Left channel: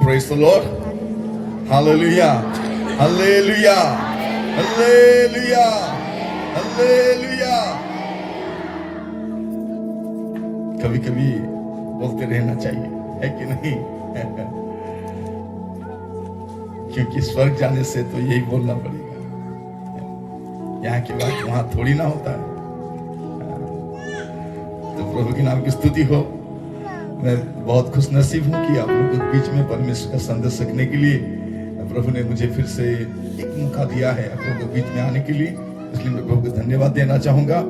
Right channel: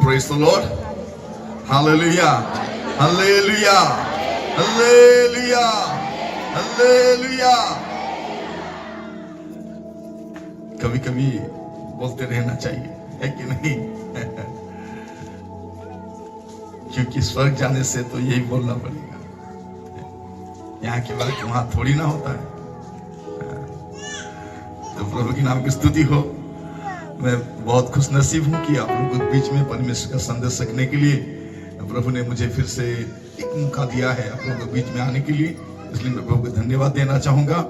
Praise the Lord. Hallelujah. Hallelujah. Hallelujah. Hallelujah. कभी कभी बोलते रहना चाहिए, है कि नहीं? क्योंकि स्वर्ग जाने से तो यही बोलना पड़ेगा। यहाँ की बात वहां थोड़ी ना होता है। तो प्रभु के नाम की स्तुति हो। मैं बहुत खुशनसीब हूँ कि आप लोगों के बीच में परमेश्वर का संदेश सकने के लिए प्रभु ने मुझे फिर से एक मौका दिया है आप लोगों के बीच में आने के लिए। इसलिए मैं प्रभु को धन्यवाद देना चाहूंगा।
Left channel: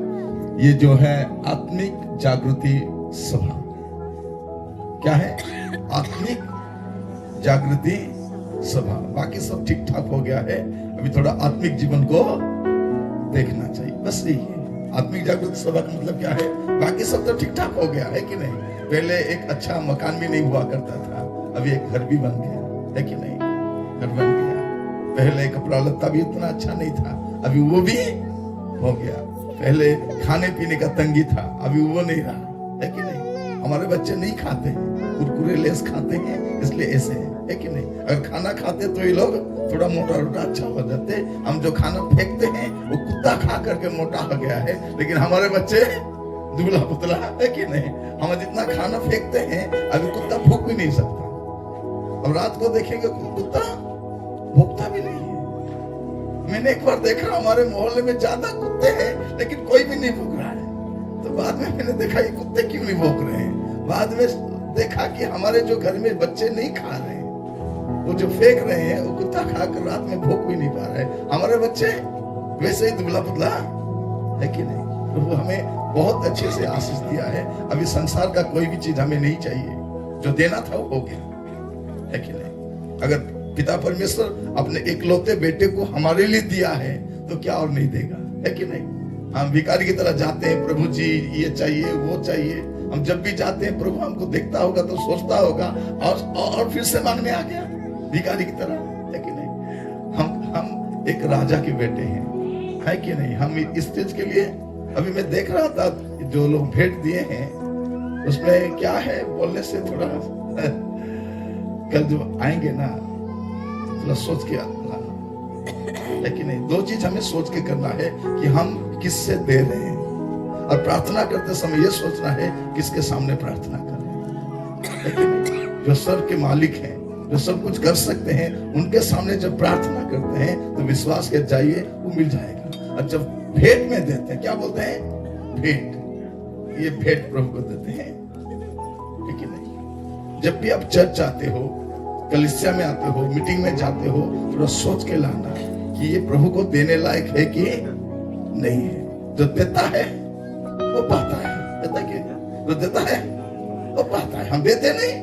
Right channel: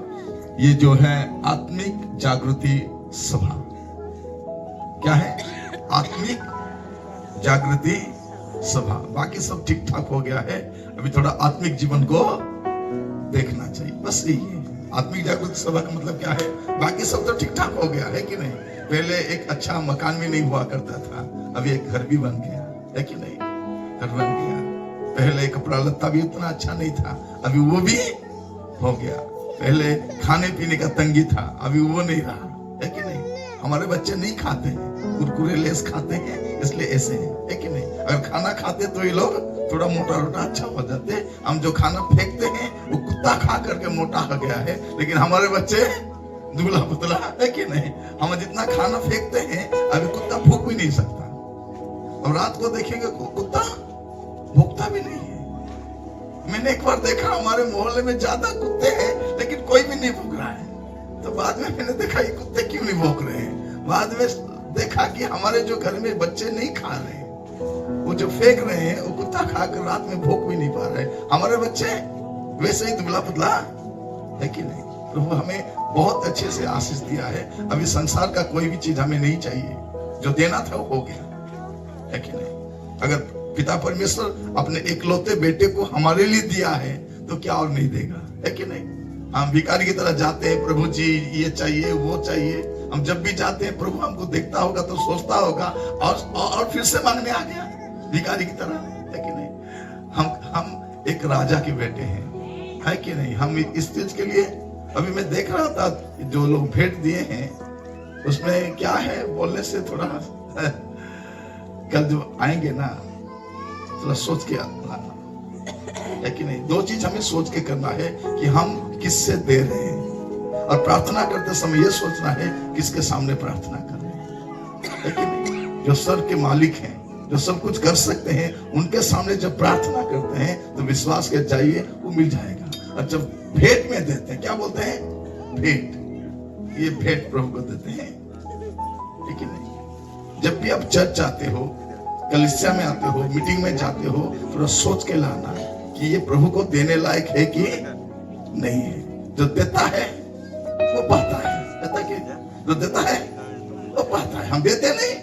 ये जो है आत्मिक जागृति सभा, क्या है? आत्मिक जागृति सभा। बाकी सब ठीक ठाक हो गया है, अभी थोड़ा आत्मिक जीवन को देखना चाहिए, बस यही है। आत्मिक जागृति सभा का मतलब क्या है? बाकी सब तो ठीक ठाक हो गया है कि नहीं? पहले एक अच्छा मकान भी नहीं हुआ करता था, अभी एक घर भी बन गया है कि नहीं? घर बन गया। पहले कपड़ा लत्ता भी उतना अच्छा नहीं था, अभी वो भी हो गया। पहले खाने पीने का तंगी था, अभी वो नहीं रहा, है कि नहीं? हमारे बच्चे नहीं खाते हैं, कुरकुरे लेस खाते हैं, इसलिए ऐसे है कि नहीं? अगर खाना खाते तो ये लोग थोड़ा मोटा रोटा अच्छा हो जाते। हम जो खाना फेंकते हैं वो कुत्ता खा करके मोटा हो गया है, लेकिन हमारे बच्चे दुबला पुतला, है कि नहीं? हम जितना खाना फेंकते हैं अभी कुत्ता भूख भी नहीं सकता। और रात को देखेंगे कुत्ता भूखता भी नहीं है। मैंने एक बार देखा हमारे मोहल्ले में ज्यादा कुत्ते हैं लेकिन कोई भी नहीं भूख रहा है। तो बाद में मैंने देखा ये कुत्ते क्यों नहीं भूख रहे हैं। बाद में देखा कि हमारे जो घर में बच्चे नहीं खा रहे हैं, वो जो फेंक रहे हैं वो कुत्ता खाकर रात में भूख भी नहीं पा रहे। हमारे बच्चे वैसे ही दुबला पुतला, है कि नहीं? प्रभु हमें बहुत अच्छे से आशीष दिया है। अभी संसार का कोई भी चीज हमें नहीं चाहिए, जो देना था वो हो गया, है कि नहीं? अगर पिता परमेश्वर अपने इकलौते बेटे को हमारे लिए दिया है तो क्या और नहीं देगा, है कि नहीं? हम भिखारी की तरह जाते हैं, प्रभु जी ये चाहिए वो चाहिए। हम जब भी जाते हैं प्रभु हमको देखता होगा तो सोचता होगा और फिर से मांगने आ गया भिखारी की तरह, है कि नहीं? हम एक राजा के बेटे हैं, है कि नहीं? हम इस चीज के लिए अभी मैं देख रहा था जो लोग भेंट दिए हैं उसमें क्या है, बोलने से थोड़ा कल जो आएंगे ना थोड़ा सोच के लाना, है कि नहीं? दो चीज हमें सोच के करना है कि हम किससे दे रहे हैं, और प्रार्थना करते समय ये सोचना है किसके सामने प्रार्थना कर रहे हैं, है कि नहीं? जो सर्व के मालिक हैं, जो सब कुछ कर सकते हैं, उनके सामने जब प्रार्थना करते हैं तो विश्वास के जाइए वो मिल जाएगा। और जब भेंट में देते हैं, क्या बोलते हैं? भेंट। ये भेंट प्रभु को देते हैं, है कि नहीं? जब भी आप चर्च जाते हो, कलीसिया में आते हो, मीटिंग में जाते हो, तो सोच के लाना कि ये प्रभु को देने लायक है कि नहीं है। जो देता है वो पाता है, देता कि जो देता है वो पाता है। हम देते नहीं,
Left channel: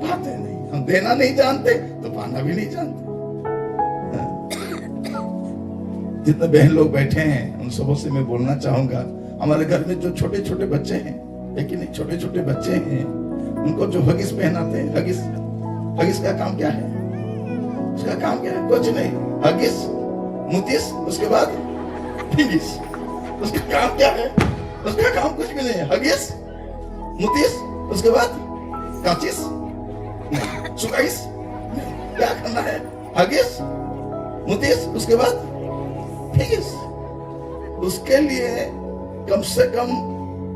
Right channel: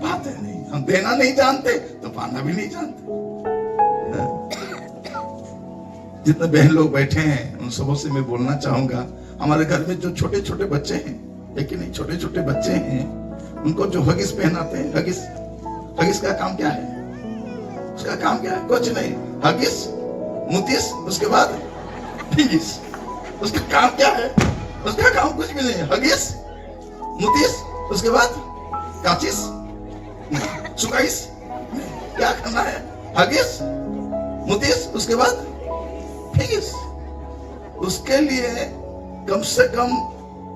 पाते नहीं। हम देना नहीं जानते तो पाना भी नहीं जानते। जितने बहन लोग बैठे हैं उन सबों से मैं बोलना चाहूंगा, हमारे घर में जो छोटे छोटे बच्चे हैं, है कि नहीं? छोटे छोटे बच्चे हैं, उनको जो हगिस पहनाते हैं, हगिस का काम क्या है? उसका काम क्या है? कुछ नहीं। हगिस, मुतिस, उसके बाद फिगिस। उसका काम क्या है? उसका काम कुछ भी नहीं है। हगिस, मुतिस, उसके बाद काचिस, सुकाइस, क्या करना है? हगिस, मुतिस, उसके बाद फिगिस। उसके लिए कम से कम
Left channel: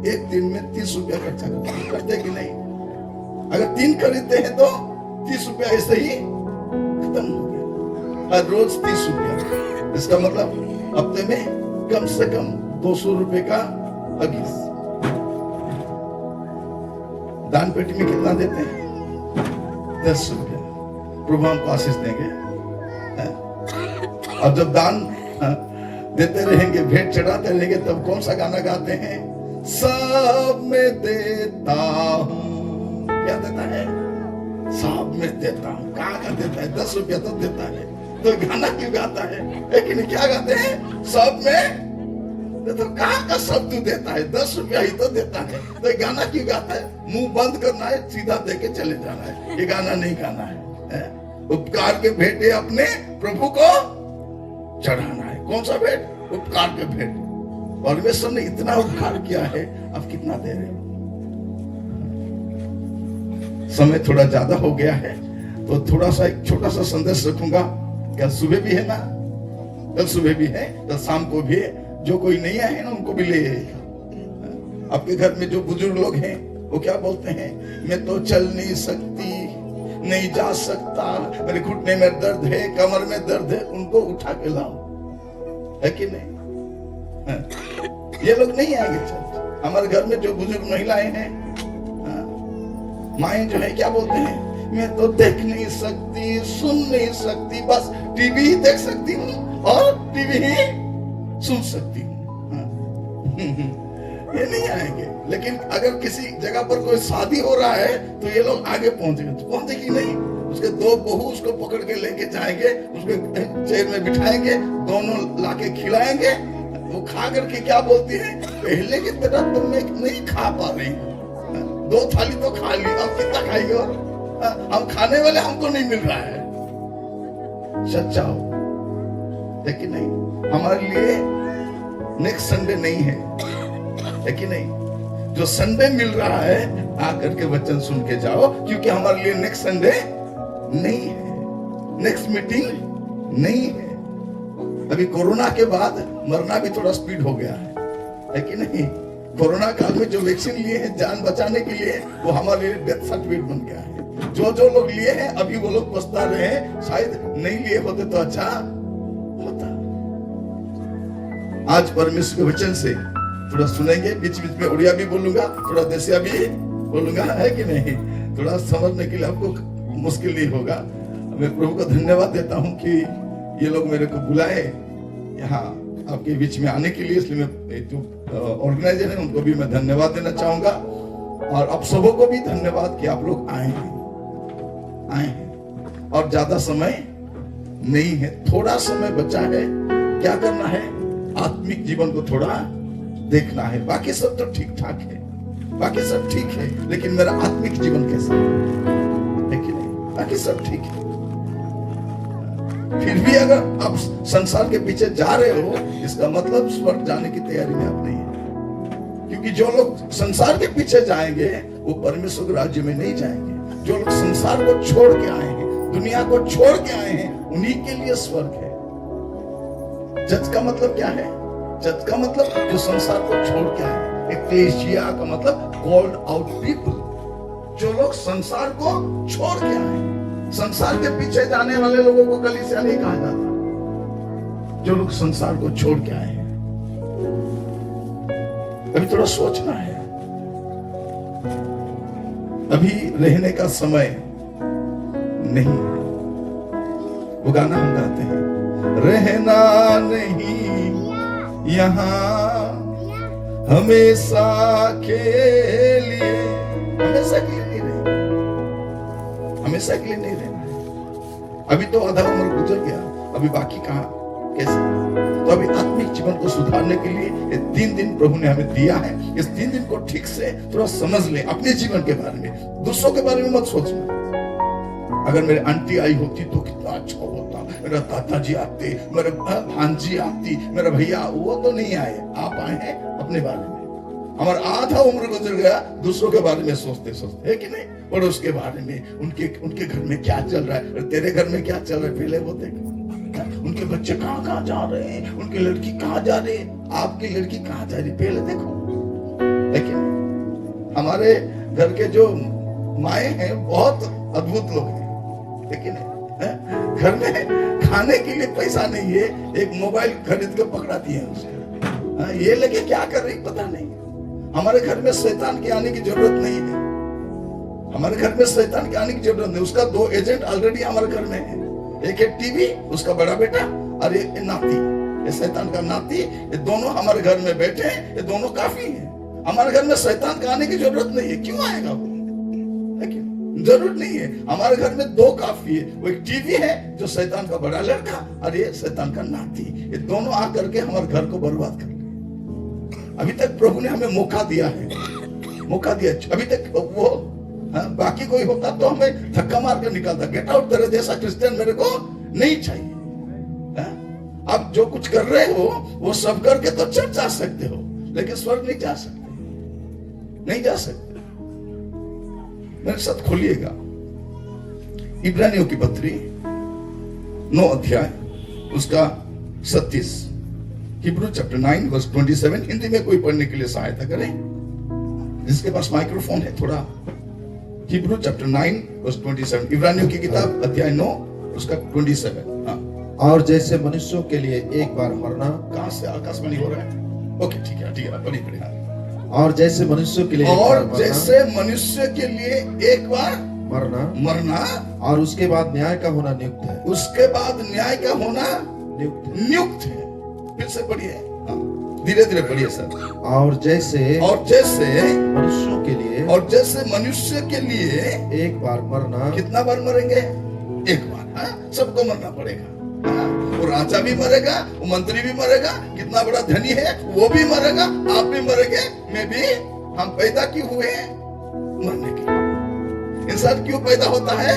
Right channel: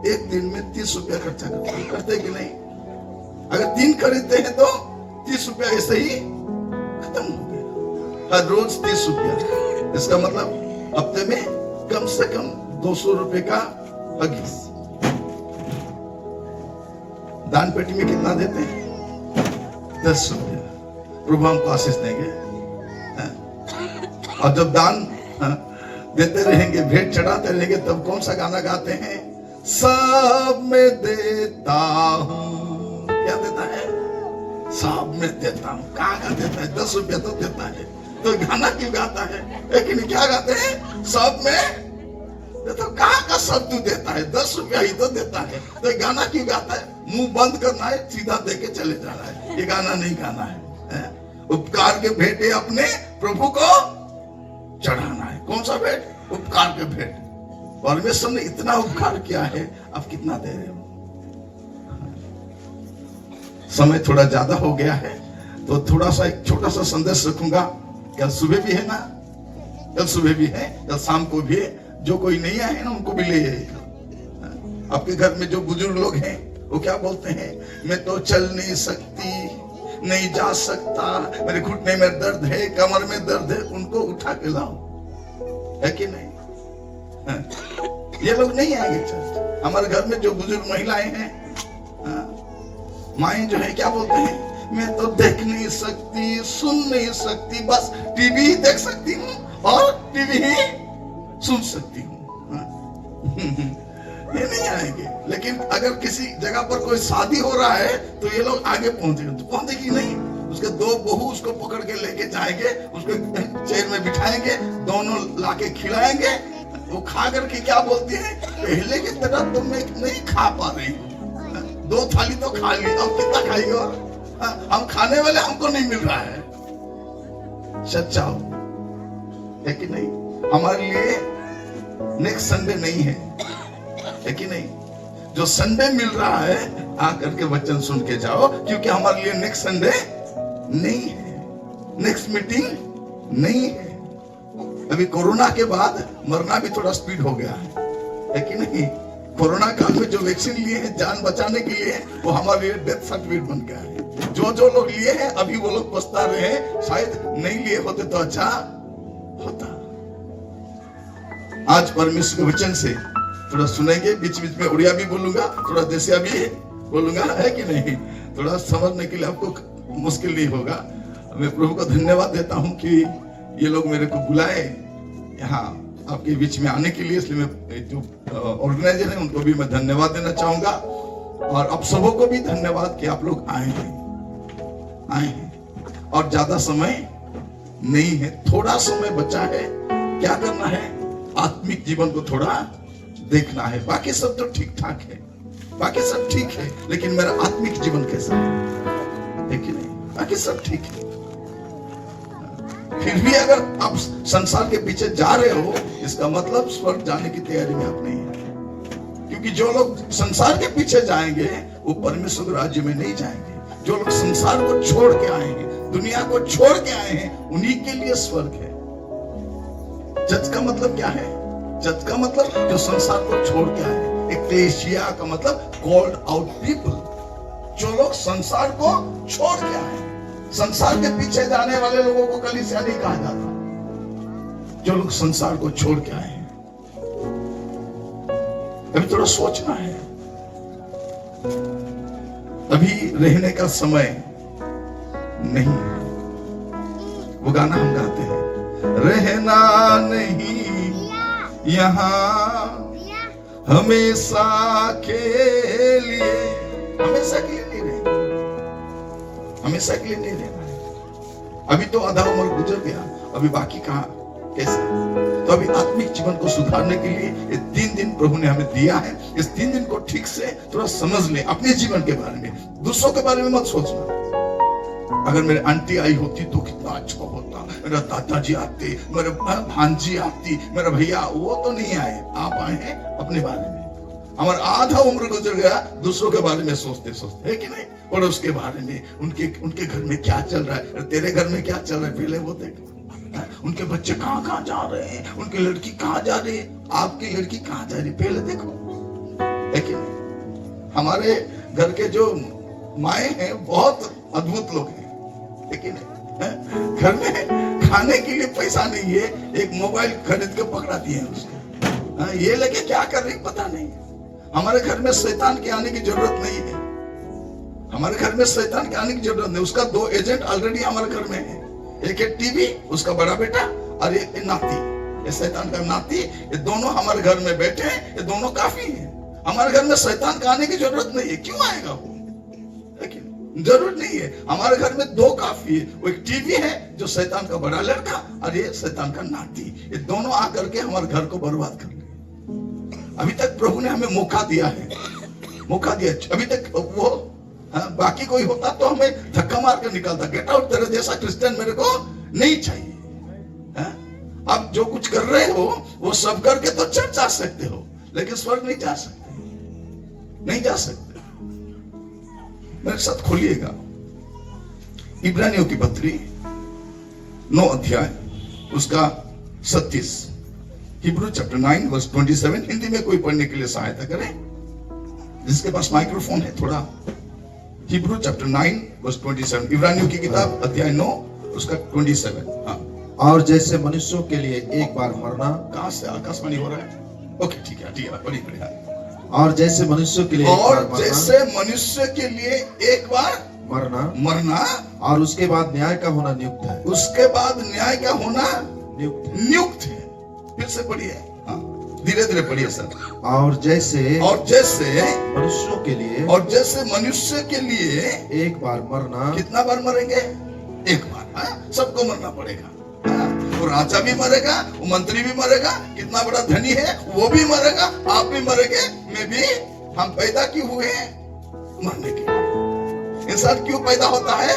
एक दिन में 30 रुपया खर्चा करते कि नहीं? अगर 3 खरीदते हैं तो 30 रुपया ऐसे ही खत्म हो गया। हर रोज 30 रुपया, इसका मतलब हफ्ते में कम से कम 200 रुपए का हगिस। दान पेटी में कितना देते हैं? 10 रुपया। प्रभु हमको आशीष देंगे। और जब दान देते रहेंगे, भेंट चढ़ाते रहेंगे, तब कौन सा गाना गाते हैं? सब में देता हूं। क्या देता है? सब में देता हूं। कहाँ का देता है? 10 रुपया तो देता है, तो गाना क्यों गाता है? लेकिन क्या गाते हैं? सब में तो कहाँ का सब तू देता है? 10 रुपया ही तो देता है, तो गाना क्यों गाता है? मुंह बंद करना है, सीधा दे के चले जाना है। ये गाना नहीं गाना है। उपकार के भेंटे अपने प्रभु को चढ़ाना है। कौन सा भेंट? उपकार के भेंट। परमेश्वर ने इतना उपकार किया है, आप कितना दे रहे हो? समय थोड़ा ज्यादा हो गया है, तो थोड़ा सा एक छोटा सा संदेश रखूंगा। कल सुबह भी है ना, कल सुबह भी है, कल शाम को भी है। जो कोई नहीं आए ना उनको भी ले आएगा। आपके घर में जो बुजुर्ग लोग हैं वो क्या बोलते हैं, मैं तो चल नहीं सकती, नहीं जा सकता, मेरे घुटने में दर्द है, कमर में दर्द है, उनको उठा के लाओ, है कि नहीं? ये लोग नहीं आएंगे चर्च। हमारे घर में जो बुजुर्ग महिलाएं हैं, माएं जो है क्या बोलते हैं, मैं तो देख नहीं सकती, सुन नहीं सकती, बस टीवी ही देख सकती हूँ और टीवी ही सुन सकती हूँ। ये नहीं आएंगे। लेकिन अगर किसी जगह पर कोई शादी हो रहा है तो ये लोग आगे पहुंचेंगे। तो पहुंचेगी नहीं, उसके दो बहू उसको पकड़ के लेके जाएंगे, उसको चेयर में बिठाएंगे, दोनों लाके खिलाएंगे। वो खा करके क्या बोलती है, पहले की तरह तुम नहीं खा पा रही, 2 थाली तो खा ली, अब कितना खाइए? और हम खाने वाले हमको नहीं मिल रहा है। सच्चा हो, लेकिन नहीं, हमारे लिए नेक्स्ट संडे नहीं है कि नहीं? जो संडे मिल रहा है आकर के वचन सुन के जाओ, क्योंकि हमारे लिए नेक्स्ट संडे नहीं है, नेक्स्ट मीटिंग नहीं है। अभी कोरोना के बाद मरना भी थोड़ा स्पीड हो गया है कि नहीं? कोरोना काल में जो वैक्सीन लिए हैं जान बचाने के लिए, वो हमारे लिए डेथ सर्टिफिकेट बन गया है। जो लोग लिए हैं अभी वो लोग पछता रहे हैं, शायद नहीं लिए होते तो अच्छा होता। आज परमेश्वर के वचन से थोड़ा सुनेंगे, बीच बीच में उड़िया भी बोलूंगा, थोड़ा देसिया भी बोलूंगा, है कि नहीं? थोड़ा समझने के लिए आपको मुश्किल नहीं होगा। मैं प्रभु को धन्यवाद देता हूं कि ये लोग मेरे को बुलाए यहाँ आपके बीच में आने के लिए, इसलिए मैं जो ऑर्गेनाइजर है उनको भी मैं धन्यवाद देना चाहूंगा, और आप सबों को भी धन्यवाद कि आप लोग आए हैं और ज्यादा समय नहीं है, थोड़ा समय बचा है। क्या करना है? आत्मिक जीवन को थोड़ा देखना है। बाकी सब तो ठीक ठाक है, बाकी सब ठीक है, लेकिन मेरा आत्मिक जीवन कैसा है कि नहीं? बाकी सब ठीक है। फिर भी अगर आप संसार के पीछे जा रहे हो, इसका मतलब स्वर्ग जाने की तैयारी में आप नहीं है। क्योंकि जो लोग संसार के पीछे जाएंगे वो परमेश्वर के राज्य में नहीं जाएंगे। जो लोग संसार को छोड़ के आए हैं, दुनिया को छोड़ के आए हैं, उन्हीं के लिए स्वर्ग है। जज का मतलब क्या है? जज का मतलब जो संसार को छोड़ के आए हैं। एक्लेसिया का मतलब कॉल्ड आउट पीपल, जो लोग संसार को छोड़ के आए हैं। संसार के पीछे जाने वाले लोगों को कलीसिया नहीं कहा जाता, जो लोग संसार को छोड़ के आए हैं। अभी थोड़ा सोचना है, अभी रहने का समय नहीं है। वो गाना हम गाते हैं, रहना नहीं यहाँ हमेशा के लिए, हमेशा के लिए नहीं रहना, हमेशा के लिए नहीं रहना है। अभी तो आधा उम्र गुजर गया, अभी बाकी कहाँ, कैसे? तो अभी आत्मिक जीवन को सुधारने के लिए ये 3 दिन प्रभु ने हमें दिया है। इस 3 दिन को ठीक से थोड़ा समझ ले, अपने जीवन के बारे में, दूसरों के बारे में मत सोचना। अगर मेरे आंटी आई होती तो कितना अच्छा होता, मेरा दादाजी आते, मेरे भांजी आती, मेरा भैया, वो तो नहीं आए, आप आए हैं अपने बारे में। हमारा आधा उम्र गुजर गया दूसरों के बारे में सोचते सोचते, है कि नहीं? और उसके बारे में, उनके घर में क्या चल रहा है, तेरे घर में क्या चल रहा है, पहले वो देख। उनके बच्चे कहाँ जा रहे हैं, उनकी लड़की कहाँ जा रही है, आपकी लड़की कहाँ जा रही है, पहले देखो, है कि नहीं? हमारे घर के जो माए हैं बहुत अद्भुत लोग हैं, लेकिन घर में खाने के लिए पैसा नहीं है, एक मोबाइल खरीद के पकड़ाती है उसको, ये लेके क्या कर रही पता नहीं। हमारे घर में शैतान के आने की जरूरत नहीं है, हमारे घर में शैतान के आने की जरूरत नहीं। उसका 2 एजेंट ऑलरेडी हमारे घर में है, एक है टीवी, उसका बड़ा बेटा, और ये नाती, ये शैतान का नाती, ये दोनों हमारे घर में बैठे हैं, ये दोनों काफी हैं। हमारे घर में शैतान का आने की जरूरत नहीं है। क्यों आएगा वो? लेकिन जरूरत नहीं है। हमारे घर में 2 काफी है, वो एक टीवी है जो शैतान का बड़ा लड़का, और ये शैतान का नाती, ये दोनों आकर के हमारे घर को बर्बाद कर गए। अभी तक प्रभु ने हमें मौका दिया है, मौका दिया। अभी तक वो बाकी कोई होता तो हमें धक्का मार कर निकालता, गेट आउट, तेरे जैसा क्रिश्चियन मेरे को नहीं चाहिए। आप जो कुछ कर रहे हो वो सब करके तो चर्च जा सकते हो, लेकिन स्वर्ग नहीं जा सकते, नहीं जा सकते। मेरे साथ खोलिएगा इब्रानियों की पत्री 9 अध्याय उसका 37, हिब्रू चैप्टर 9 वर्स 27। हिंदी में कोई पढ़ने के लिए सहायता करे, जिसके पास माइक्रोफोन है थोड़ा। हिब्रू चैप्टर 9 वर्स 27, इब्रानियों की किताब अध्याय 9 उसका 27। हाँ, और जैसे मनुष्यों के लिए एक बार मरना, कहां से आकाशवाणी हो रहा है? ओके, ठीक है, पढ़िए पढ़िए। और जैसे मनुष्यों के लिए एक बार और मरना, जैसे मनुष्य के लिए एक बार मरना और उसके बाद न्याय का होना नियुक्त है। उसके बाद न्याय का होना नियुक्त है। फिर से पढ़िए, हाँ, धीरे धीरे पढ़िए सर। और जैसे मनुष्यों के लिए एक बार मरना, कितना बार मरेंगे? एक बार। हाँ, सबको मरना पड़ेगा। हाँ, वो राजा भी मरेगा, वो मंत्री भी मरेगा, कितना बड़ा धनी है वो भी मरेगा, आप भी मरेंगे, मैं भी। हम पैदा क्यों हुए हैं? मरने के लिए। इंसान क्यों पैदा होता है?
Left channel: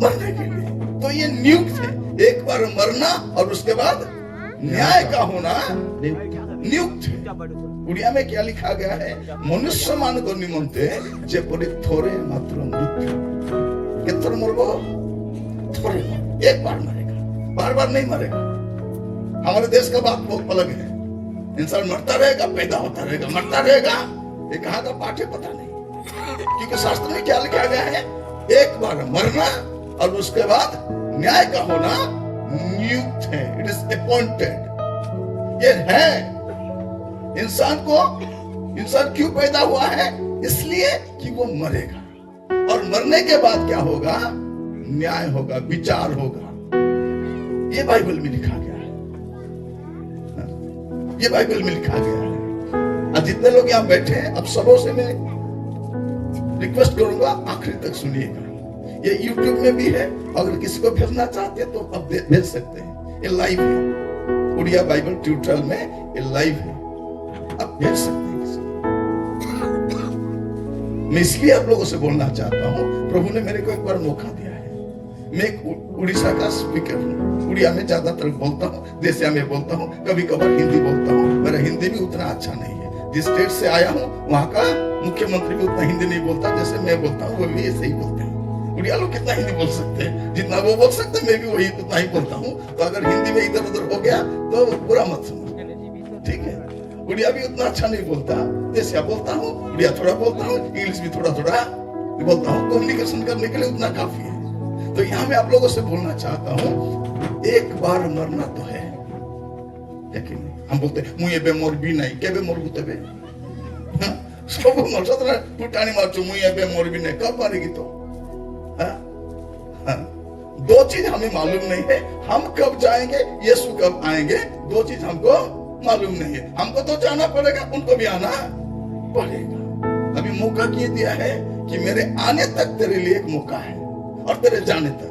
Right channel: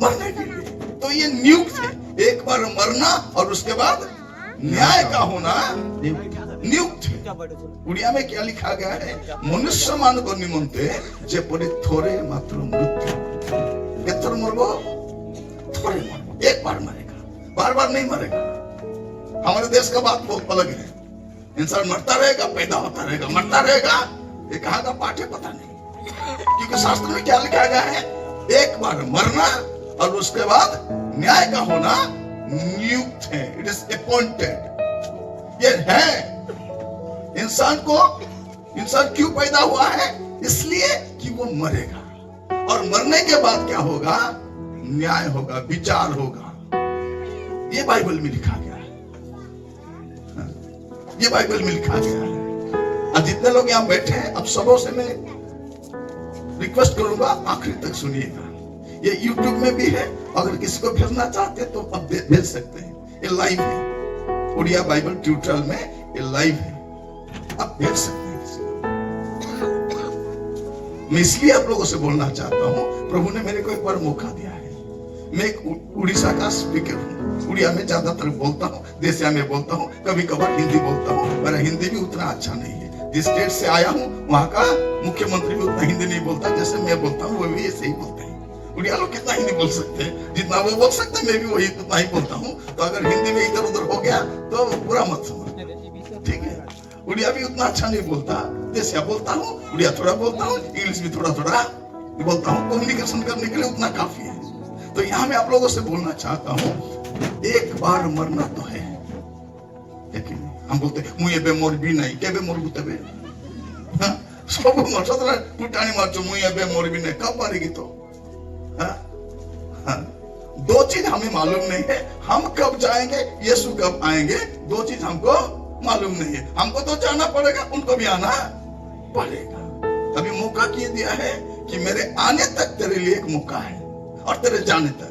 मरने के लिए। तो ये नियुक्त है, एक बार मरना और उसके बाद न्याय का होना नियुक्त है। उड़िया में क्या लिखा गया है? मनुष्य मानव निमंते जेपरि थोड़े मात्र मृत्यु। कितना मरबो? थोड़े बार, एक बार मरेगा, बार बार नहीं मरेगा। हमारे देश का बात बहुत अलग है। इंसान मरता रहेगा, पैदा होता रहेगा, मरता रहेगा। ये कहाँ का पाठ है पता नहीं, क्योंकि शास्त्र में क्या लिखा गया है? एक बार मरना और उसके बाद न्याय का होना नियुक्त है। It is appointed. ये है। इंसान क्यों पैदा हुआ है? इसलिए कि वो मरेगा, और मरने के बाद क्या होगा? न्याय होगा, विचार होगा। ये बाइबल में लिखा गया है। ये बाइबल में लिखा गया है। और जितने लोग यहाँ बैठे हैं, अब सबों से मैं रिक्वेस्ट करूंगा, आखिरी तक सुनिएगा। ये YouTube में भी है, अगर किसी को भेजना चाहते हैं तो अब भेज सकते हैं। ये लाइव है, उड़िया बाइबल ट्यूटोरियल में ये लाइव है, आप भेज सकते हैं। मैं इसलिए आप लोगों से बोलना चाहता हूँ, प्रभु ने मेरे को एक बार मौका दिया है। मैं एक उड़ीसा का स्पीकर हूँ, उड़िया में ज्यादातर बोलता हूँ, देसिया में बोलता हूँ, कभी कभार हिंदी बोलता हूँ। मेरा हिंदी भी उतना अच्छा नहीं है। जिस स्टेट से आया हूँ वहाँ का मुख्यमंत्री भी उतना हिंदी नहीं बोलता जैसे मैं बोलता हूँ, वो भी ऐसे ही बोलते हैं। उड़िया लोग कितना हिंदी बोल सकते हैं, जितना वो बोल सकते हैं मैं भी वही उतना ही बोलता हूँ। तो अगर हिंदी में इधर उधर हो गया तो बुरा मत समझ, ठीक है? उड़िया भी उतना अच्छा नहीं बोलता, देसिया बोलता हूँ, उड़िया थोड़ा बोलता हूँ, इंग्लिश भी थोड़ा थोड़ा बोलता हूँ। कम्युनिकेशन करने के लिए उतना काफी है। तो यहाँ मैं आप लोगों से बोलना चाहता हूँ, एक बार मरना तो है, लेकिन हम बोलते मुझे बेमोर भी नहीं, क्या बेमोर होते बे? सब मर सकता है, टूटानी मार चो मुझे बेमोर भी नहीं, कब मरेगी तो? दो चीज हमें मालूम नहीं है, हम कब जाएंगे, यीशु कब आएंगे, दो चीज हमको मालूम नहीं है। हमको तो जाना पड़ेगा, उनको भी आना पड़ेगा। अभी मौका किए दिया है कि मेरे आने तक तेरे लिए एक मौका है, और तेरे जाने तक।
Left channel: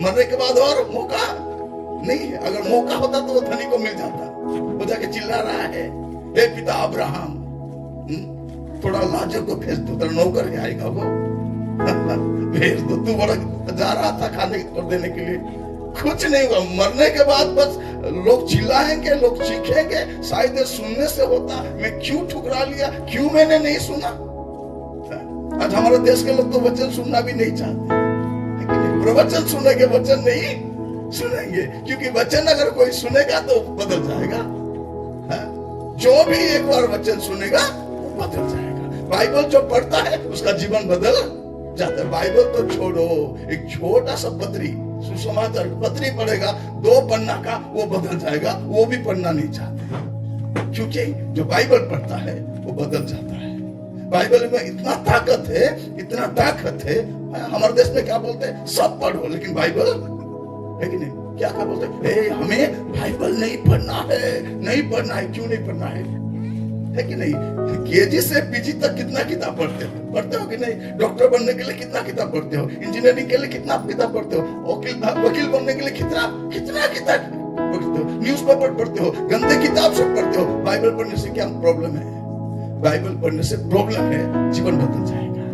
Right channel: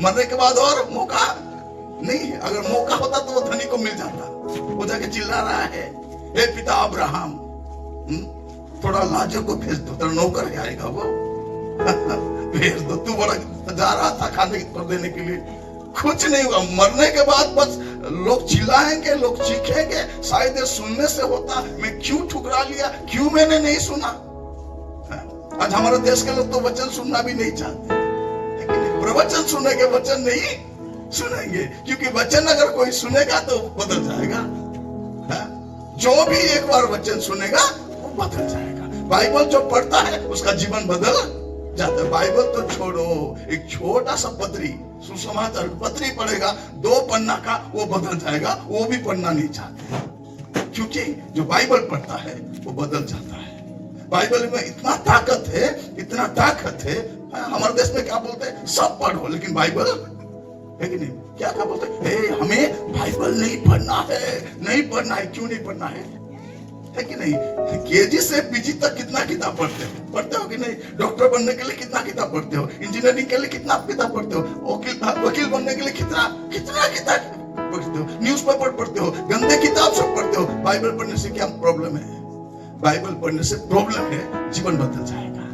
मरने के बाद और मौका नहीं है। अगर मौका होता तो वो धनी को मिल जाता। वो जाके चिल्ला रहा है, हे पिता अब्राहम, थोड़ा लाजर को भेज दो, तेरा नौकर है आएगा वो। भेज दो, तू बड़ा जा रहा था खाने पर देने के लिए, कुछ नहीं हुआ। मरने के बाद बस लोग चिल्लाएंगे, लोग चीखेंगे, शायद सुनने से होता। मैं क्यों ठुकरा लिया, क्यों मैंने नहीं सुना? आज हमारे देश के लोग तो वचन सुनना भी नहीं चाहते, प्रवचन सुनने के वचन नहीं सुनेंगे, क्योंकि वचन अगर कोई सुनेगा तो बदल जाएगा। जो भी एक बार वचन सुनेगा वो बदल जाएगा। बाइबल जो पढ़ता है उसका जीवन बदल जाता है। बाइबल तो छोड़ो, एक छोटा सा पत्री, सुसमाचार पत्री पढ़ेगा 2 पन्ना का, वो बदल जाएगा। वो भी पढ़ना नहीं चाहते, क्योंकि जो बाइबल पढ़ता है वो बदल जाता है। बाइबल में इतना ताकत है, इतना ताकत है। हमारे देश में क्या बोलते हैं, सब पढ़ो, लेकिन बाइबल है कि नहीं? क्या बोलते हैं, हमें बाइबल नहीं पढ़ना है, नहीं पढ़ना है। क्यों नहीं पढ़ना है कि नहीं? केजी से पीजी तक कितना किताब पढ़ते हो कि नहीं? डॉक्टर बनने के लिए कितना किताब पढ़ते हो? इंजीनियरिंग के लिए कितना किताब पढ़ते हो? वकील बनने के लिए कितना किताब पढ़ते हो? न्यूज़पेपर पढ़ते हो, गंदे किताब सब पढ़ते हो। बाइबल पढ़ने से क्या प्रॉब्लम है? बाइबल पढ़ने से प्रॉब्लम है, जीवन बदल जाएगा,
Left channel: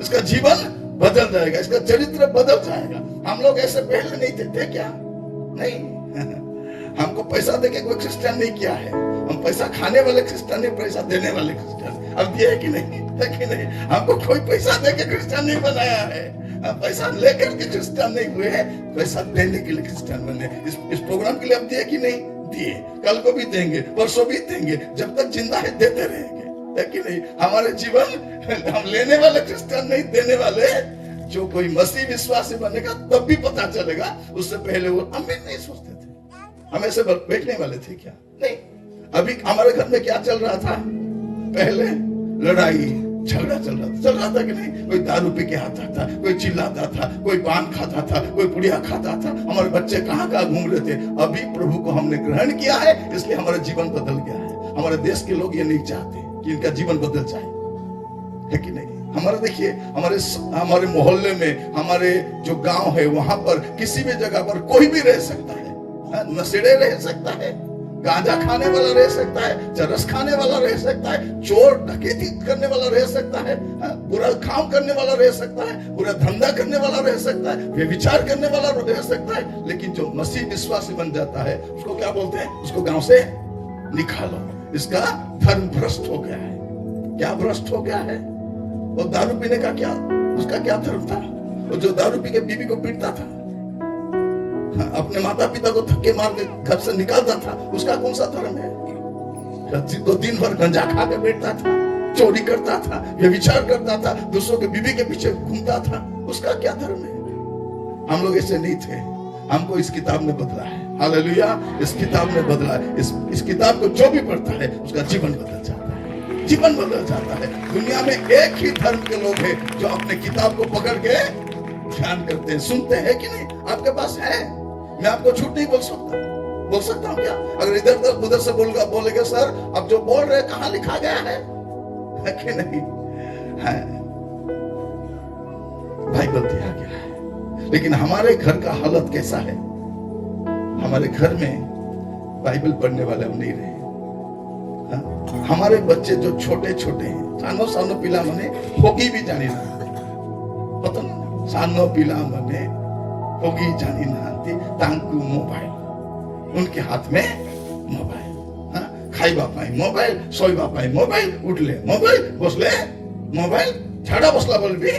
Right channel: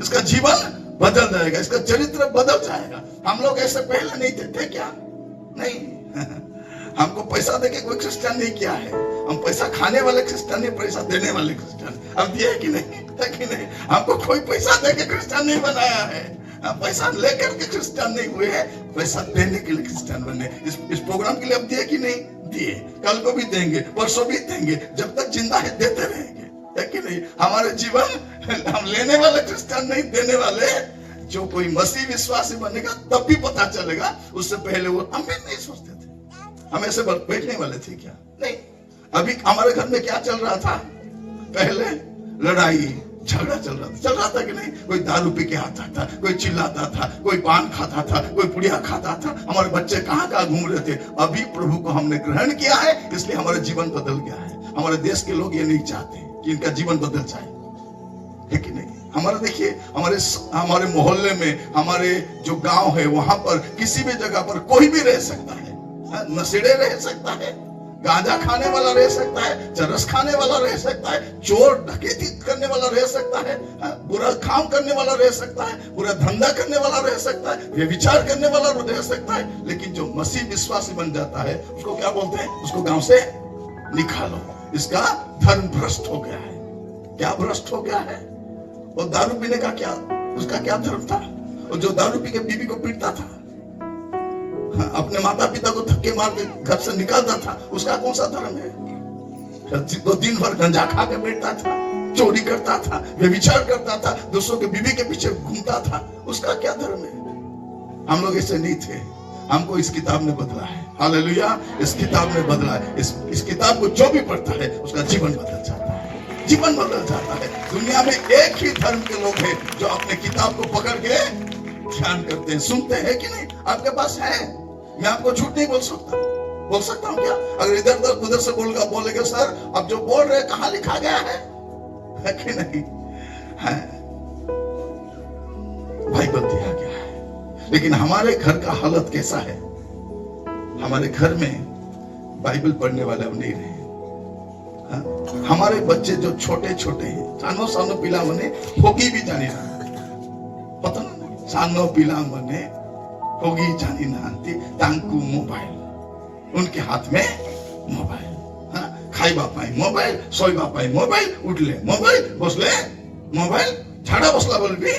इसका जीवन बदल जाएगा, इसका चरित्र बदल जाएगा। हम लोग ऐसे पहले नहीं थे क्या? नहीं। हमको पैसा देके कोई क्रिश्चियन नहीं किया है। हम पैसा खाने वाले क्रिश्चियन नहीं, पैसा देने वाले क्रिश्चियन। अब दिया है कि नहीं? है कि नहीं? हमको कोई पैसा देके क्रिश्चियन नहीं बनाया है। पैसा लेकर के क्रिश्चियन नहीं हुए हैं, पैसा देने के लिए क्रिश्चियन बने। इस प्रोग्राम के लिए अब दिए कि नहीं दिए, कल को भी देंगे, परसों भी देंगे, जब तक जिंदा है देते रहेंगे, है कि नहीं? हमारे जीवन हम लेने वाले क्रिश्चियन नहीं, देने वाले। जो कोई मसीह विश्वासी बनेगा तब भी पता चलेगा, उससे पहले वो हम भी नहीं सोचते थे। हम ऐसे बैठने वाले थे क्या? नहीं। अभी हमारे घर में क्या चल रहा था? पहले लड़ाई झगड़ा चल रहा था कि नहीं? कोई दारू पी के आता था, कोई चिल्लाता था, कोई पान खाता था, कोई पुड़िया खाता था। हमारे बच्चे कहाँ कहाँ घूम रहे थे। अभी प्रभु को हमने ग्रहण किया है, इसलिए हमारा जीवन बदल गया है। हमारे देश के लोग ये नहीं चाहते कि इनका जीवन बदल जाए, है कि नहीं? हमारा देखिए, हमारे मोहल्ले में, हमारे जो गांव है, वहां पर किसी भी जगह पर कोई भी रह सकता है। नशेड़े रह सकता है, गांजा खाने वाला रह सकता है, चरस खाने वाला रह सकता है, चोर डकैती करने वाला रह सकता है, बुरा काम करने वाला रह सकता है, बुरा धंधा करने वाला रह सकता है, व्यभिचार करने वाला रह सकता है। लेकिन जो मसीह विश्वासी बन जाता है, उसको क्या बोलते हैं? उसको गांव से निकालो, इसका धर्म भ्रष्ट हो गया है। क्या भ्रष्ट हो गया है? वो दारू पीने का क्या, उसका क्या धर्म था? वो जो दारू पी के बीवी को पीटता था, अपने माता पिता को धक्के मार के घर से निकालता था, उसका कौन सा धर्म है? तो दिन भर गंजा खा के बैठता था, चोरी करता था, व्यभिचार करता था, दूसरों के बीवी के पीछे घूमता था, उसका क्या धर्म है? हम लोग ऐसे नहीं थे। हमको इस किताब ने बदला है। हालेलुया! इस किताब ने बदला है। इस किताब को जो भी पढ़ता है उसका जीवन बदल जाता है, जीवन बदल जाता है। दुनिया में एक ही धर्म के लोग हैं जो अपने किताब को पकड़ के ध्यान करते हैं, सुनते हैं कि नहीं? आपके पास है, मैं आपको झूठ नहीं बोल सकता हूँ क्या? अगर इधर उधर से बोलेगा सर अब जो बोल रहे कहाँ लिखा गया है कि नहीं? है, बाइबल दिया गया है। लेकिन हमारे घर का हालत कैसा है? हमारे घर में बाइबल पढ़ने वाले अब नहीं रहे। हमारे बच्चे जो छोटे छोटे हैं, सानो सानो पिला मने होगी भी जानी ना, पता ना, सानो पिला मने होगी जानी ना, तांकू मोबाइल, उनके हाथ में मोबाइल, खाइबा पाई मोबाइल, सोइबा पाई मोबाइल, उठले मोबाइल, बसले मोबाइल, झाड़ा बसला बोल भी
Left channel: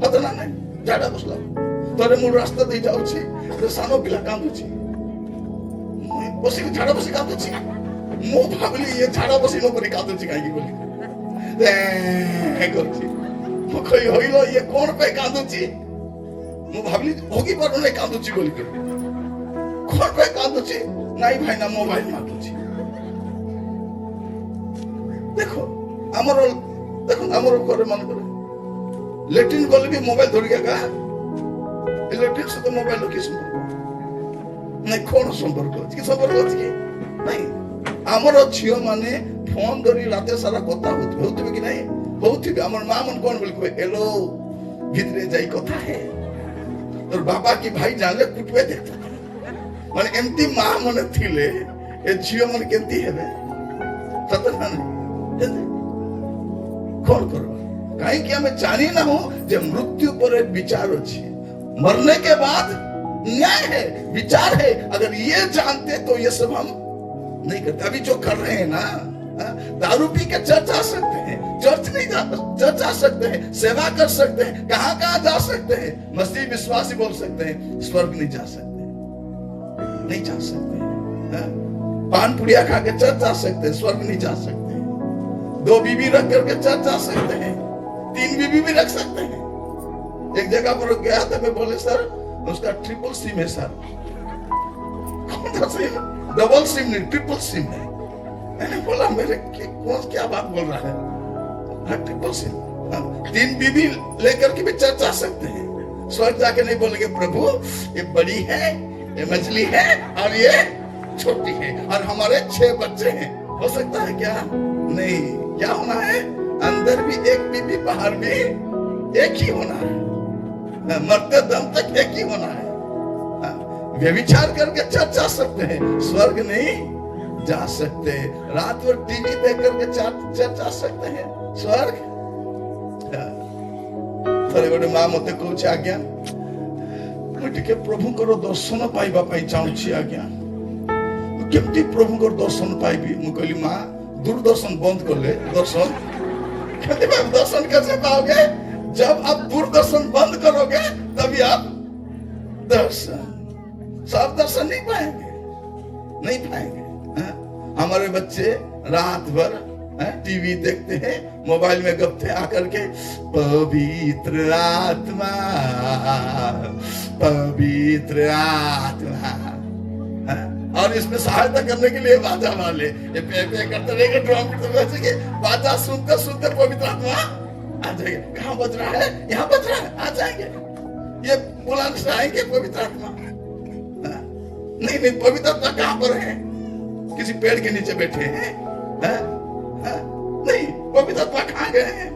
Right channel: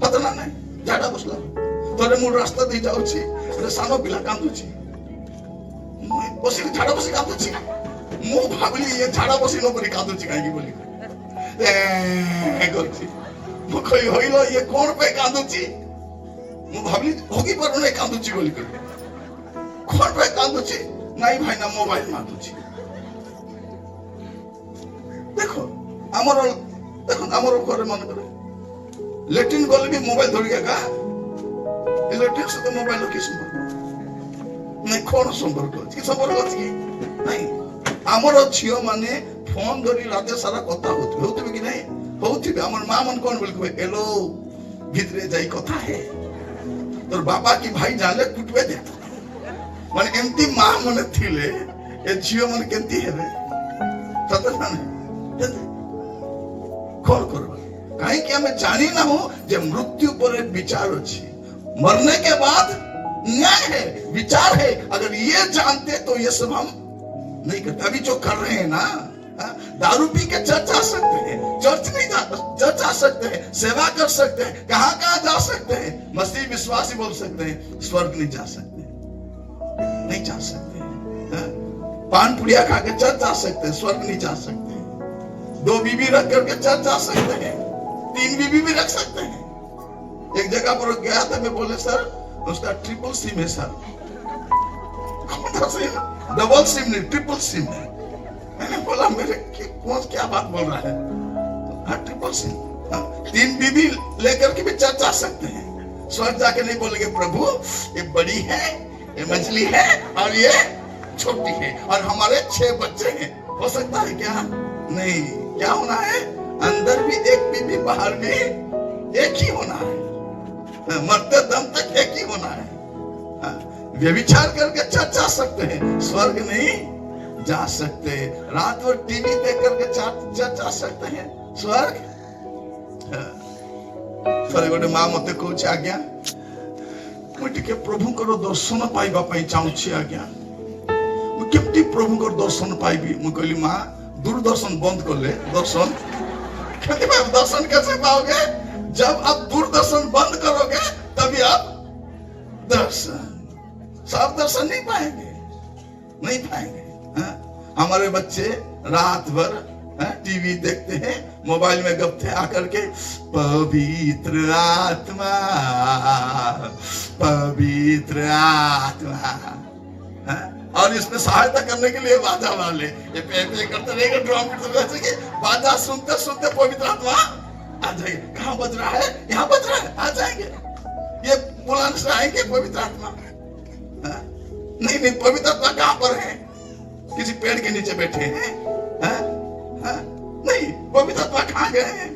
पता ना नहीं, झाड़ा बसला तोरे मु रास्ता दे जाऊ छी, सानो पिला कांदुची, बसी झाड़ा बसी कांदुची, मु भाबली ये झाड़ा बसी नो परी कांदुची काई बोली ए करची, मु कहि होइलो ये कोन पे कांदुची, मु भाबली होगी पर नहीं कांदुची बोली के कोन पे कांदुची, नहीं भाई ना मोबाइल मांगुची। देखो हमरो करे मन करे लेटिन गले भी मोबाइल धरि के का इलेक्ट्रिक से तो मोबाइल लो किस नहीं कौन संपर्क अछि कि संपर्क अछि नहीं हमरो छियो माने फोन धरि राते सारा कथा होतबे कि नहीं होतबे हमर मां मन कोन बोल के हेलो भितरे जाई कथा है तोर बाबा की भाई जाले कुटवे देता माने एमती मां मन थिले ए छियो मन केंती हेबे सत ना कौन करबा काहे कि हमें जानी ना हो जे मृत्यु पर विचार अछि, मरने के बाद न्याय है, विचार है। अगर ये जानते तो ये सब हम नहीं करते। अभी जो कर रहे हैं ना, दारू पी के चर्च जा सकते हैं, चर्च जा सकते हैं, सेवा कर सकते हैं, कहां कहां जा सकते हैं, मसीह विश्वासी बोल सकते हैं, स्वर्ग नहीं जा सकते, नहीं जा सकते। पान पुड़िया खा के चर्च जा सकते हैं, स्वर्ग नहीं जा सकते। 2 बीवी रख करके चर्च जा सकते हैं, 3 बीवी भी रख सकते हैं। एक जगह पर गया था, मैं बोले सर उसका ट्रिपल सिम है सर, कौन सिम? डबल सिम नहीं, ट्रिपल सिम है। मैंने बोला मेरे क्या बात बोल रहा है? ट्रिपल सिम, 3 बीवी लेकर के भी चर्च जा सकते हैं, स्वर्ग जाके नहीं बोलेंगे प्रभु ये बड़ी है, ये मछली है और ये छोटी है और हमारे 6 बच्चे हैं। हो सकता है क्या? नहीं। क्या होना है? अंदर भी एक बीबी, बाहर भी एक ही होना है, मरते दम तक एक ही होना है। व्यभिचार करके चर्च जा सकते हैं, स्वर्ग नहीं जा सकते। रात भर टीवी देख करके चर्च जा सकते हैं, स्वर्ग थोड़े गोटे मां मते कहूची आज्ञा मु टिके प्रभुଙ୍କର दर्शन पाइबा पई चाहूची आज्ञा, मु केमती प्रभुଙ୍କର दर्शन पाइबी? मु कहली मां दूरदर्शन बंद कर ले, दर्शन कैसे पाओगे? जब आप दूरदर्शन बंद नहीं पाएंगे, नहीं पाएंगे। हमारे बच्चे रात भर टीवी देखते हैं, मोबाइल में गपते आकर के पवित्र आत्मा, पवित्र आत्मा। और इसमें सहायता करने के लिए बाजा वाले ये पे करते रहेंगे, ड्रम करते बाजा सुनते सुनते पवित्र आत्मा आ जाएंगे। कहाँ बज रहा है? यहाँ बज रहा है, आ जाएंगे। ये बुलाने से आएंगे पवित्र आत्मा। नहीं नहीं, पवित्र आत्मा कहाँ पर है? किसी पेड़ के नीचे बैठे हैं? नहीं, पवित्र आत्मा कहाँ गए हैं?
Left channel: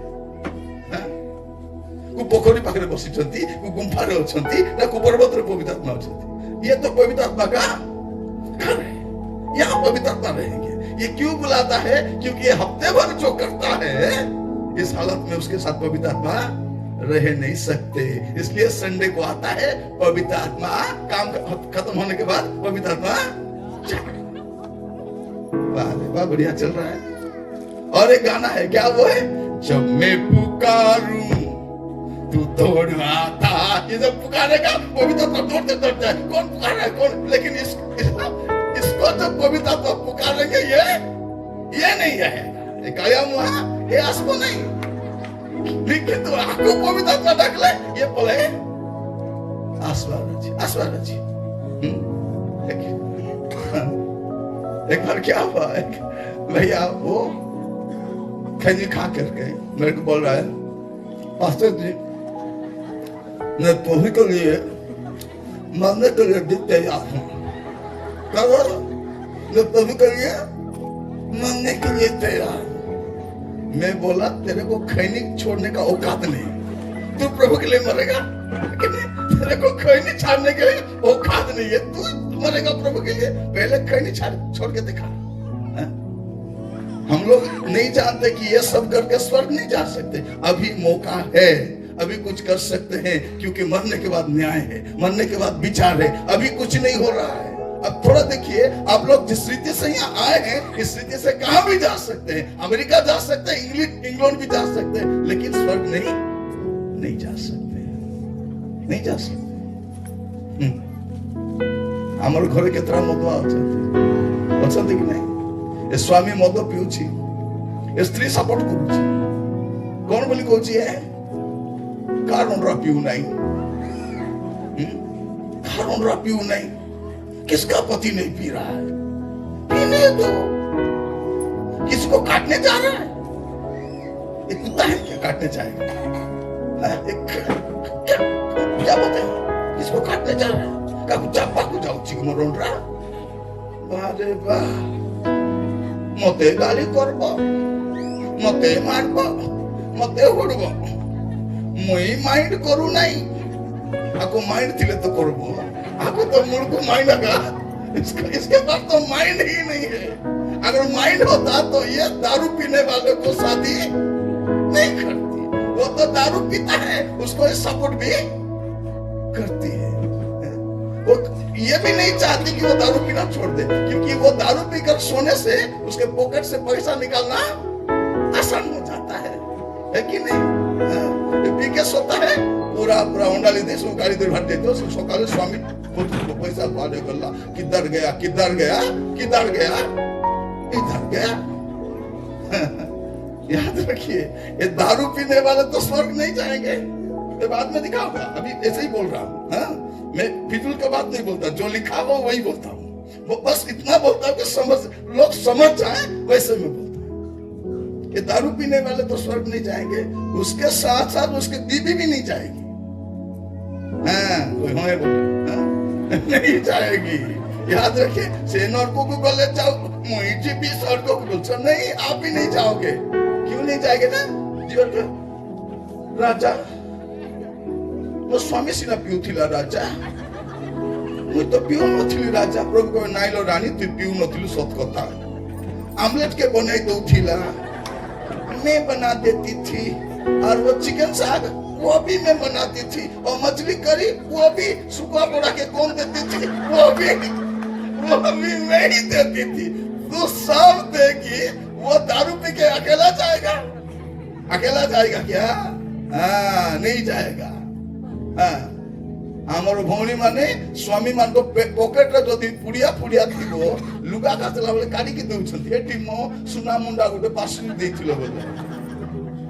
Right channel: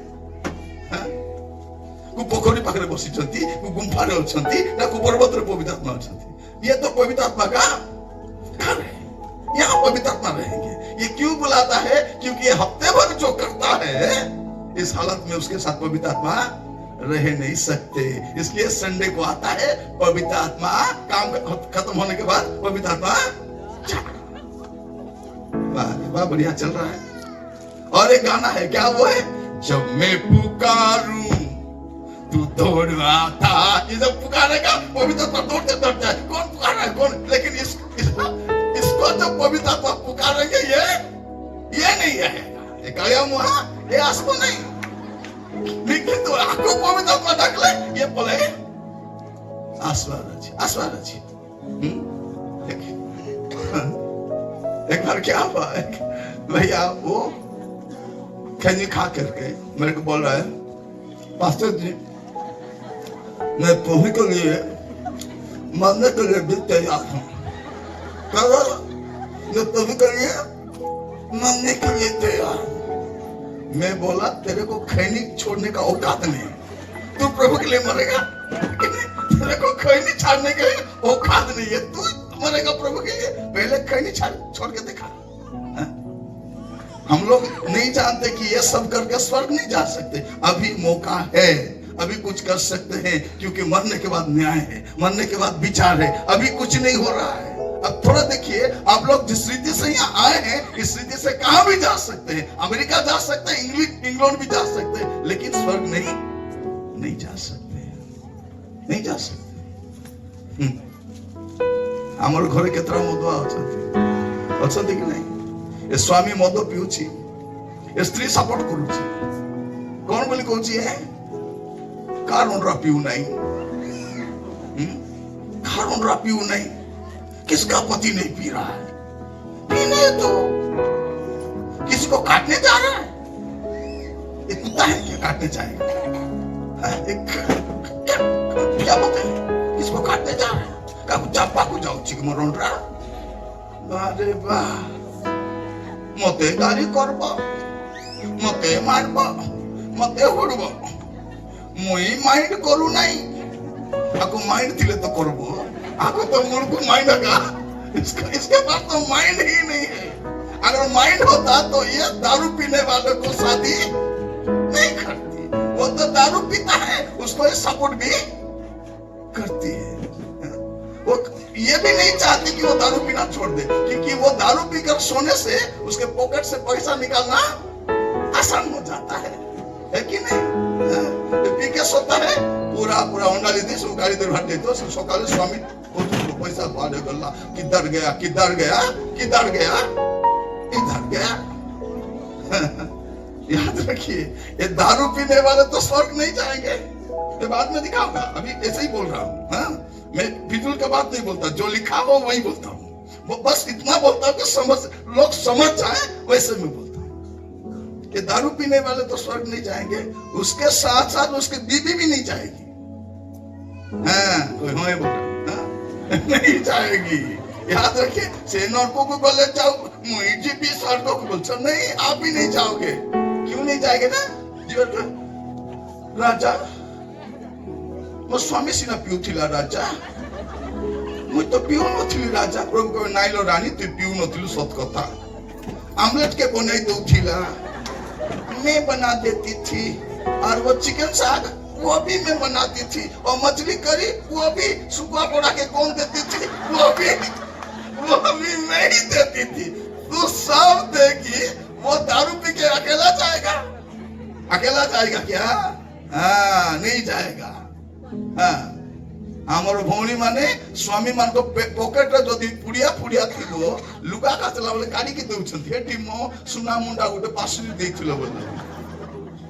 पोखरी पाखरे बसी गुम्फारे अछंती ना पर्वत पवित्र आत्मा अछंती। ये तो पवित्र आत्मा का घर है, यहाँ पवित्र आत्मा रहेंगे। ये क्यों बुलाता है? क्योंकि हफ्ते भर जो करता है इस हालत में उसके साथ पवित्र आत्मा रह नहीं सकते। इसलिए संडे को आता है, पवित्र आत्मा काम खत्म होने के बाद पवित्र आत्मा वाह बढ़िया चल रहा है। और एक गाना है, क्या वो है? जब मैं पुकारूं तू दौड़ आता। ये जब पुकारेगा पवित्र आत्मा दौड़ते दौड़ते है। कौन पुकारा है? कौन? लेकिन इसको जब पवित्र आत्मा पुकारेंगे ये नहीं रहेगा, ये कायम हुआ, ये आसमान नहीं। लेकिन तो आपको पवित्र आत्मा ढक ले, ये बोले आसमान जी। एक बार क्या हुआ, भैया वो खैनी खा करके मेरे को बोल रहा है, पास्टर जी मैं तुम्ही के लिए मरने के लिए भी तैयार हूँ। मैं तुम्ही के लिए मरने के लिए तैयार हूँ। मैं बोला तेरे को खैनी छोड़ने का औकात नहीं, तू प्रभु के लिए मरेगा। तेरे को खैनी छाड़ने के औकात नहीं है, तू मरेगा प्रभु के लिए। पहले खैनी छोड़ के दिखा। हम लोग नहीं जानते कि ये सब करके स्वर्ग नहीं जा सकते। अभी मौका है, अभी कुछ कर सकते हैं, क्योंकि मरने के बाद न्याय है, मरने के बाद विचार है। अभी कुछ नहीं हो रहा है। अब थोड़ा देखिए, आप लोग जिस रीति से यहाँ आए हैं, इस रीति से कहाँ भी जा सकते हैं। अमेरिका जा सकते हैं, इंग्लैंड भी जा सकते हैं, लेकिन स्वर्ग नहीं जा सकते, नहीं जा सकते। हमारे घरे केतरा मदुआ अछंती कि नहीं? ए स्वामी मद पिउछि, ए स्त्री सपोर्ट करूछि, कौन बोली कहछि है कारण रा पिउ नहीं, कारण रा पिउ नहीं। किसका पति नहीं पी रहा है? पीने दो। किसको काटने जा रहा है? एक कुत्ता है क्या काटने जाएगा? क्या बोलते हैं? किसको काटने जा रहा है? का चापा को जाओ चिक मरोन रहा। अरे वाह, मते गाली करब, मते मारब, मते हुड़ब, मुई माइंड करू नहीं। आको माइंड थिले तो करब, आको तो मुर्ख माइंड आगा। इसके पास तो माइंड ही नहीं है। अगर माइंड होता तो ये दारू पीने वाले को शादी नहीं करती। वो तो दारू पीता है, उसको ये सपोर्ट भी करती है। वो ये भी नहीं चाहती कि वो दारू पीना छोड़ दे, क्योंकि वो दारू पीकर सोने से उसके पॉकेट से पैसा निकालना आसान हो जाता है कि नहीं? पी के सोता है, पूरा उंगाली दे उंगाली दे भाटे तो सकाले स्वामी पैसा पाले गल्ला किधर गया किधर गया किधर गया इधर गया। याद रखिए, ये दारू पीने वाले तो स्वर्ग नहीं जाएंगे। ये बाद में दिखाऊंगा, अभी ऐसे ही बोल रहा हूँ। मैं फिजूल का बात नहीं बोलता, जो लिखा हुआ वही बोलता हूँ। वो बस इतना बोलता हूँ कि लोग समझ जाए, वैसे मैं बोलता हूँ। ये दारू पीने वाले तो स्वर्ग नहीं जाएंगे, उसके साथ साथ उसकी बीवी भी नहीं जाएगी। नहीं जाएगी। याद रखिए, से नरकों को बोले जाओ, मुझे भी स्वर्ग को बोलते नहीं, आप भी नहीं जाओगे। क्यों नहीं जाएंगे ना? राजा वो स्वामी सिना पिउथिला राजा, मुझ तो पिउ नथिली राजा। प्रभु को नाइलो रानी तू पिउ नथिलु सत कथा। आमलेट के बनाई दउथिला, मैं बना देती थी। और वो चिकन साग वो भी मैं बनाती थी, और मछली करी वो भी सुखा पोड़ा के कौन देती थी, वो भी मैं ही देती थी। तू सब देगी, वो दारू पी के अकेला जाएगा? अकेला जाएगा क्या? नहीं जाएगा। आमर भौणी माने स्वामी मान को पॉकेट रे जदी पुड़िया पुड़िया थिबो लुगा काचला बोले काडी के देउछंती एटी मो सुना मुंडा गोटे पासली देथिलो बोले।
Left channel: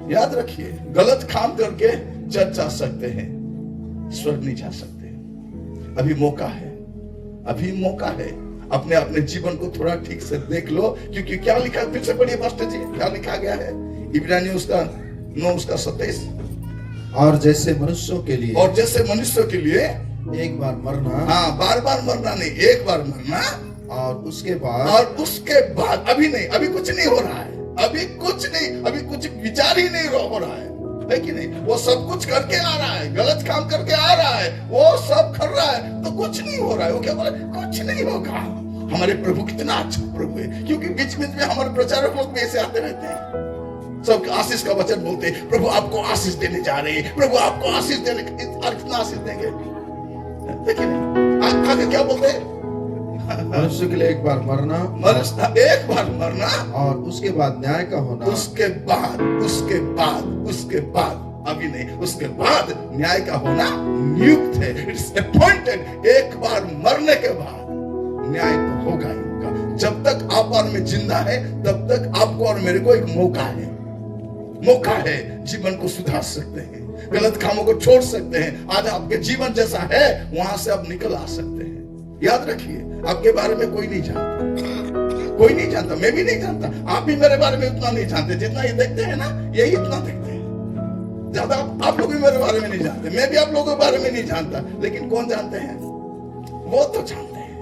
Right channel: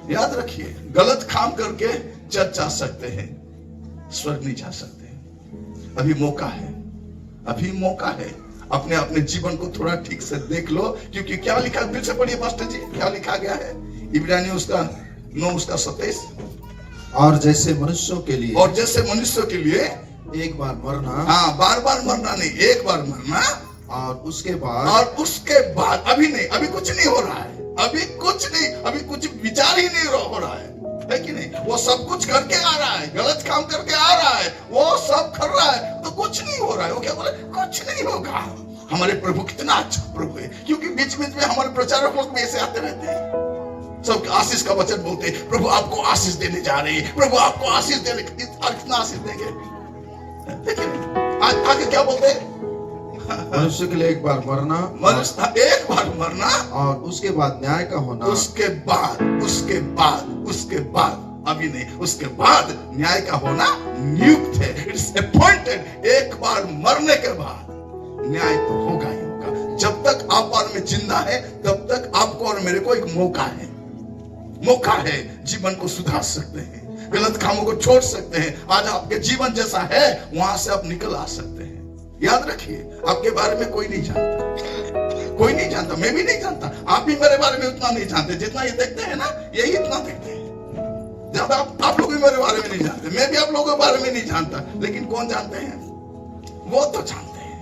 याद रखिए, गलत काम करके चर्च जा सकते हैं, स्वर्ग नहीं जा सकते। अभी मौका है, अभी मौका है। अपने अपने जीवन को थोड़ा ठीक से देख लो, क्योंकि क्या लिखा, फिर से पढ़िए पास्टर जी, क्या लिखा गया है इब्रानियों उसका 9 उसका 27। और जैसे मनुष्यों के लिए, और जैसे मनुष्यों के लिए एक बार मरना, हाँ बार बार मरना नहीं, एक बार मरना, और उसके बाद अभी नहीं, अभी कुछ नहीं हो रहा है, अभी कुछ नहीं, अभी कुछ विचार ही नहीं हो रहा है कि नहीं? वो सब कुछ करके आ रहा है, गलत काम करके आ रहा है, वो सब कर रहा है, तो कुछ नहीं हो रहा है। वो क्या बोले, कुछ नहीं होगा। हमारे प्रभु कितना अच्छा प्रभु है, क्योंकि बीच बीच में हमारे प्रचारक लोग भी ऐसे आते रहते हैं, सब आशीष का वचन बोलते हैं, प्रभु आपको आशीष देने जा रहे हैं, प्रभु आपको आशीष देने, और कितना आशीष देंगे। देखिए आगे क्या बोलते हैं, मनुष्य के लिए एक बार मरना, एक बार मरना, और उसके बाद न्याय का होना, उसके बाद अभी नहीं, उसके बाद न्याय का होना नियुक्त है, इट्स अपॉइंटेड। एक बार मरने के बाद न्याय तो होगा ही होगा। जब तक आप और मैं जिंदा है, तब तक आपको और मेरे को एक मौका है, जीवन को सुधार सकते हैं, गलत कामों को छोड़ सकते हैं। आज आपके जीवन जैसा है वहां से आप निकल आ सकते हैं। याद रखिए, आपके बारे में कोई नहीं जानता, कोई नहीं जानता, मैं भी नहीं जानता, आप भी मेरे बारे में उतना नहीं जानते, जितना ये देखते हैं ना, यही इतना देखते हैं। ज्यादा आप लोग भी मेरे बारे में नहीं जानते, मैं भी आप लोगों के बारे में नहीं जानता, लेकिन कौन जानते हैं? वो तो जानते हैं,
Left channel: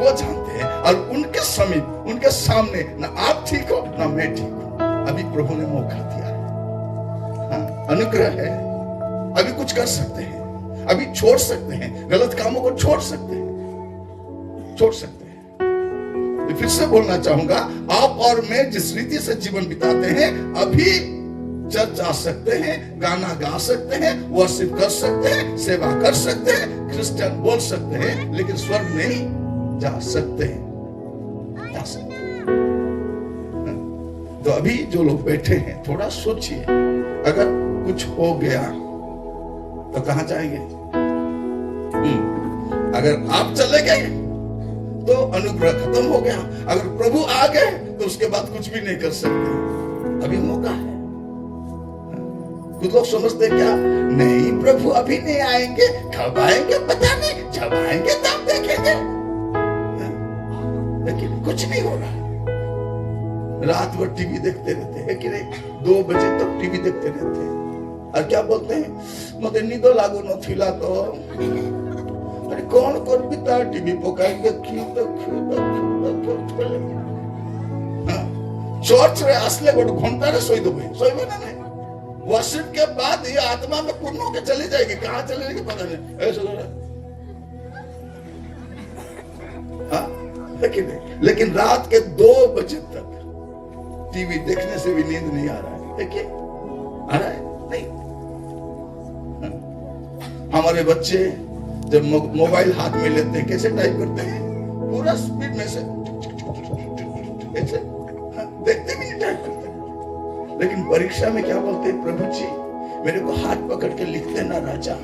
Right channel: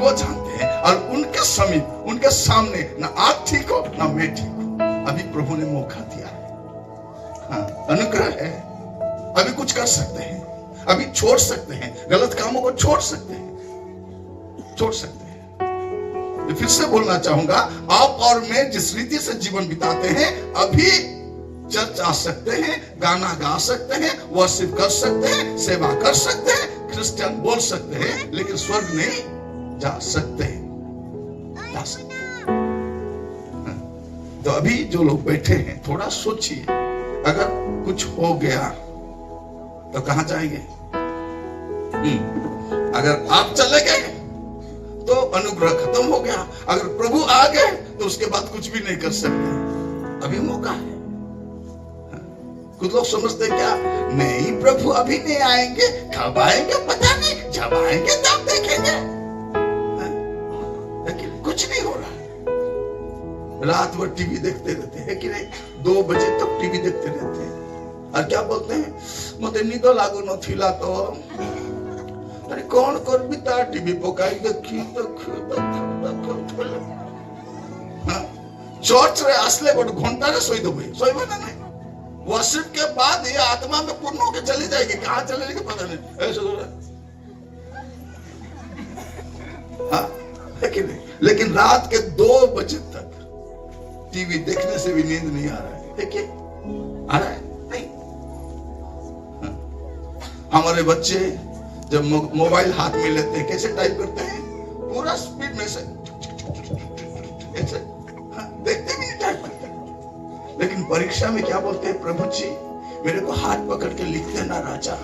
वो जानते हैं। और उनके समीप, उनके सामने ना आप ठीक हो ना मैं ठीक हूं। अभी प्रभु ने मौका दिया, हाँ, अनुग्रह है, अभी कुछ कर सकते हैं, अभी छोड़ सकते हैं, गलत कामों को छोड़ सकते हैं। मैं फिर से बोलना चाहूंगा, आप और मैं जिस रीति से जीवन बिताते हैं, अभी चर्च आ सकते हैं, गाना गा सकते हैं, वर्शिप कर सकते हैं, सेवा कर सकते हैं, क्रिश्चियन बोल सकते हैं, लेकिन स्वर्ग नहीं जा सकते। तो अभी जो लोग बैठे हैं, थोड़ा सोचिए, अगर कुछ हो गया तो कहां जाएंगे? अगर आप चले गए तो अनुग्रह खत्म हो गया, अगर प्रभु आ गए तो उसके बाद कुछ भी नहीं कर सकते। अभी मौका है। कुछ लोग समझते क्या, नहीं प्रभु अभी नहीं आएंगे, कब आएंगे पता नहीं, जब आएंगे तब देखेंगे। लेकिन कुछ नहीं हो रहा है। रात भर टीवी देखते रहते हैं कि नहीं, 2 बजे तक टीवी देखते रहते हैं, और क्या बोलते हैं, मते निद लागू नथिला तो अरे कौन कर बिता टीवी पकाई देखी तो चर्च रे आसले गोटे घंटा रे सोई देबे, सोइबो ना नहीं, वर्शिप के बाद ये आत्मा में पूर्ण होकर चली जाएगी, कहां चले जाएगी पता नहीं, ऐसे हो रहा है कि नहीं? लेकिन रात के 2 बजे तक टीवी देखने से भी नींद नहीं आ रहा है, देखिए आ रहा है नहीं। हमारे बच्चे जब मोबाइल हाथ में लेते हैं, कैसे टाइप करते हैं, पूरा स्पीड में से ऐसे, देखते नहीं टाइप करते। लेकिन परीक्षा में क्या बोलते हैं, प्रभु जी मेरे को हाथ पकड़ के लिखते ना राजा।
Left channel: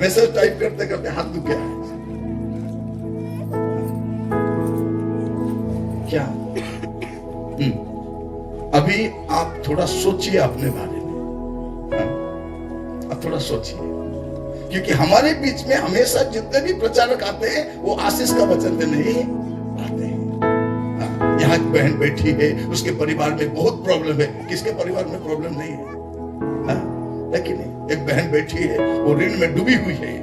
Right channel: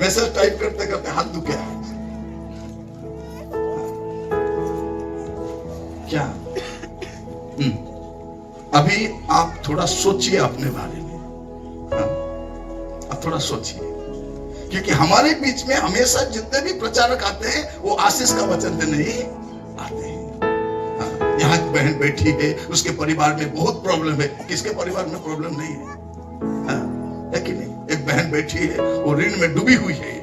मैसेज टाइप करते करते हाथ दुखे क्या? अभी आप थोड़ा सोचिए अपने बारे में, आप थोड़ा सोचिए, क्योंकि हमारे बीच में हमेशा जितने भी प्रचारक आते हैं वो आशीष का वचन देने ही आते हैं। यहाँ एक बहन बैठी है, उसके परिवार में बहुत प्रॉब्लम है, किसके परिवार में प्रॉब्लम नहीं है कि नहीं? एक बहन बैठी है, वो ऋण में डूबी हुई है,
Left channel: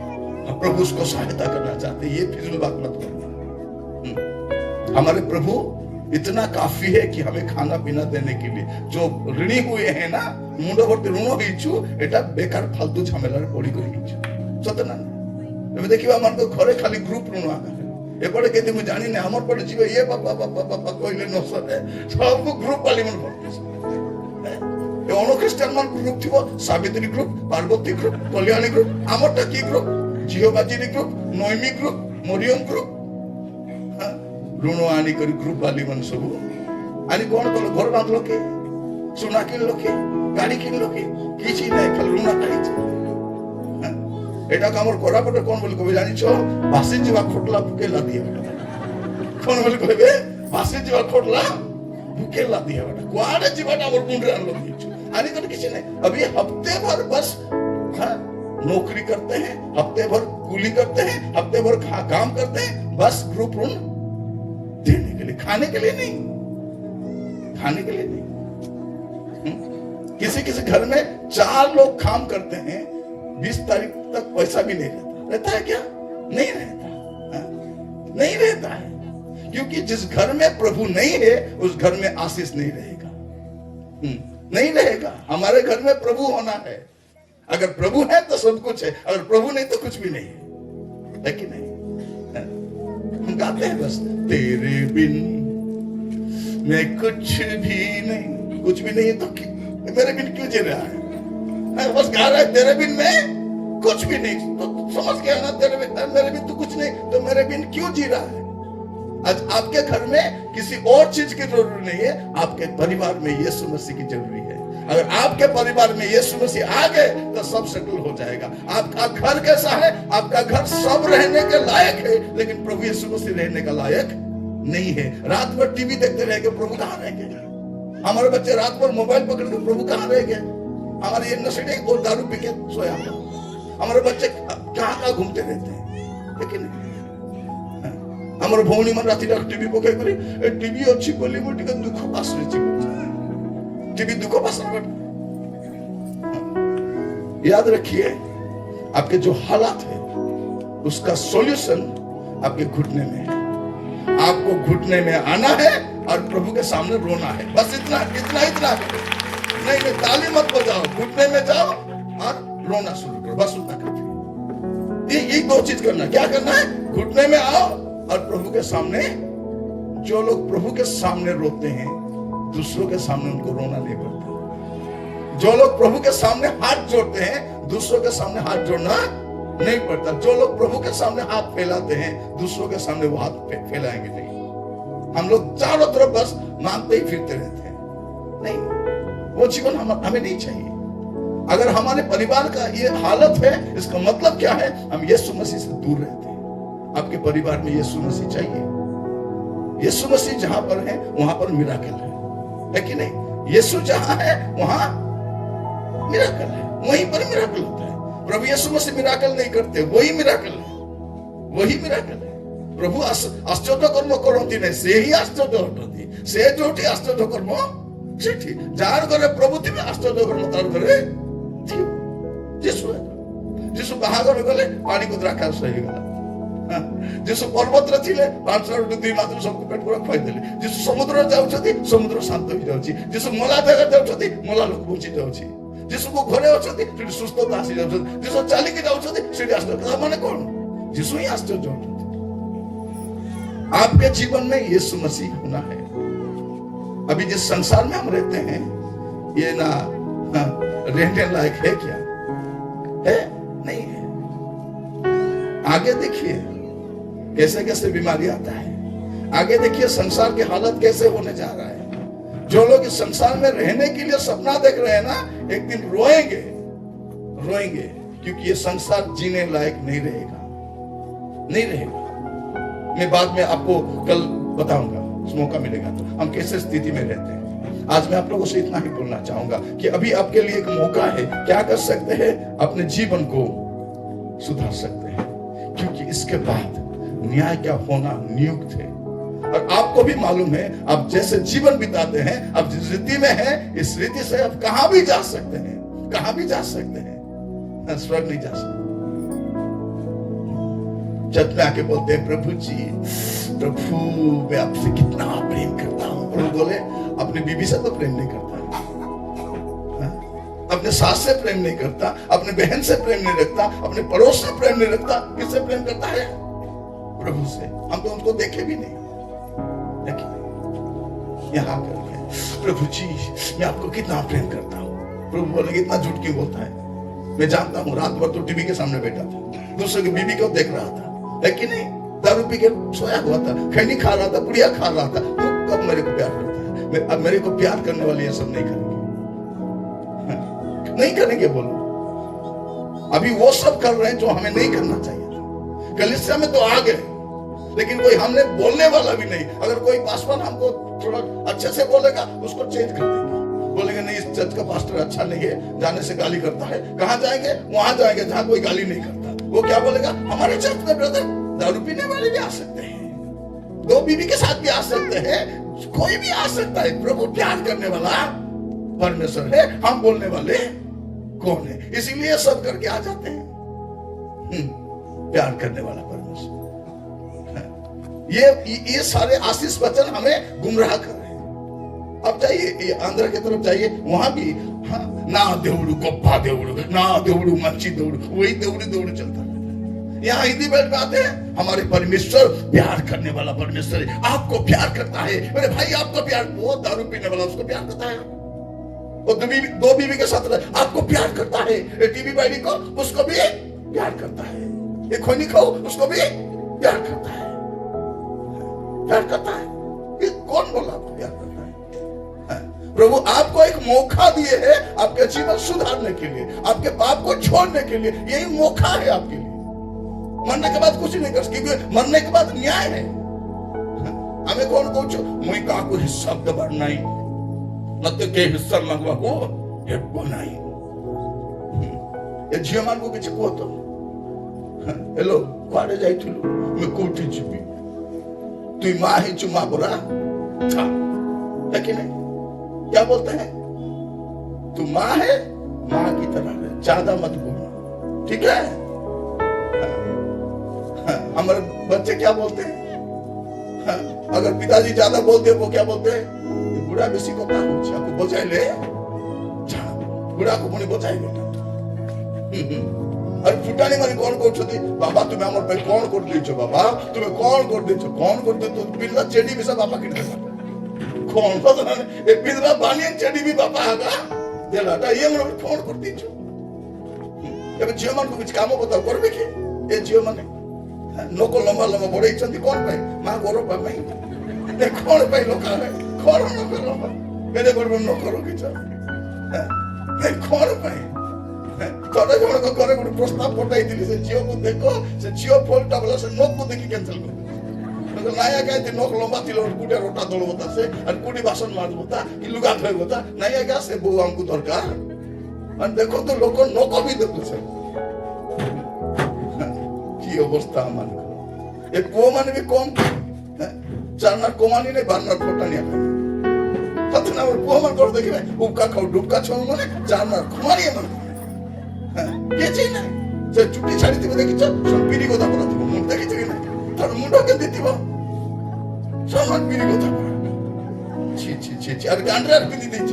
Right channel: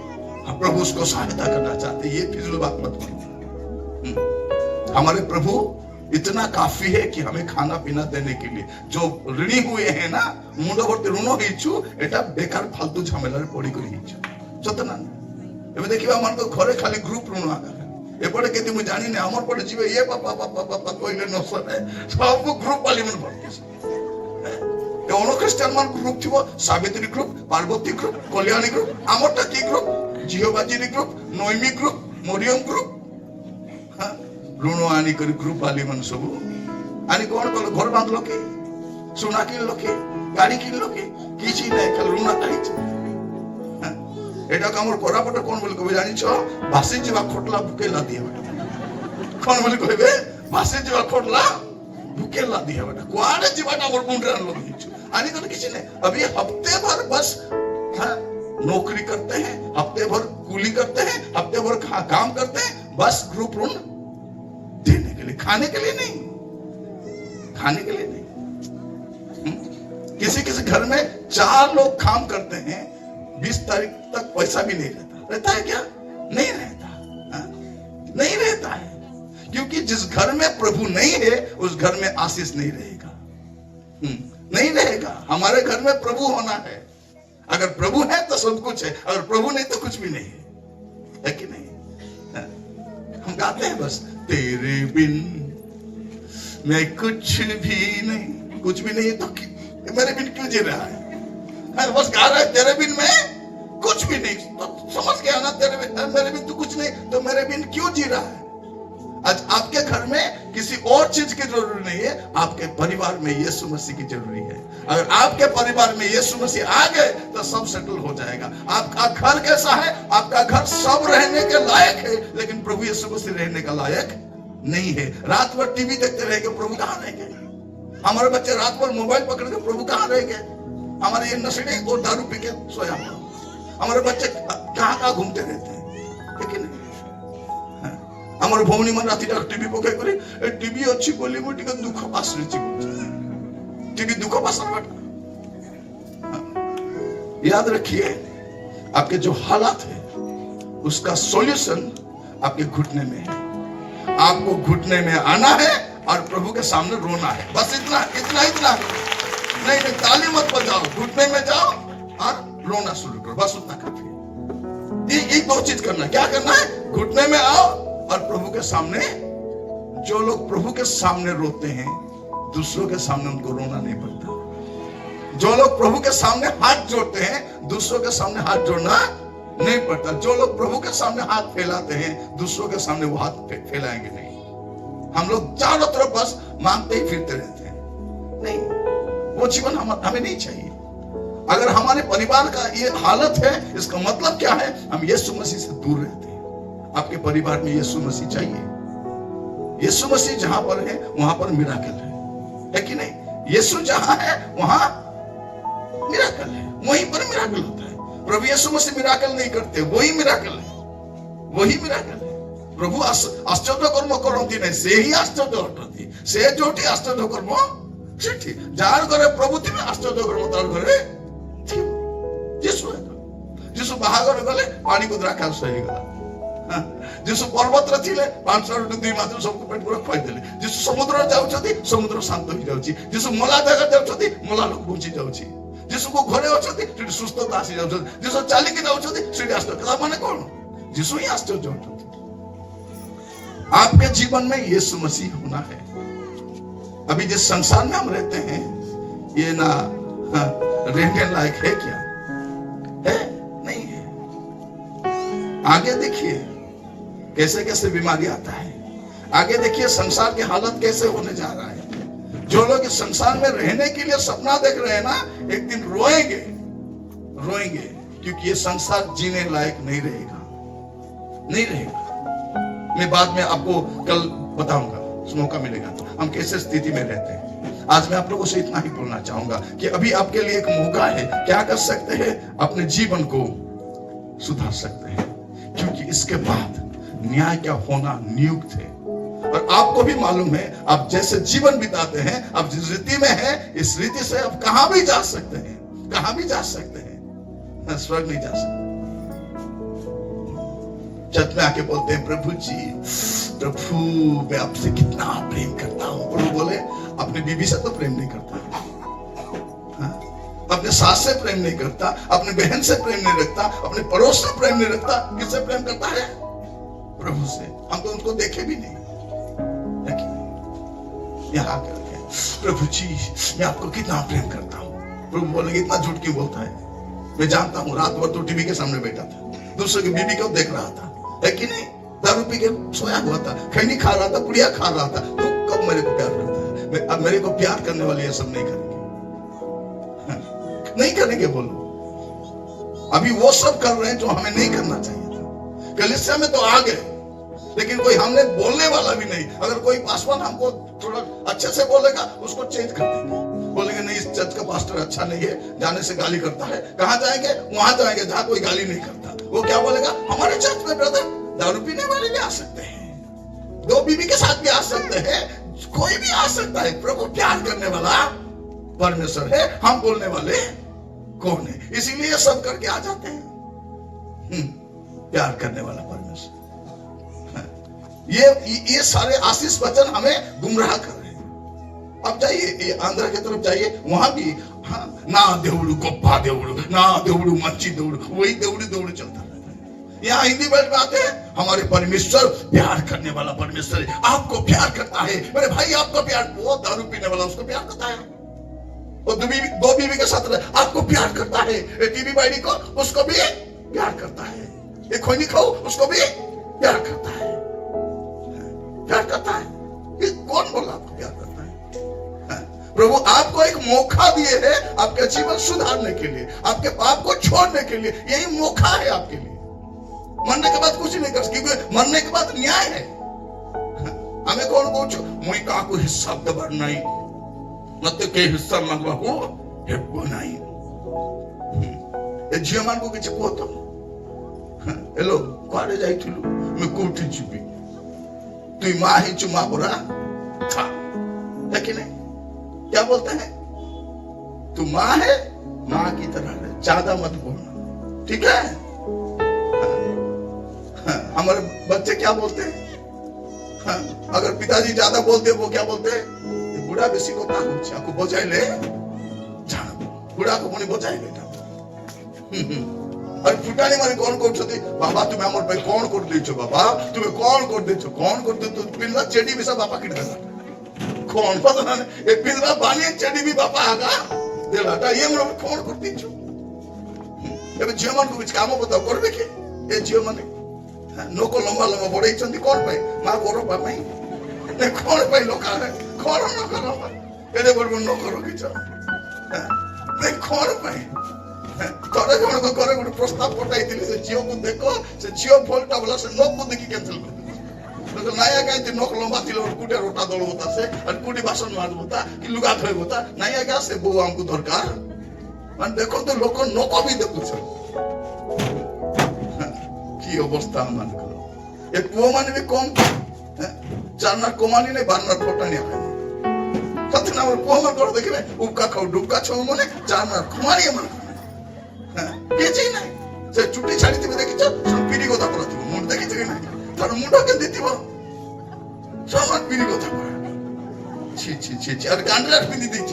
प्रभु उसको सहायता करना चाहते हैं। ये फिजूल बात मत करो। हमारे प्रभु इतना काफी है कि हमें खाना पीना देने के लिए। जो ऋणी हुए हैं ना, मुंड भरते ऋण हो एटा बेकार फालतू झमेला पड़ी कर सतना एबे देखिबा हमर तो घरे खाली ग्रुप ऋण आकर एपटे केते मु जानि नै, हमर पटे जीवे ये बाबा कोइले न सने सब ग्रुप वाली मन भरते ए ओनो क्रिश्चियन मन ग्रुप थिबो, Savitri group, Parvati group, Kalyani group, हमरटा की ग्रुप, जियोबाजी ग्रुप, नोइमी ग्रुप, मोरियम ग्रुप, ऋण आनी कर ग्रुप वाली मन सब आनी कोन कल घर बांधलो के, सुना किनलो के, गाड़ी किनलो के, किछि नै, खाली ऋण खाइछ। এটা কামর কোরাপটা কোন বলি কবে জানিছো ভাসি যাবা ফটলা বুকে লা দিয়া কোন বলি কইবে ভাসি যাবা ফটলা बुके ला दिया बेटा कुआड़े जीवन और मुंडे अनलो दीचो आने का किसी ने अभी हफ्ते भर बस नौकरी करते हैं हफ्ते भर कूली करते हैं हफ्ते भर काम करते हैं बस ग्रुप लोन देने के लिए खाने के लिए नहीं खाने के लिए नहीं किसी किसी घर में 4 लोग काम करते हैं 20 तारीख तक पैसा भी नहीं रहता है क्या नहीं रहता नहीं रहता है क्योंकि जिस घर में प्रभु नहीं है उस घर में आशीष नहीं रहेगा नहीं रहेगा हमारे घर में प्रभु होना है अगर प्रभु है तो सब कुछ है अगर प्रभु नहीं तो कुछ भी नहीं है कि नहीं हम गाते हैं बस तेरे बिन मैं कुछ भी नहीं तो मेरे बिन क्यों जी रहा है बस गा रहा है तेरे बिन मैं कुछ भी नहीं तो समझ गया ना मेरे बिन तो कुछ नहीं तो मेरे बिन क्यों जी रहा है आज आपके घर में किसी और चीज की जरूरत नहीं है आपके परिवार में यीशु मसीह की जरूरी है अगर आपके परिवार में यीशु मसीह आ गए तो सब सेटल हो जाएगा आपका घर कैसा है आपका घर सब रहने के लायक है लेकिन प्रभु यीशु मसीह रहने का लायक नहीं है रात भर टीवी देखते रहेंगे प्रभु कहाँ रह गए हमारे बच्चे रात भर मोबाइल पकड़ के प्रभु कहाँ रह गए हमारे ये नशे और दारू पी के सोया हमारे बच्चे कहाँ घूमते रहते हैं लेकिन আমার ভৌনি মান রাতি টিভি পকাই করে টিভি ଅଛି ବୋଲି ମୁଁ ଟିକେ ଦୁଃଖ ପାଶୁଛି टीवी दुख पासन याद रखिए आपके जो हालात है उसका सॉल्यूशन आपके घुटने में है आपको घुटने में आना है और प्रभु के सामने रोना है बस इतना इतना इतना नहीं ताली मत बजाओ घुटने में जाओ और रोना शुरू करो बस उतना करते ये 2 चीज करना क्या करना है घुटने में आओ और प्रभु के सामने जो लोग प्रभु के सामने रोते हैं दूसरों के सामने उनको रोना नहीं पड़ता जो लोग प्रभु के सामने हाथ जोड़ते हैं दूसरों के सामने हाथ जोड़ना नहीं पड़ता जो लोग प्रभु के सामने हाथ फैलाते हैं दूसरों के सामने वो हाथ फैलाएंगे नहीं हम लोग चारों तरफ बस मांगते ही फिरते रहते हैं नहीं वो जीवन हमें नहीं चाहिए अगर हमारे परिवार का ये हालत है इसका मतलब क्या है हम यीशु मसीह से दूर रहते हैं आपके परिवार में यीशु मसीह चाहिए यीशु मसीह जहां पर है वहां पर मिराकल है कि नहीं यीशु जहां है वहां मिराकल है वहीं पर मिराकल होता है प्रभु यीशु मसीह मिराकल नहीं करते वही मिराकल है प्रभु आश्चर्य कर्म करती नहीं से ही आश्चर्य हटती से जोटी आश्चर्य कर्म सेठी जार घरे प्रभु थे आश्चर्य कर्म तार घरे जीशु बाहागर गले पानी को द्राक्षारस हो गला जीशु पर्वत रे थिले 500 2 मास सब पेट पूरा खाई देले जीशु समुद्र जाउछथि समुद्र शांत हो जाउछि जीशु मला जगह जाउछथि मला लोक बंची जाउछि जीशु को घरे अछथि सेठी सुस्थता आसी जाउछथि जीशु चाली के जाउछथि सेठी आश्चर्य माने कोन जीशु ही आश्चर्य होता आपके जीवन में यीशु मसीह होना है अभी जिस संसार में हम रहते हैं ये ना रहने लायक है क्या है नहीं है आगे देखिए कैसे कैसे बीमारी आता है आगे देखिए संसार की हालत कैसे होने जा रहा है जो लोग इस संसार में रहने के लिए सपना देख रहे हैं ना एक दिन रोएंगे क्योंकि ये संसार जीने लायक नहीं रहेगा मैं बाद में आपको कल बताऊंगा मौका मिलेगा तो हम कैसे स्थिति में रहते हैं आज मैं आप लोगों से इतना ही बोलना चाहूंगा कि अभी आपके लिए एक मौका है क्या कर सकते हैं अपने जीवन को सुधार सकते हैं क्योंकि इसके बाद न्याय क्या होना नियुक्त है और आपको भी मालूम है आप जैसे जीवन बिताते हैं आप जिस रीति में हैं इस रीति से आप कहां भी जा सकते हैं स्वर्ग नहीं जा सकते छत में आके बोलते हैं प्रभु मैं आपसे कितना प्रेम करता हूं प्रभु बोले अपनी बीवी से तो प्रेम नहीं करता अपने सास से प्रेम नहीं करता अपने बहन से प्रेम नहीं रखता अपने पड़ोस से प्रेम नहीं रखता किससे प्रेम करता है प्रभु से हम तो उनको देखे भी नहीं यहाँ करके प्रभु जी मैं आपको कितना प्रेम करता हूँ प्रभु बोलेंगे इतना झूठ क्यों बोलता है मैं जानता हूँ रात भर तो टीवी के सामने बैठा था दूसरे की बीवी को देख रहा था है कि नहीं दारू पी के सोया हुआ था खैनी खा रहा था पुड़िया खा रहा था तू कब मेरे को प्यार करता है अब मेरे को प्यार करने वाले ये सब नहीं करेंगे बोलो अभी वो सब कर रहे हैं जो हमें नहीं करना चाहिए था। कलीसिया में तो आ गए, लेकिन कोई हमने बोलने वाला भी नहीं। अगर कोई पासवान हमको थोड़ा अच्छे से बोलेगा, उसको चेंज कर देंगे, बोलेंगे नहीं, इस चर्च का पास्टर अच्छा नहीं है, जाने से गाली करता है। कहां जाएंगे? वहां जाएंगे जहां कोई गाली नहीं करता। वो क्या बोलेगा? हमारे चर्च में ब्रदर दारू पीने वाले भी आ सकते हैं, 2 बीवी के साथ भी आ सकते हैं, कोई भी आ सकता है। प्रभु प्यार करने वाला परमेश्वर है, हम बोलने वाले कौन है? इसीलिए सब करके आ जाते हैं। प्यार करने वाला परमेश्वर। ये सारे आशीष वचन हमें गुमराह कर रहे हैं। अब जाइए ये आंध्र की तरफ जाइए, वहां भी ना देवड़ू गोप्पा देवड़ू, ना देवड़ू मंची देवड़ू, वही देवड़ी देवड़ी चलता रहता है। यहाँ हिंदी बेल्ट में आते हैं, हमारे परमेश्वर प्यार करने वाला परमेश्वर है, आपको प्यार करता है। मेरे भाई आपको प्यार, वो दारू पीने वाला उसको प्यार करता है, वो 2 बीवी के साथ आपको प्यार करता है। टीवी बैडी को, उसको भी प्यार करता है। ये खोनी खाओ, उसको भी प्यार करता है, प्यार करता है। ये कौन बोला आपको प्यार करता है? प्रभु आपको एक मौका दिए है आपके जीवन सुधारने के लिए, आपके पाप को छोड़ने के लिए। यही मौका है आपके लिए। मरने के बाद कुछ नहीं कर सकते, क्योंकि मरने के बाद न्याय है। हमें कौन कहूँ मुई काकू हिस्सा दबर नहीं, मत के हिस्सा मांगवाको हेब्बो नहीं। ए झियो मानको किछि को तो हेलो कुआडे जाइथिलु? मैं कोठी जिबी, तुई माँ ही चुमा बुरा था, है कि नहीं? क्या बोलते हैं? तू माँ है, माँ की तरह है, ज्यादा मत बोलना, ठीक है? हमारे बच्चे क्या बोलते हैं? अगर पिताजी ज्यादा बोलते हैं, वो क्या बोलते हैं? ये बुढ़ा बेसी को आपको बजाय ले, बुढ़ा को पुणी बजाय ले। अरे फुटानी मारी कौन कहते बाबा तुम्हें आम भाई कौन कर देछ, बाबा तुम्हें कौन कर देछ, कौन कर दे? पिंडा चेडी भी सब बापा किन कौन पता ना ये पिंडा बानी चेडी भी बापा आगा देलाटा ये हम कौन कर देछ? एबे झियो मान को कुछ काम बताओ करबे के? ए झियो माने नोको लंबा लंबा बड़े चंदी कौन पाई मां करो पाई नहीं कौन पाई लोका है कौन न करो एडे बड़ बड़ न करो कि नहीं कौन पाई तोरे जण को करे गुड प्रस्ताव पठाई दिली से जियो को देखो से जियो फोल्टा वाला से नोक को देखि कैंसिल कर तो नाया काय ते नोक लंबा दिलो कुटे रोटा दल होता से और कुडी बासन मार होता कि लुगा धोई होता नाया का से बो हमको दरकार और देखो तो लोक नोक भी देखु छ की अवस्था मान करो ए पो माने भी कम चारना कोमानी ने बारना फोटा नहीं आता कतना पो मान कर देखिबे उका खाऊ डुबका छौ माने चारना कोमानी मन के चाहिँ नै से चुट्टी छाडी तिमी देखिछ पिरी गोता परा तिमी मुंड देखिछ कि नै तर मुंड के दितिबो समान पिरी गोता परा छी छी छी छी अरे गांडे पिंदी देखिछ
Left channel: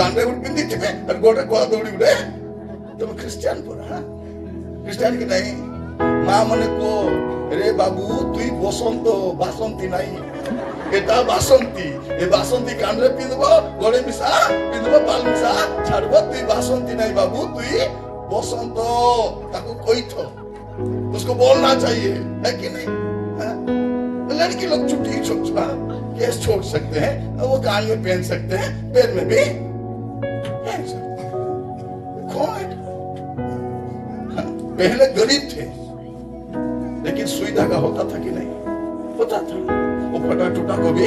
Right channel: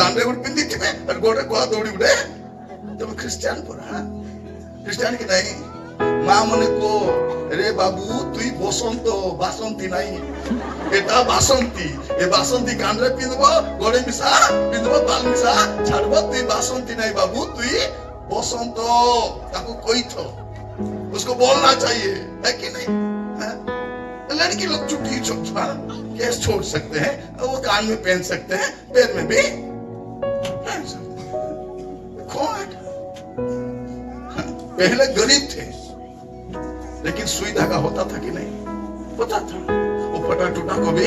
गांडे उड पिंदी तिमी अरे गोटे कोला दौडी उडे तुम क्रिश्चियन परा क्रिश्चियन कि नहीं मां मने को रे बाबू तुई बसंत बासंती नहीं एटा बासंती ए बासंती कांडे पिंदबो गोले मिसा पिंदबो बाल मिसा छाड़बो तुई बासंती नहीं बाबू तुई बसंत ताको कोई तो उसको बोलना चाहिए है कि नहीं लड़की लोग चुट्टी छोटा केस छोड़ सकते हैं वो कान में पहन सकते हैं पैर में भी पहन सकते हैं कौन पहले गरीब थे लेकिन सुई धागा होता था कि नहीं होता था वो फटा टूटा को भी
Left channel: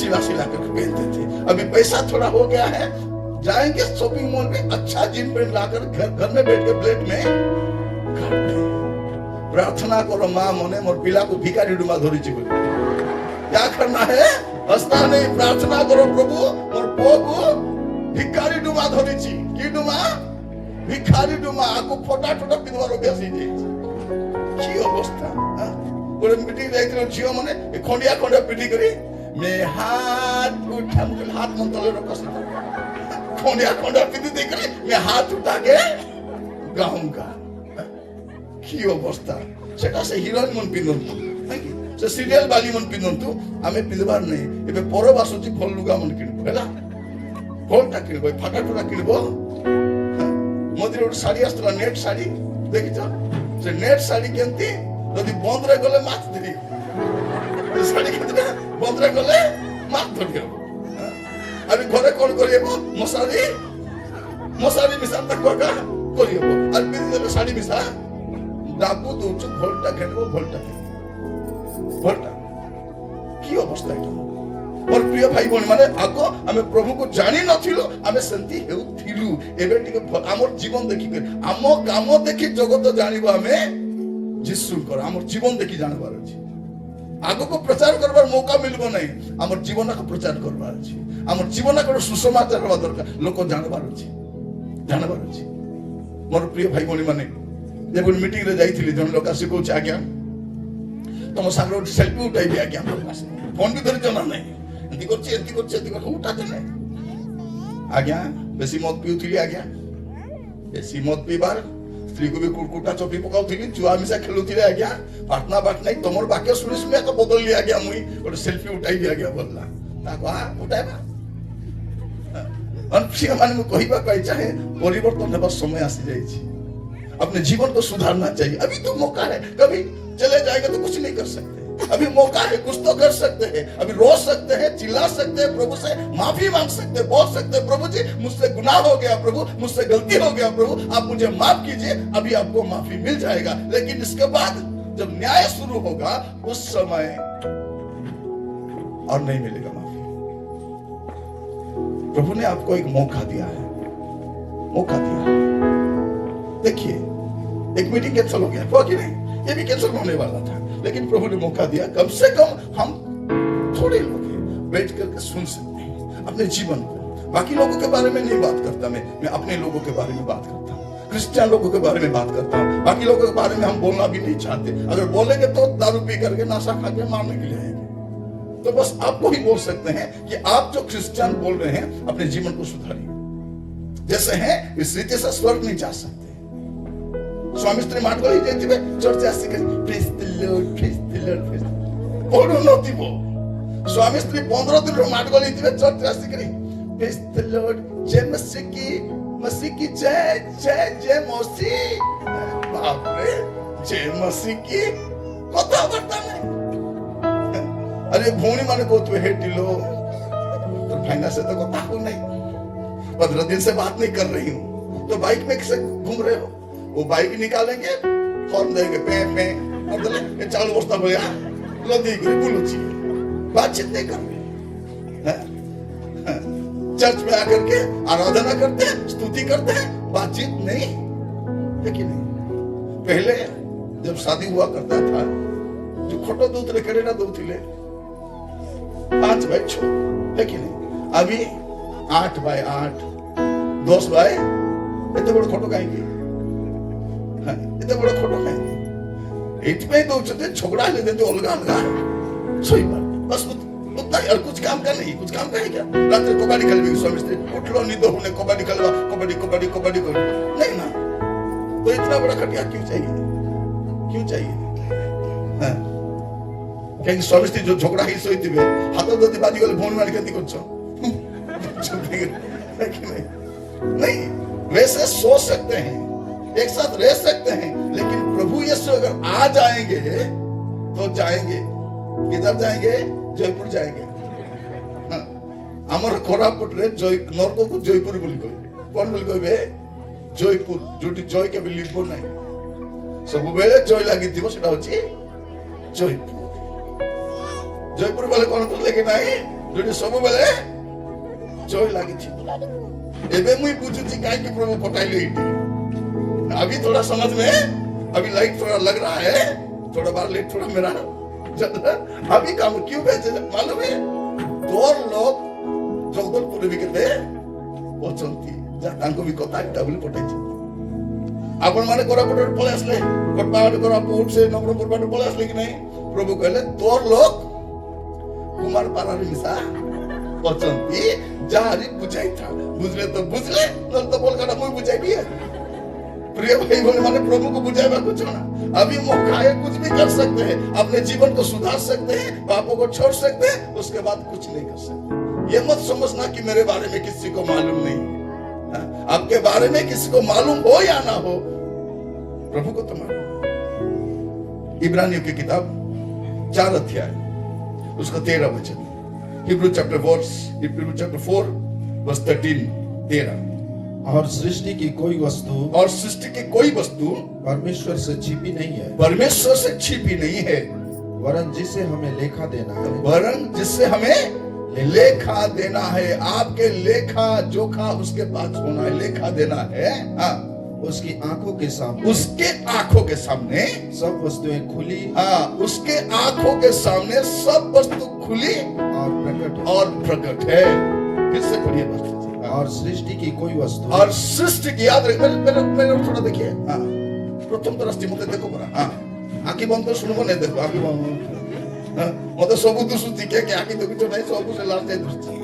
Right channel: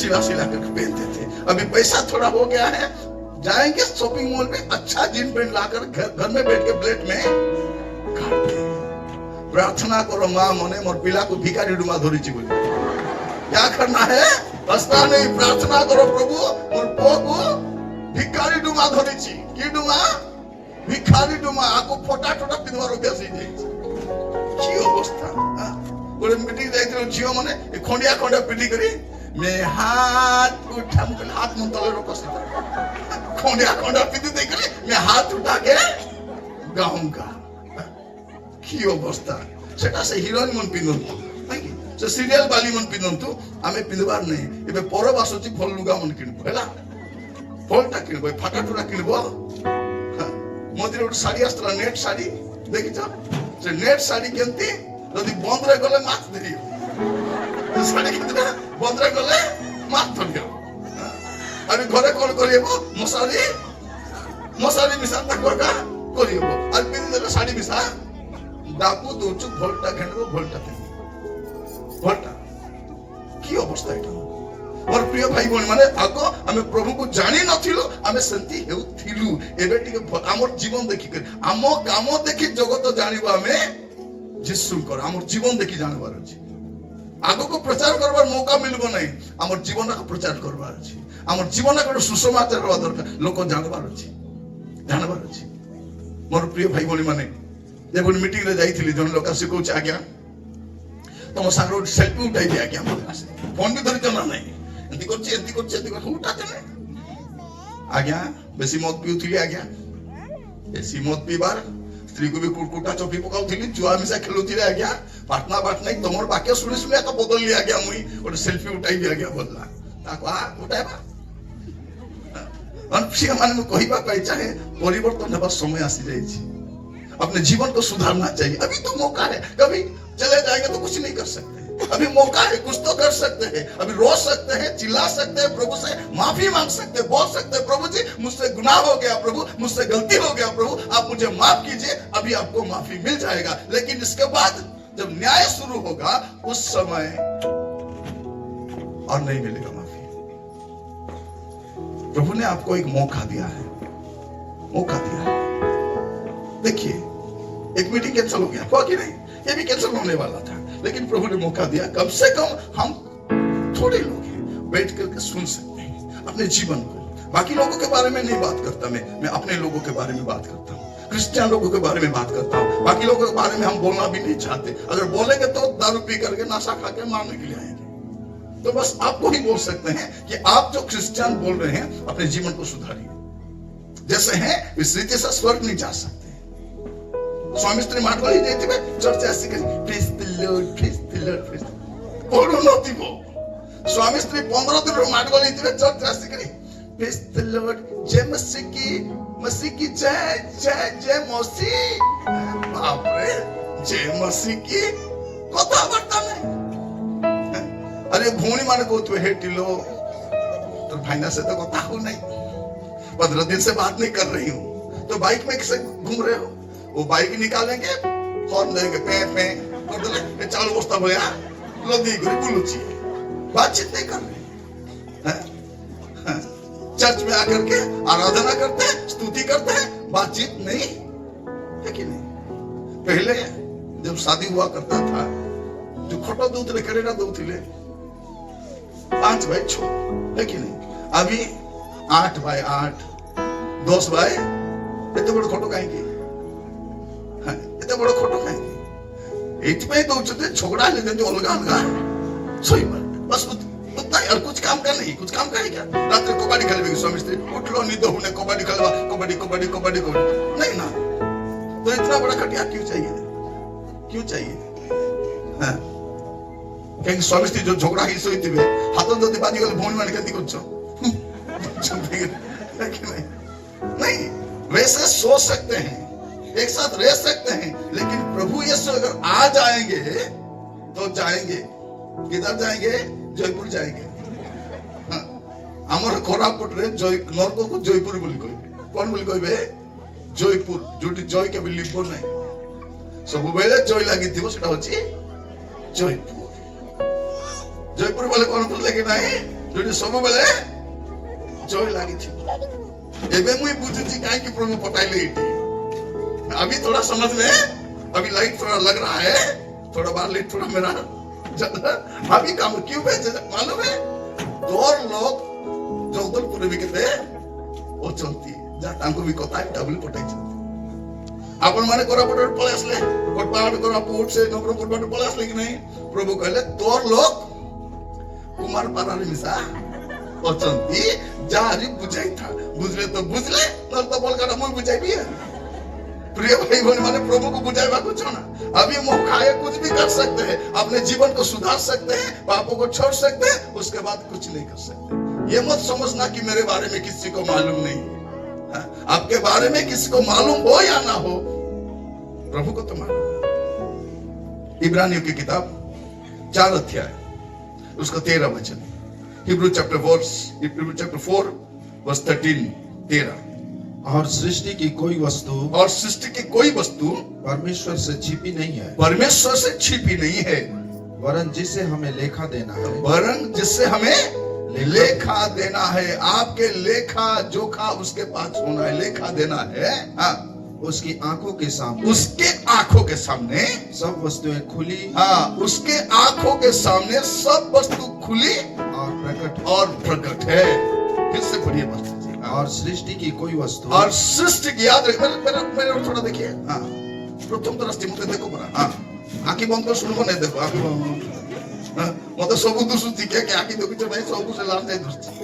सिला सिला करके पहनते थे अभी पैसा थोड़ा हो गया है जाएंगे शॉपिंग मॉल में अच्छा जीन पैंट लाकर घर में बैठ के प्लेट में खाते प्रार्थना करो माँ मने मोर पिला को भिखारी डुमा धरी ची बोली क्या करना है हंसना नहीं प्रार्थना करो प्रभु मोर पो को भिखारी डुमा धरी ची की डुमा भिखारी डुमा आको फोटा टोटा पिनवार अभ्यास ही जाइए की अवस्था गोटे मीटिंग जाइथिलो झियो माने ए खंडिया खंडिया पिटी करी मे हाथ उठाम के हाथ मन तले रखसी खंडिया खंडिया पिटी दे करी मे हाथ उठा के गाऊंगा की अवस्था सेटा से हीरोइन मन पिनंतु नहीं से सीरियल वाली मन पिनंतु आमे पिलबार नहीं एबे पर बासुची भल लुगा मन किनबो हैला भलटा किनबो फाटा टुटा किनबो मोदी रोड साड़ी आस्तला नेट साड़ी देखिछ से नेट साड़ी केंती यदि बंद रे गले माछ देरी साड़ी कितने बंद रे गले माछ धरियो अभी घरे कौन करिएबो मसारी मसारी मिसा तक कोटा କରିହେବ ଆଉ ପିନ୍ଧିଦେଲେ ଶାଢୀ ମିଶା ଡାକୁ ଦଉଛୁ ଭଲଟା ଘେଣିବ ଭଲଟା ଭଲଟା କି ଅବସ୍ଥା ଏଇଟା ମୋର ପ୍ରିୟ ଭାଇ ଭଉଣୀ ମାନେ ଆଗ ଆମେ ପ୍ରଭୁକୁ ଜାଣି ନଥିଲୁ ଆମେ ସେମିତି ହେଉଥିଲୁ ଏବେ ଟିକେ ଆମର ଜୀବନ ଦେଖିକରି ଆମ କାମ ଦେଖି ଜଗତ ଜାଣିବ ଆମେ ଯୀଶୁଙ୍କର ଆମର ଜୀବନ ଦେଖି ଜାଣିବାର ଅଛି ଆଗକୁ ପ୍ରଚାର କରିବାର ମୌକା ମିଳିବ ନାହିଁ ଆମର ଜୀବନକୁ ପ୍ରଚାର କରିବାର ଅଛି ଆମର ଜୀବନକୁ ସୁସମାଚାର ହେବା ଦରକାର ଲୋକ ଜାଣିବାର ଅଛି ମୋର ପ୍ରିୟ ଭାଇ ଭଉଣୀ ମାନେ ଯେବେ ମିଟିଂ ରେ ଯାଇଥିଲି ଜଣେ ଲୋକ ଆସି କହୁଛି ଆଜ୍ଞା ତମ ସାଙ୍ଗରେ ଗୋଟେ ସେଲ୍ଫି ଉଠାଇବି ଆଜ୍ଞା ଫୋନ ବି ଧରିଛ ନା ନାହିଁ ଏମିତି କରୁଛି ଉଠାତେ ନାହିଁ ଆଜ୍ଞା ବେଶୀ ମଦ ପିଉଥିଲି ଆଜ୍ଞା ବେଶୀ ମଦ ପିଇବାର ସ୍ତ୍ରୀ କୁ ବି କୁଟା ଚପି ପକାଉଥିଲି ଜୁଆ ମିଶା ଖେଳୁଥିଲି ଆଜ୍ଞା ପାଟନା ବାଟ ନାହିଁ ତମର ବାକ୍ୟ ଶୁଣି ଶୁଣି ତ ବଦଳିଲି ଆଜ୍ଞା ମୁଇଁ ଗୋଟେ ସେଲ୍ଫି ଉଠାଇବି ଆଜ୍ଞା ବୋଲଲା ତାକୁ ଉଠାଇବା ମାନେ ମୁଁ କହିବା ପାଇଁ ଚାହେଁ ପରିବର୍ତ୍ତନ ହେବାର ସମୟ ଆସି ଯାଇଛି अपने जीवन को सुधारना चाहिए अभी तो मौका है कभी चले जाएंगे तो कुछ नहीं कर सकते अभी मौका है कुछ तो कर सकते हैं अभी रो सकते हैं चिल्ला सकते हैं प्रभु से माफी मांग सकते हैं बोल सकते हैं प्रभु जी मुझसे गुनाह हो गया प्रभु मुझसे गलती हो गया प्रभु आप मुझे माफ कीजिए अभी आपको माफी मिल जाएगा लेकिन इसके बाद जब न्याय शुरू होगा उस समय और नहीं मिलेगा माफी प्रभु ने आपको एक मौका दिया है देखिए एक मीटिंग कैंसिल हो गया कि नहीं ये भी कैंसिल होने वाला था लेकिन प्रभु ने मौका दिया कम से कम हम थोड़े लोग बैठ करके सुन सकते हैं अपने जीवन को बाकी लोगों के बारे में नहीं बात करता मैं अपने लोगों के बारे में बात करता हूँ क्रिश्चियन लोगों के बारे में बात करता हूँ बाकी लोगों के बारे में हम बोलना भी नहीं चाहते अगर बोलेंगे तो दारू पी करके नशा खा के मारने के लिए आएंगे तो बस आपको ही बोल सकते हैं कि आप जो क्रिश्चियन बोल रहे हैं अपने जीवन को सुधारिए जैसे हैं इस रीति से स्वर्ग नहीं जा सकते स्वामी स्त्री मार्गो ही जाइए church Ashik praise the Lord पढ़ू नथिबो स्वामी स्त्री 15 दिन मार्गो लेइतिबे church Ashik praise the Lord जय मसीह की जय मसीह बाप रे जय मसीह की कथा बर्ता नहीं अरे भौणी माने कहतु हे टिलो तो भाईना से तो कथा हो नहीं 15 दिन से बात नहीं कर रही हूँ तो बाइक में कैसे घूम रहे हो वो बाइक निकालेंगे हॉर्न देंगे पैर में और बोले चालू बस्ता भैया लदी गुरी बुलुची बातचीत नहीं कर रहे चर्च में आकर के आराधना करते हैं स्तुति करते हैं बातचीत नहीं है कि नहीं पहले जब शादी हुआ करता था जो खोटो दूसरे करेगा दूसरे 5 भाई छो है कि नहीं अभी 8 बाय 8 10 बाय इतने बड़े खोटो कहेंगे इतने बड़ा खोटो कहेंगे एटमें तो झगड़ा ले देंगे अलगा सही बात बस उतना और कुछ काम का नहीं कुछ काम का है क्या रात में कबड्डी खेलबे स्वामी स्त्री उठ लो नींद होने कबड्डी खेलवा कबड्डी नहीं ना तो इतना बड़ा खटिया क्यों चाहिए हाँ कहीं स्वामी स्त्री जो झगड़ा ही सोई थी हाथ जदि बाजी गल भौणी माने केंती करछो नहीं वैसे सो सकते हैं एक साथ रह सकते हैं लेकिन प्रभु यीशु अगर आ जाएंगे तो जाएंगे किधर जाएंगे जयपुर जाएंगे आमर कोरापुट रे नरक को जयपुर बोली कहबे कौन बोली कहबे जयपुर जोटी जय के भी लिखबो नहीं सब बेले जय लागि दिवो सेटा होची जयपुर बोले कौन बोले कि नहीं जोटी सब बेले जय लागि छी एबे मुई बुझुची काहे कि प्रभु पटाइले इटी अभी थोड़ा समझ में अभी लाइट थोड़ा लग रहा है थोड़ा बार लेट थोड़ा मेरा अभी काम क्यों भेजे मालूम है 2 लोग जगदलपुर भी कहते ओ चलती जा तांको भी कथा डबल पटाई आपण माने कोरापुट पळे असले कोटपाड कोरापुट से नवरंगपुर बाटो पळे असले कि नहीं प्रभु कहले 2 लोग कुमार पारारी मिसा ओ चलती जारी बुझाई था बुझले तो बोल कर हम बुझाई भी है प्रिय भाई बहन माने प्रभु को बुझाएगा कुछ ना अभी मौका है कुछ भी कर सकते हैं अपने जीवन को सुधार सकते हैं पापों को छोड़ सकते हैं उसके बाद कुछ नहीं कर सकते ये मत समझना कि मेरे बारे में किसी को मालूम नहीं आपके बारे में किसी को मालूम हो या ना हो प्रभु को तो मालूम इब्रानियों की किताब 4 अध्याय उसका 13 वचन Hebrew chapter 4 verse 13 13 और सृष्टि की कोई वस्तु और सृष्टि की कोई वस्तु परमेश्वर से छिपी नहीं है, परमेश्वर से छिपी नहीं है, वरन जिसे हमें लेखा देना है। वरन जिससे हमें लेखा देना है। आपके लेखा जोखा उसके पास होना है, लेखा देना है। हाँ, उसकी आंखों के सामने, उसके आंखों के सामने सब वस्तुएं खुली हाँ, उसके आंखों के सामने सब वस्तु खुली और प्रकट है। फिर से पढ़िए वस्तु और सृष्टि की कोई वस्तु और सृष्टि की याद रख मेरे थोड़ा देखिए। हाँ, प्रथम तो रास्ते मत देखो परा। हाँ, आंखी बंद कर सुनो नहीं देखो आंखी बंद। हाँ, मत सब दुसुती के आंखी देखो नहीं सब से लाल जाए दुसती।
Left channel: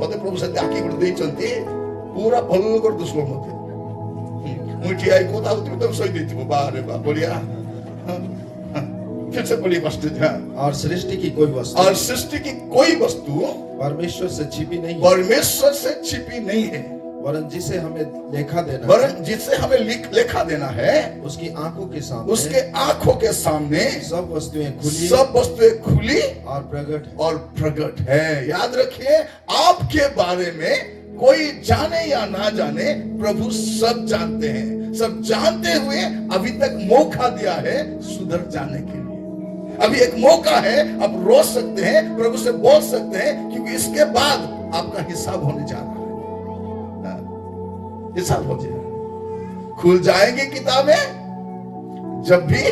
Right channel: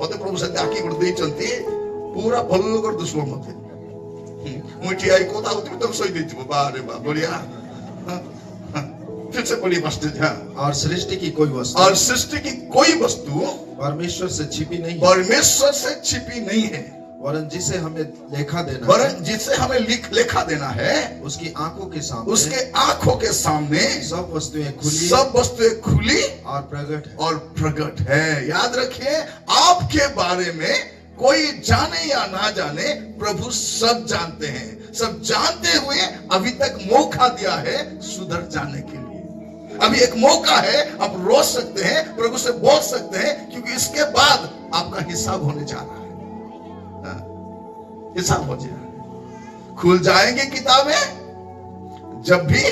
मत प्रभु से आंखी कर दे चलती पूरा भलो कर दुसो मत। मुझे आई को ताऊ तुम सोई देती वो बाहर है बढ़िया। फिर से पढ़िए वस्तु। हाँ, और सृष्टि की कोई वस्तु और सृष्टि की कोई वस्तु परमेश्वर से छिपी नहीं है, परमेश्वर से छिपी नहीं है, वरन जिसे हमें लेखा देना वरन जिसे हमें लेखा देना है। उसकी आंखों के सामने, उसके आंखों के सामने सब वस्तुएं खुली सब वस्तुएं खुली और प्रकट है। याद रखिए, आपके बारे में कोई जाने या ना जाने, प्रभु सब जानते हैं। सब जानते हुए अभी तक मौका दिया है सुधर जाने के लिए। अभी एक मौका है, आप रो सकते हैं, प्रभु से बोल सकते हैं, क्योंकि इसके बाद आपका हिसाब होने जा रहा है। हिसाब हो जाएगा, खुल जाएंगे किताबें जब भी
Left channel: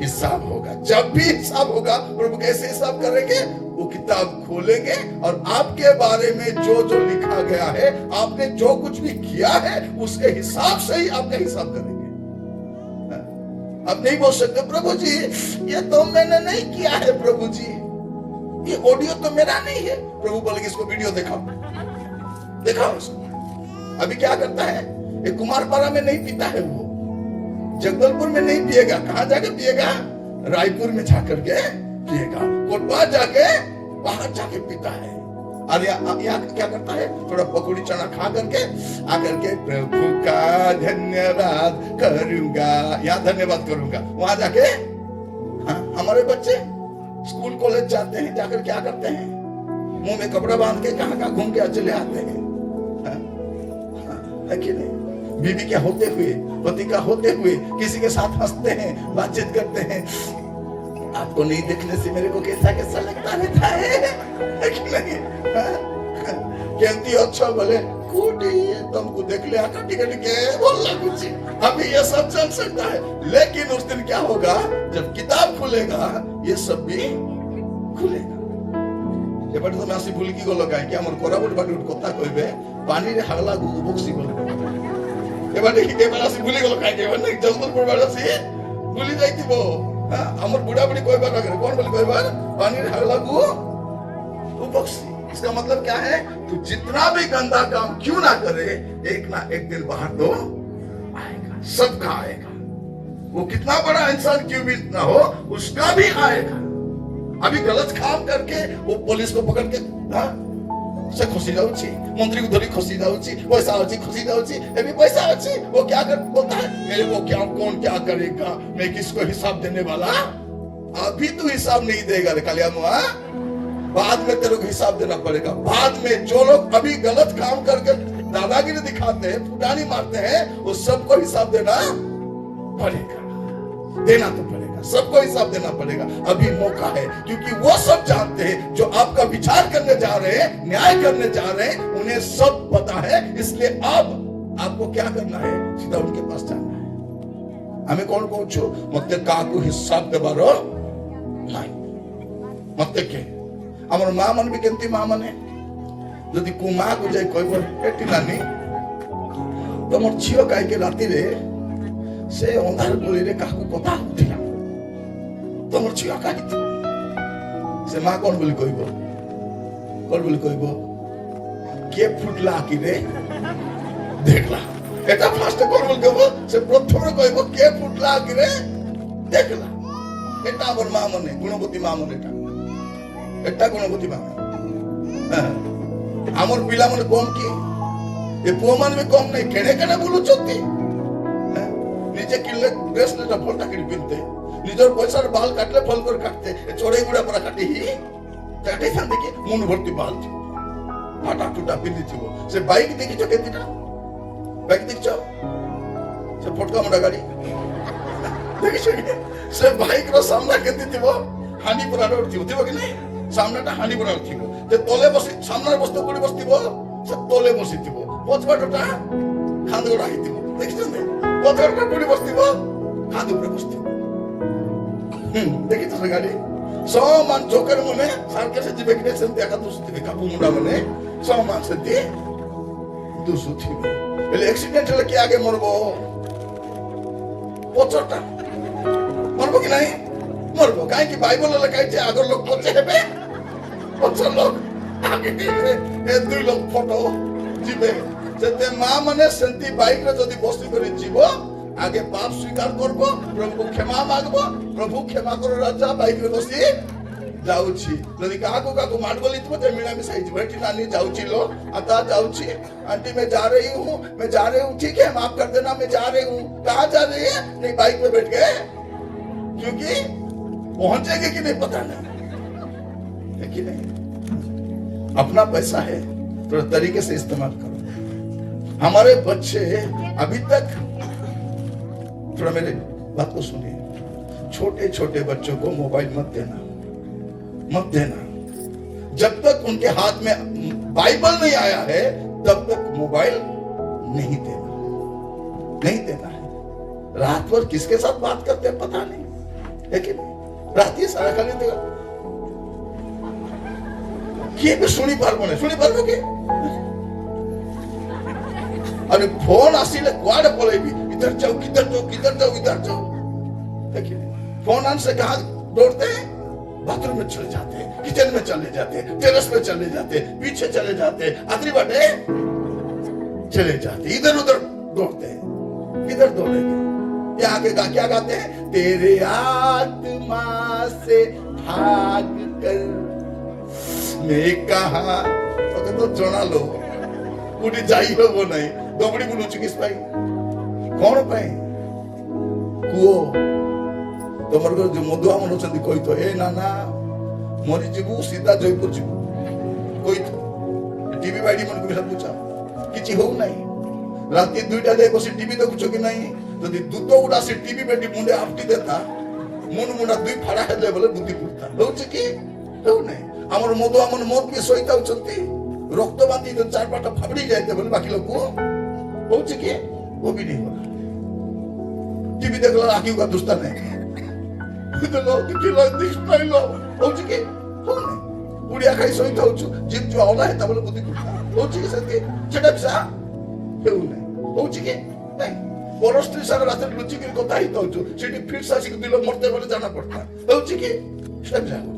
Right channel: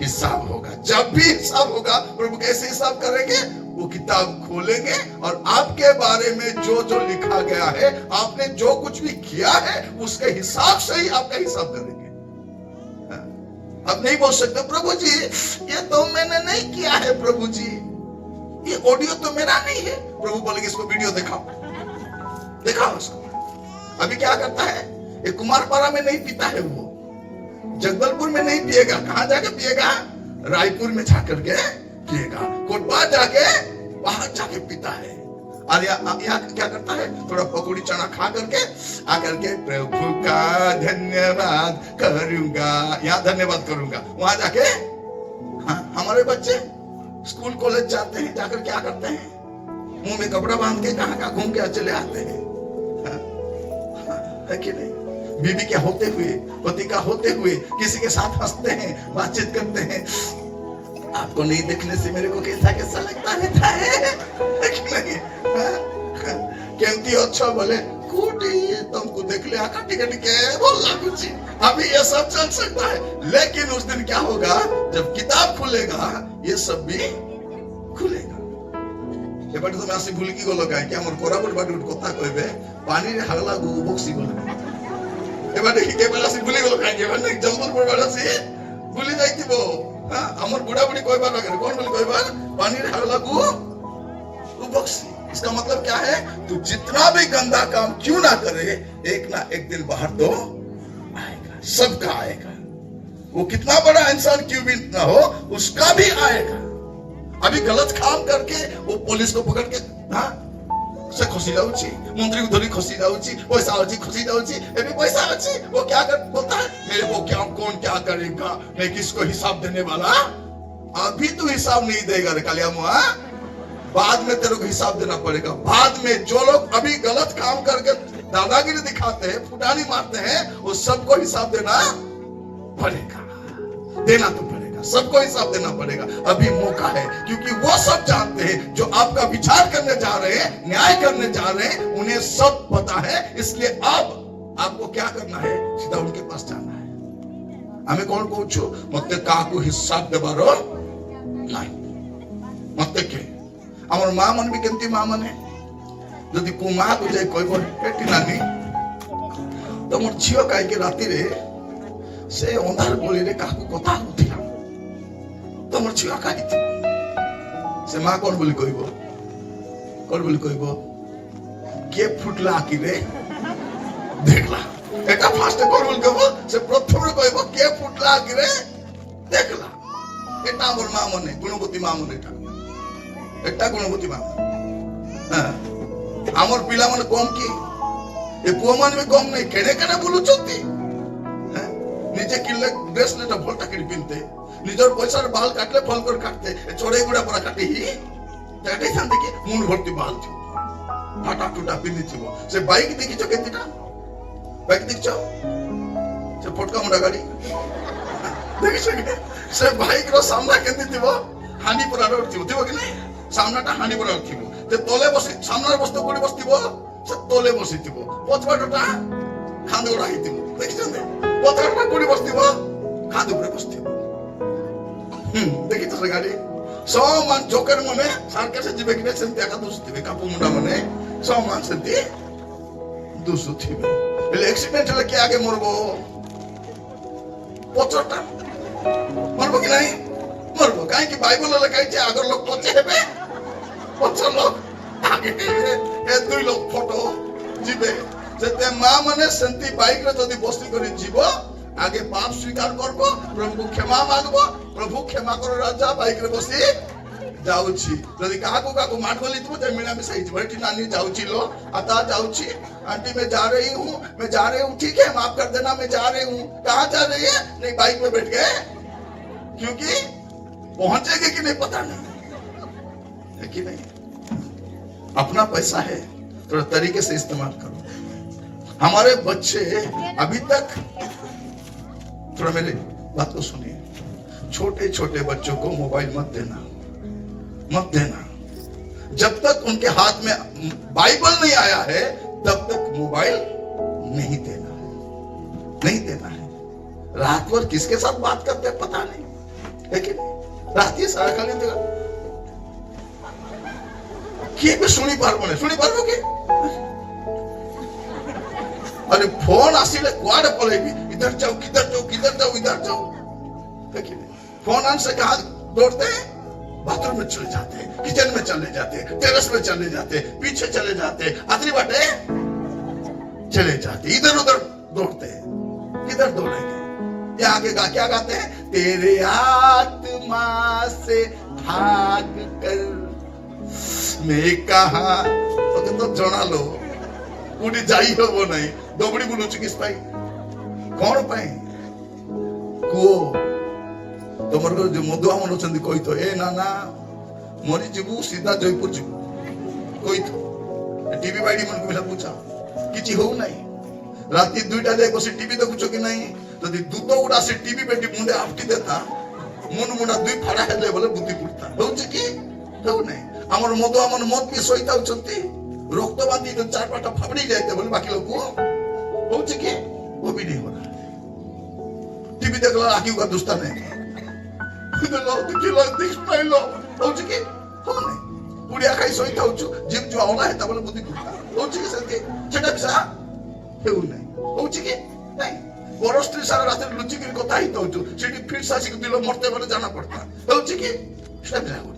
हिसाब होगा। जब भी हिसाब होगा, प्रभु कैसे हिसाब करेंगे? वो किताब खोलेंगे और आपके बारे में जो जो लिखा गया है, आपने जो कुछ भी किया है, उसके हिसाब से ही आपका हिसाब करेंगे। अब नहीं बोल सकते प्रभु जी ये तो मैंने नहीं किया है, प्रभु जी ये ऑडियो तो मेरा नहीं है। प्रभु बोलेंगे इसको वीडियो दिखाओ उसको। अभी क्या करता है? ये कुमारपाड़ा में नहीं पीता है, वो जगदलपुर में नहीं पिएगा। कहां जाके पिएगा? रायपुर में जाकर के पिएगा, कोटपा जाके वहां जाके पीता है। और यहाँ क्या करता है? थोड़ा पकौड़ी चना खा करके आकर के प्रभु का धन्यवाद करूंगा, यहाँ धन्यवाद करूंगा। वहां जाके हाँ, हमारे बच्चे स्कूल कॉलेज जाते हैं, जाकर क्या करते हैं? मुंह में कपड़ा बांध के कहाँ घूम के चले आते हैं। है कि नहीं? बीवी के होते हुए, पति का होते हुए किसी के साथ हंसते हैं, बातचीत करते हैं। आपको नहीं देखने से मेरे को कैसा लगता रहता है कि नहीं? केमती अच्छा बोले ये तुमको देख ले आका टिकट के बोलना कुछ। अभी ये सब चल सकता है, लेकिन उस दिन क्या होगा? जब किताब खुलेगा, ये सब भी खुलेगा। এবারে তুমি আসি ভুল কি গলো কাই কি আমার কোরাবুল বাটুট কথা কইবে পানির হাগলা গু বক্সি বলবে। এবারে আসি ভুলি গলো কাই এবারে জলদপুর বাড়ি আসি ভুলি যাইতিব। হ্যাঁ, আমার বুড়া বুড়ি কইবার না করে কোন বলি কইবার পানির হাগলা গু বক্সি। इसका मतलब क्या है? तू जितना भी गंदा काम क्यों ना करे, एक ना एक दिन बाहर तो आएगा, सबका आएगा। वो कितना बड़ा इंसान क्यों भी ना हो, उसका भी आएगा। अभी गलत काम करके वो पुलिस को पकड़ के से खसी जाऊची, मंत्री को धरी खसी जाऊची, पैसा अच्छी खसी जाऊची, अभी पैसा अच्छी वो क्या कर बोलता है? मेरे को क्या कौन क्या करेगा, मैं किसको हिसाब देने वाला? अभी तू हिसाब नहीं देगा रे कालिया मुआ, बाद में तेरे को हिसाब देना पड़ेगा। बाद में जो लोग अभी गलत काम करके दादागिरी दिखाते हैं, फुटानी मारते हैं, वो सबको हिसाब देना पड़ेगा। देना तो पड़ेगा, सबको हिसाब देना पड़ेगा। अभी मौका है, क्योंकि वो सब जानते हैं जो आपका विचार करने जा रहे हैं, न्याय करने जा रहे हैं, उन्हें सब पता है। इसलिए अब आपको क्या करना है? सीधा उनके पास जाना है। हमें कौन पूछो मत काकू हिसाब देबारो नहीं मत के আমার মা মানবি কেমতি মা মানে যদি কো মা কই যাই কইব এটি নানি তোমার ঝিও কাইকে রাতিরে সে অন্ধার গলিরে কাকু কথা উঠিলা তোমার ঝিও কাই সে মা কোন বলি কইব কে ফুটলা আকিরে দেখলা। এটা ফার্স্ট কোন বলি কইব সে প্রথমে কইব কে ফুটলা আকিরে দেখলা। এটা আমার মা মানে গুণবতী মা মানে এটা গুণবতী মা। আমার পিলা মানে কম কি এ পুଅ ମାନେ ବି କମ ନାହିଁ। କେଣେ କେଣେ ବୁଲୁଛନ୍ତି, ନିଜେ କିଣିଲେ ଡ୍ରେସ ଟା ଭଲଟା କିଣି ପିନ୍ଧତେ, ନିଜର ପଇସାରେ ବାଲ କାଟିଲେ ଭଲ କରି କାଟତେ, ଚଢେଇ ଗୁଡା ପୁରା କାଟି କାଟେଇଥାନ୍ତେ କି ମୁଣ୍ଡ ଭର୍ତ୍ତି ବାଲ ଥିବ, ଫାଟା ଟୁଟା ପିନ୍ଧିଥିବ। ସେ ବାଇକ ଦେଖିଛ କେତେଟା? বাইক দেখছ সে ফটকা মোটা গাড়ি দেখিছ কি সে বাইকর সামনা কেমতি থিব হানি পরার থিব কি নাই সামনাটা হানি পরার থিব যে তলে বসি সামনার বস্তু কোড়ি বসিব সে তলে বসিথিব পছবাটটা খান্দ গোড়া হইথিব দেখিছন্তে পছবাটটা কোড়ি বসিব খান্দ উপরে বসিথিব দেখি তো সে গাড়ি সমান জোকের মনে সার্কাসে ଯିବେ କି ସେମିତି ଏକା ଦୁସୁଥିବେ କାପୁ ମୁଣ୍ଡା ମାନେ ସମାନ ସେମିତି ଦୁସୁଥିବେ ହେଲେ ଆକ୍ସିଡେଣ୍ଟ ହେଲେ କିଏ ଆଗେ ମରବ ପଛଟା ମରବ କି ନାହିଁ ମରବ କାହିଁକି ବାଇବଲ ଲେଖାଇଛି ଆଗ ଲୋକ ପଛେ ହେବେ ପଛ ଲୋକ ଆଗେ ଏ ଦୁଇ ଲୋକ ଫଟୋ ଯିବେ ସେତେ ମା ମାନେ ସେମିତି ବାଇକରେ ଯଦି ବସି କରି ଯିବ आगे पाप स्वीकार करबो प्रभु को क्षमा मांगबो प्रभु क्षमा करो राजा बाइक रे बसी जाउची यदि काको मार बोली तो ते मिला में सही बैठी नानी जाउची लो आता जाउची आंटी मैं जा रही हूं ठीक है माफ कर देना मैं जा रही हूं कहां जा रही है नहीं बाइक पे बैठ गए क्योंकि पहुंचेंगे कि नहीं पता नहीं है कि नहीं अपना पैसा है थोड़ा तरीके से इस्तेमाल करो हमारे बच्चे अभी तक थोड़ा मेरे बात को सुनिए छोटे छोटे बच्चों को मोबाइल मत देना जब तक उनके हाथ में बाइबल नहीं आया है तब तक मोबाइल नहीं देना है रात भर किसके साथ बात करते हैं पता नहीं लेकिन रात ही सारा खाली देगा किए भी सुनी पारबो कि अरे फोन आसिले कुआडे पळेबी इधर जाओ देखिए फोन आने से कहा दौड़ते हैं बाथरूम में चले जाते हैं किचन में चले जाते हैं टेरेस में चले जाते हैं पीछे चले जाते हैं आखिरी बाटे चले जाते इधर उधर दौड़ते हैं किधर दौड़ेंगे ये आगे क्या गाते हैं तेरे आत्मा से भाग कर मैं कहा तो जना लो कोटी जाई हो नहीं दबड़ी बुलुची किस पाई कौन पाई कुओ तुमर को जो मधुआ मन अछंती कोई तो ए नाना मरी जीवु सीधा जयपुर जीवु कोई तो टीवी बाइडी मन को बिना पूछा किछि हो नहीं राती 2टा दे बसी टीवी देखुछो कि नहीं जदी दूत उडा से टीवी बेटी मुंडे आपटी देता मन मुंडा दुई फाड़ा हेले बोले बुद्धि पुरता होउछि कि हो नहीं हमर मधुआ मन मोर पी सोईता उछंती रक्त बांधी तो 4-5टा फाबड़ी जाते बोले बाकी लोग को होउछि कि वो भी नहीं होला टीवी देखला आखी का दुस्ता नहीं देखलो दिस नहीं लो होउछि कि हो नहीं उड़िया खाई सोईता होछु जीव जो होला है तबले बुद्धि पुरता होउछि कि सती छेडा बिसा हेउ नहीं होउछि कि नहीं परस्त्री सारा रात लुचि के कथा ही तो सेठी फिर सासी को दिलो मरते बोले जाना पड़ता होउछि कि सब जाओ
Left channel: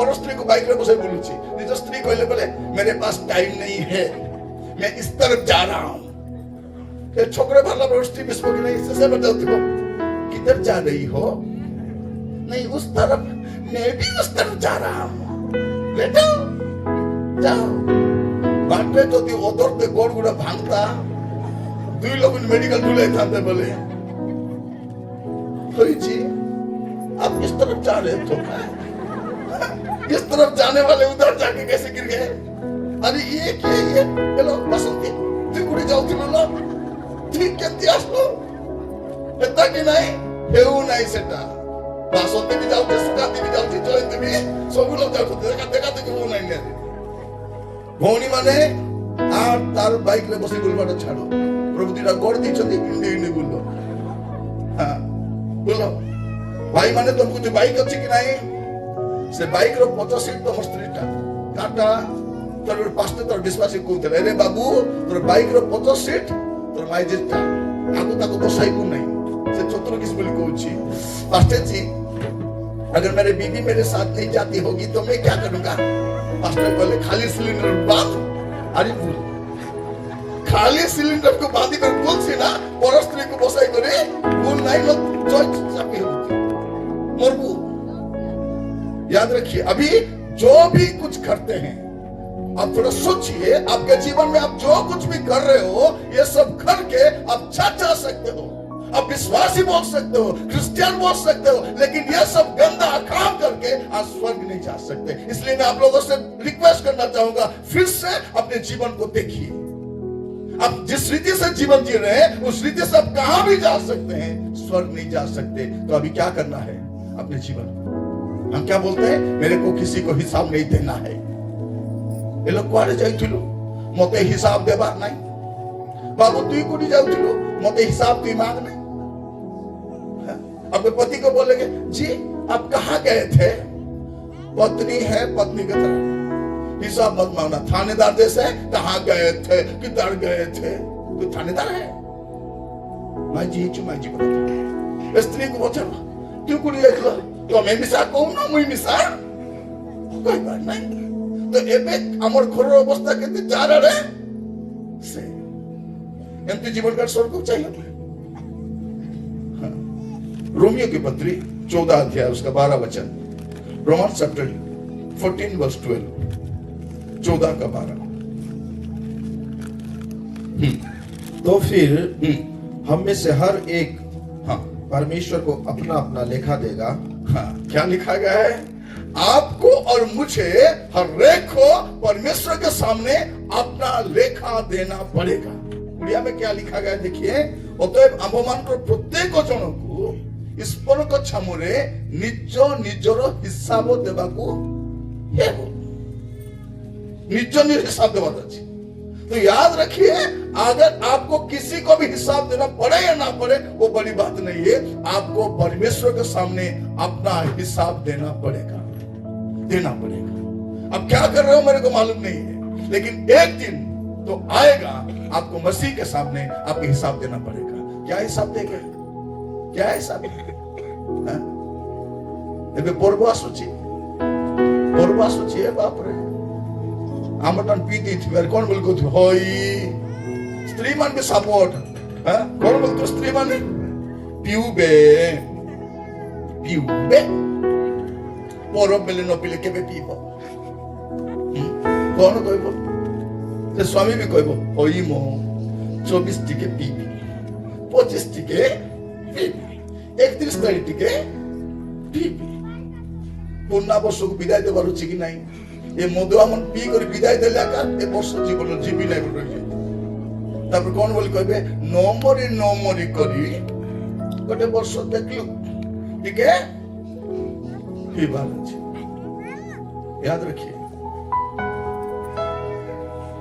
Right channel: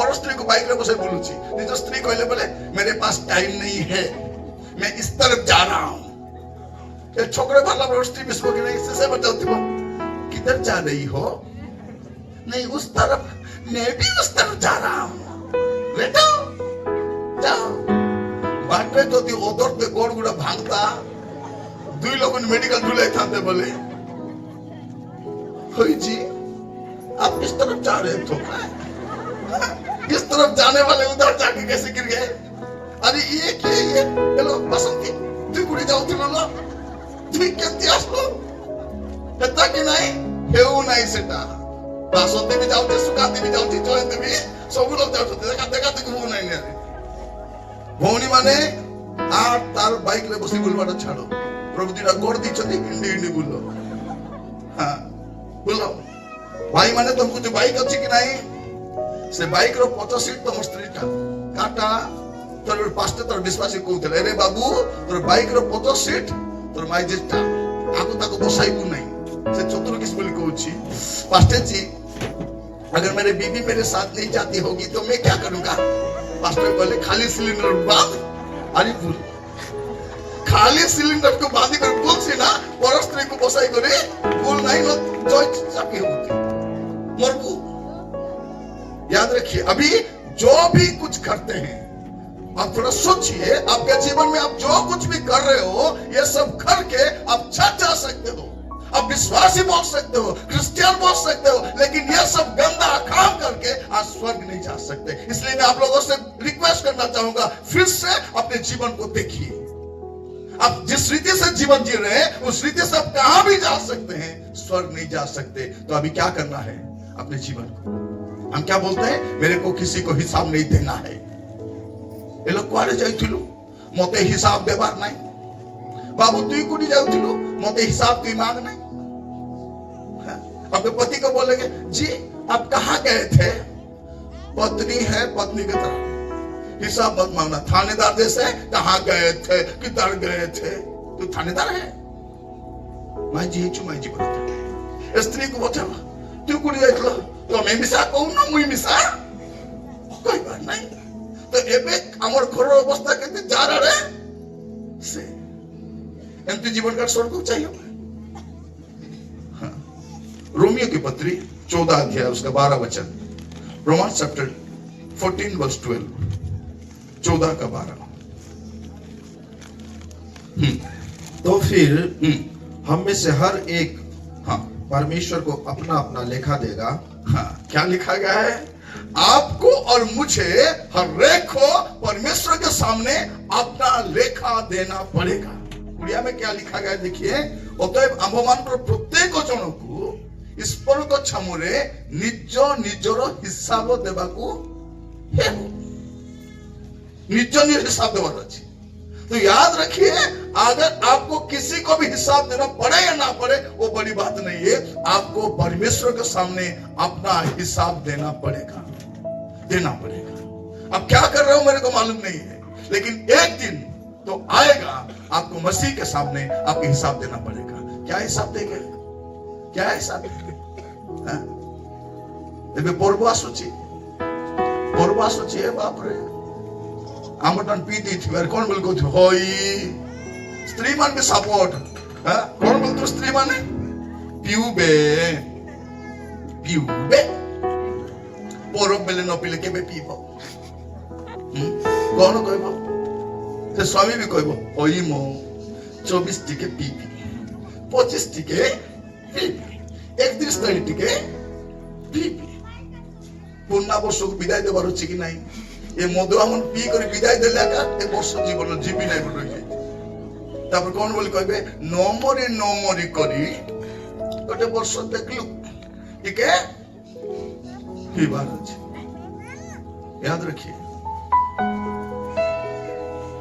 और स्त्री को बाइक में बसे बोलूची निज स्त्री कहले बोले मेरे पास टाइम नहीं है मैं इस तरफ जा रहा हूं ये छोकरे भला और स्त्री बिस्को की नहीं इससे बताती हो किधर जा रही हो नहीं उस तरफ मैं भी उस तरफ जा रहा हूं बेटा जाओ बाट में तो ती ओदर पे गोड़ गुड़ा भांगता दुई लोग मेडिकल ढूंढे खाते बोले होई जी आप इस तरफ जा रहे हो इस तरफ जाने वाले उधर जाके कैसे गिर गए अरे ये हेलो बसंती तू कुड़ी जाओ थी बोलो ठीक केंती आसलो एता कि नहीं हेउ नहीं सेटा बसंती भी जाउते सुकाती भी जाउती जयंती भी सब लोग जाउते देखा को नहीं ने भौनी माने आ तार बाइक ले बसी बुलवाटा छाड़ो प्रभु दीटा गोड़ दी चली इंडी बोलो हां बोलो भाई माने तुमको जो बाइक अच्छी कि नहीं से बाइक रो 50 सीट तो मस्त्रीटा काटा तोर पास्ते तोर विश्वासी कहूतले अरे बाबू तोर बाइक रो 50 सीट तोर माइजेटा आगु ताको बसाइबु नहीं से चतुर किस बोली कहूची पास्ते जी अगर मेरे बीवी मेरे साथ नहीं जाती होगी तो मैं क्या करूंगा पास्टर बोले खाली सिलेंडर बांध अरे बोल खाली सिलेंडर को बांधी कर बोल से ना परस्त्री को बसाई करे बोल नहीं लो जय चापी होती मरबू याद रखिए अभी जो भी कुछ करते हैं आप थोड़ा सोचिए आपके जीवन में आप जो कुछ भी कर रहे हो ये सब करके आप छत जा सकते हो आप विश्वासी बोल सकते हो क्रिश्चियन बोल सकते हो लेकिन ये सब गंदा काम करके आप स्वर्ग नहीं जा सकते इसलिए मैं आप लोगों से रिक्वेस्ट करना चाहूंगा फिर से अपने जीवन को देखिए आप जिस रीति से जीवन जी रहे हैं उस रीति से आप कहां भी जा सकते हैं, स्वर्ग नहीं जा सकते। तो अभी क्या करना है अपने जीवन में? हम क्या बोलते हैं, मेरे को किसी को हिसाब नहीं देना है। ये लोग कुआरे जाइथिलु मते हिसाब देबार नहीं, बाबू तुई कोडी जाउथिलु मते हिसाब तुई मांग नहीं। अपने पति को बोलेंगे, जी आप कहां गए थे? पत्नी है पत्नी की तरह, हिसाब मत मांगना। थानेदार जैसे कहां गए थे, किधर गए थे? तू थानेदार है? माई जी बोला स्त्री को बोल तू कोडी जाइथिलो तो मैं मिसा कहूं ना मुई मिसा कोई बात नहीं। तो एबे हमर घरर अवस्था केते जा रे से एमती जीवन का स्वर्ग चाहिए। रोमियो की पत्री 14 अध्याय उसका 12 वचन, रोमन्स चैप्टर 14 वर्स 12, 14 का 12। तो फिर हम में से हर एक हाँ परमेश्वर को अपना अपना लेखा देगा। हाँ, क्या लिखा गया है? आपको और मुझे हर एक को परमेश्वर के सामने अपना लेखा देना पड़ेगा। उड़िया में क्या लिखा गया देखिए, অতএব আম্ভমানଙ୍କର ପ୍ରତ୍ୟେକ ଜଣକୁ ଈଶ୍ୱରଙ୍କ ଛାମୁରେ ନିଜ ନିଜର ହିସାବ ଦେବାକୁ ହେବ। निज हिसाब देना चाहिए। तो याद रखिए, अगर आपको किसी को भी हिसाब देना पड़े या ना पड़े वो बड़ी बात नहीं है, आपको परमेश्वर के सामने अपना हिसाब देना पड़ेगा। अब क्या कर रहे हो मेरे को मालूम नहीं है, लेकिन एक दिन तो आएगा आपको मसीह के सामने आपके हिसाब देना पड़ेगा। क्या हिसाब देंगे? क्या हिसाब देंगे? पर्व आसुची है बाप रे, आमटन पी दी थी कौन बोल को होई स्त्री मान के सपोर्ट कौन बोल तो स्त्री माने पीउबे परब बेले न पीले केबे पीबो कौन कहबो? से स्वामी भी कहबो होई मो 24 टिके पीबी, 25 टिके पीबी, 31 तारीख टिके पीबी। पूर्णा वर्ष को विदाय देवार अछि कि नहीं? ये मधुआ मन पी कर विदाय देला का ए वर्ष जीवन जीवी नहीं रही है। तब कौन बोल कहबे नो मरी करी गोटे वर्ष देखलु ठीक है ही बात अछि। याद रखिए,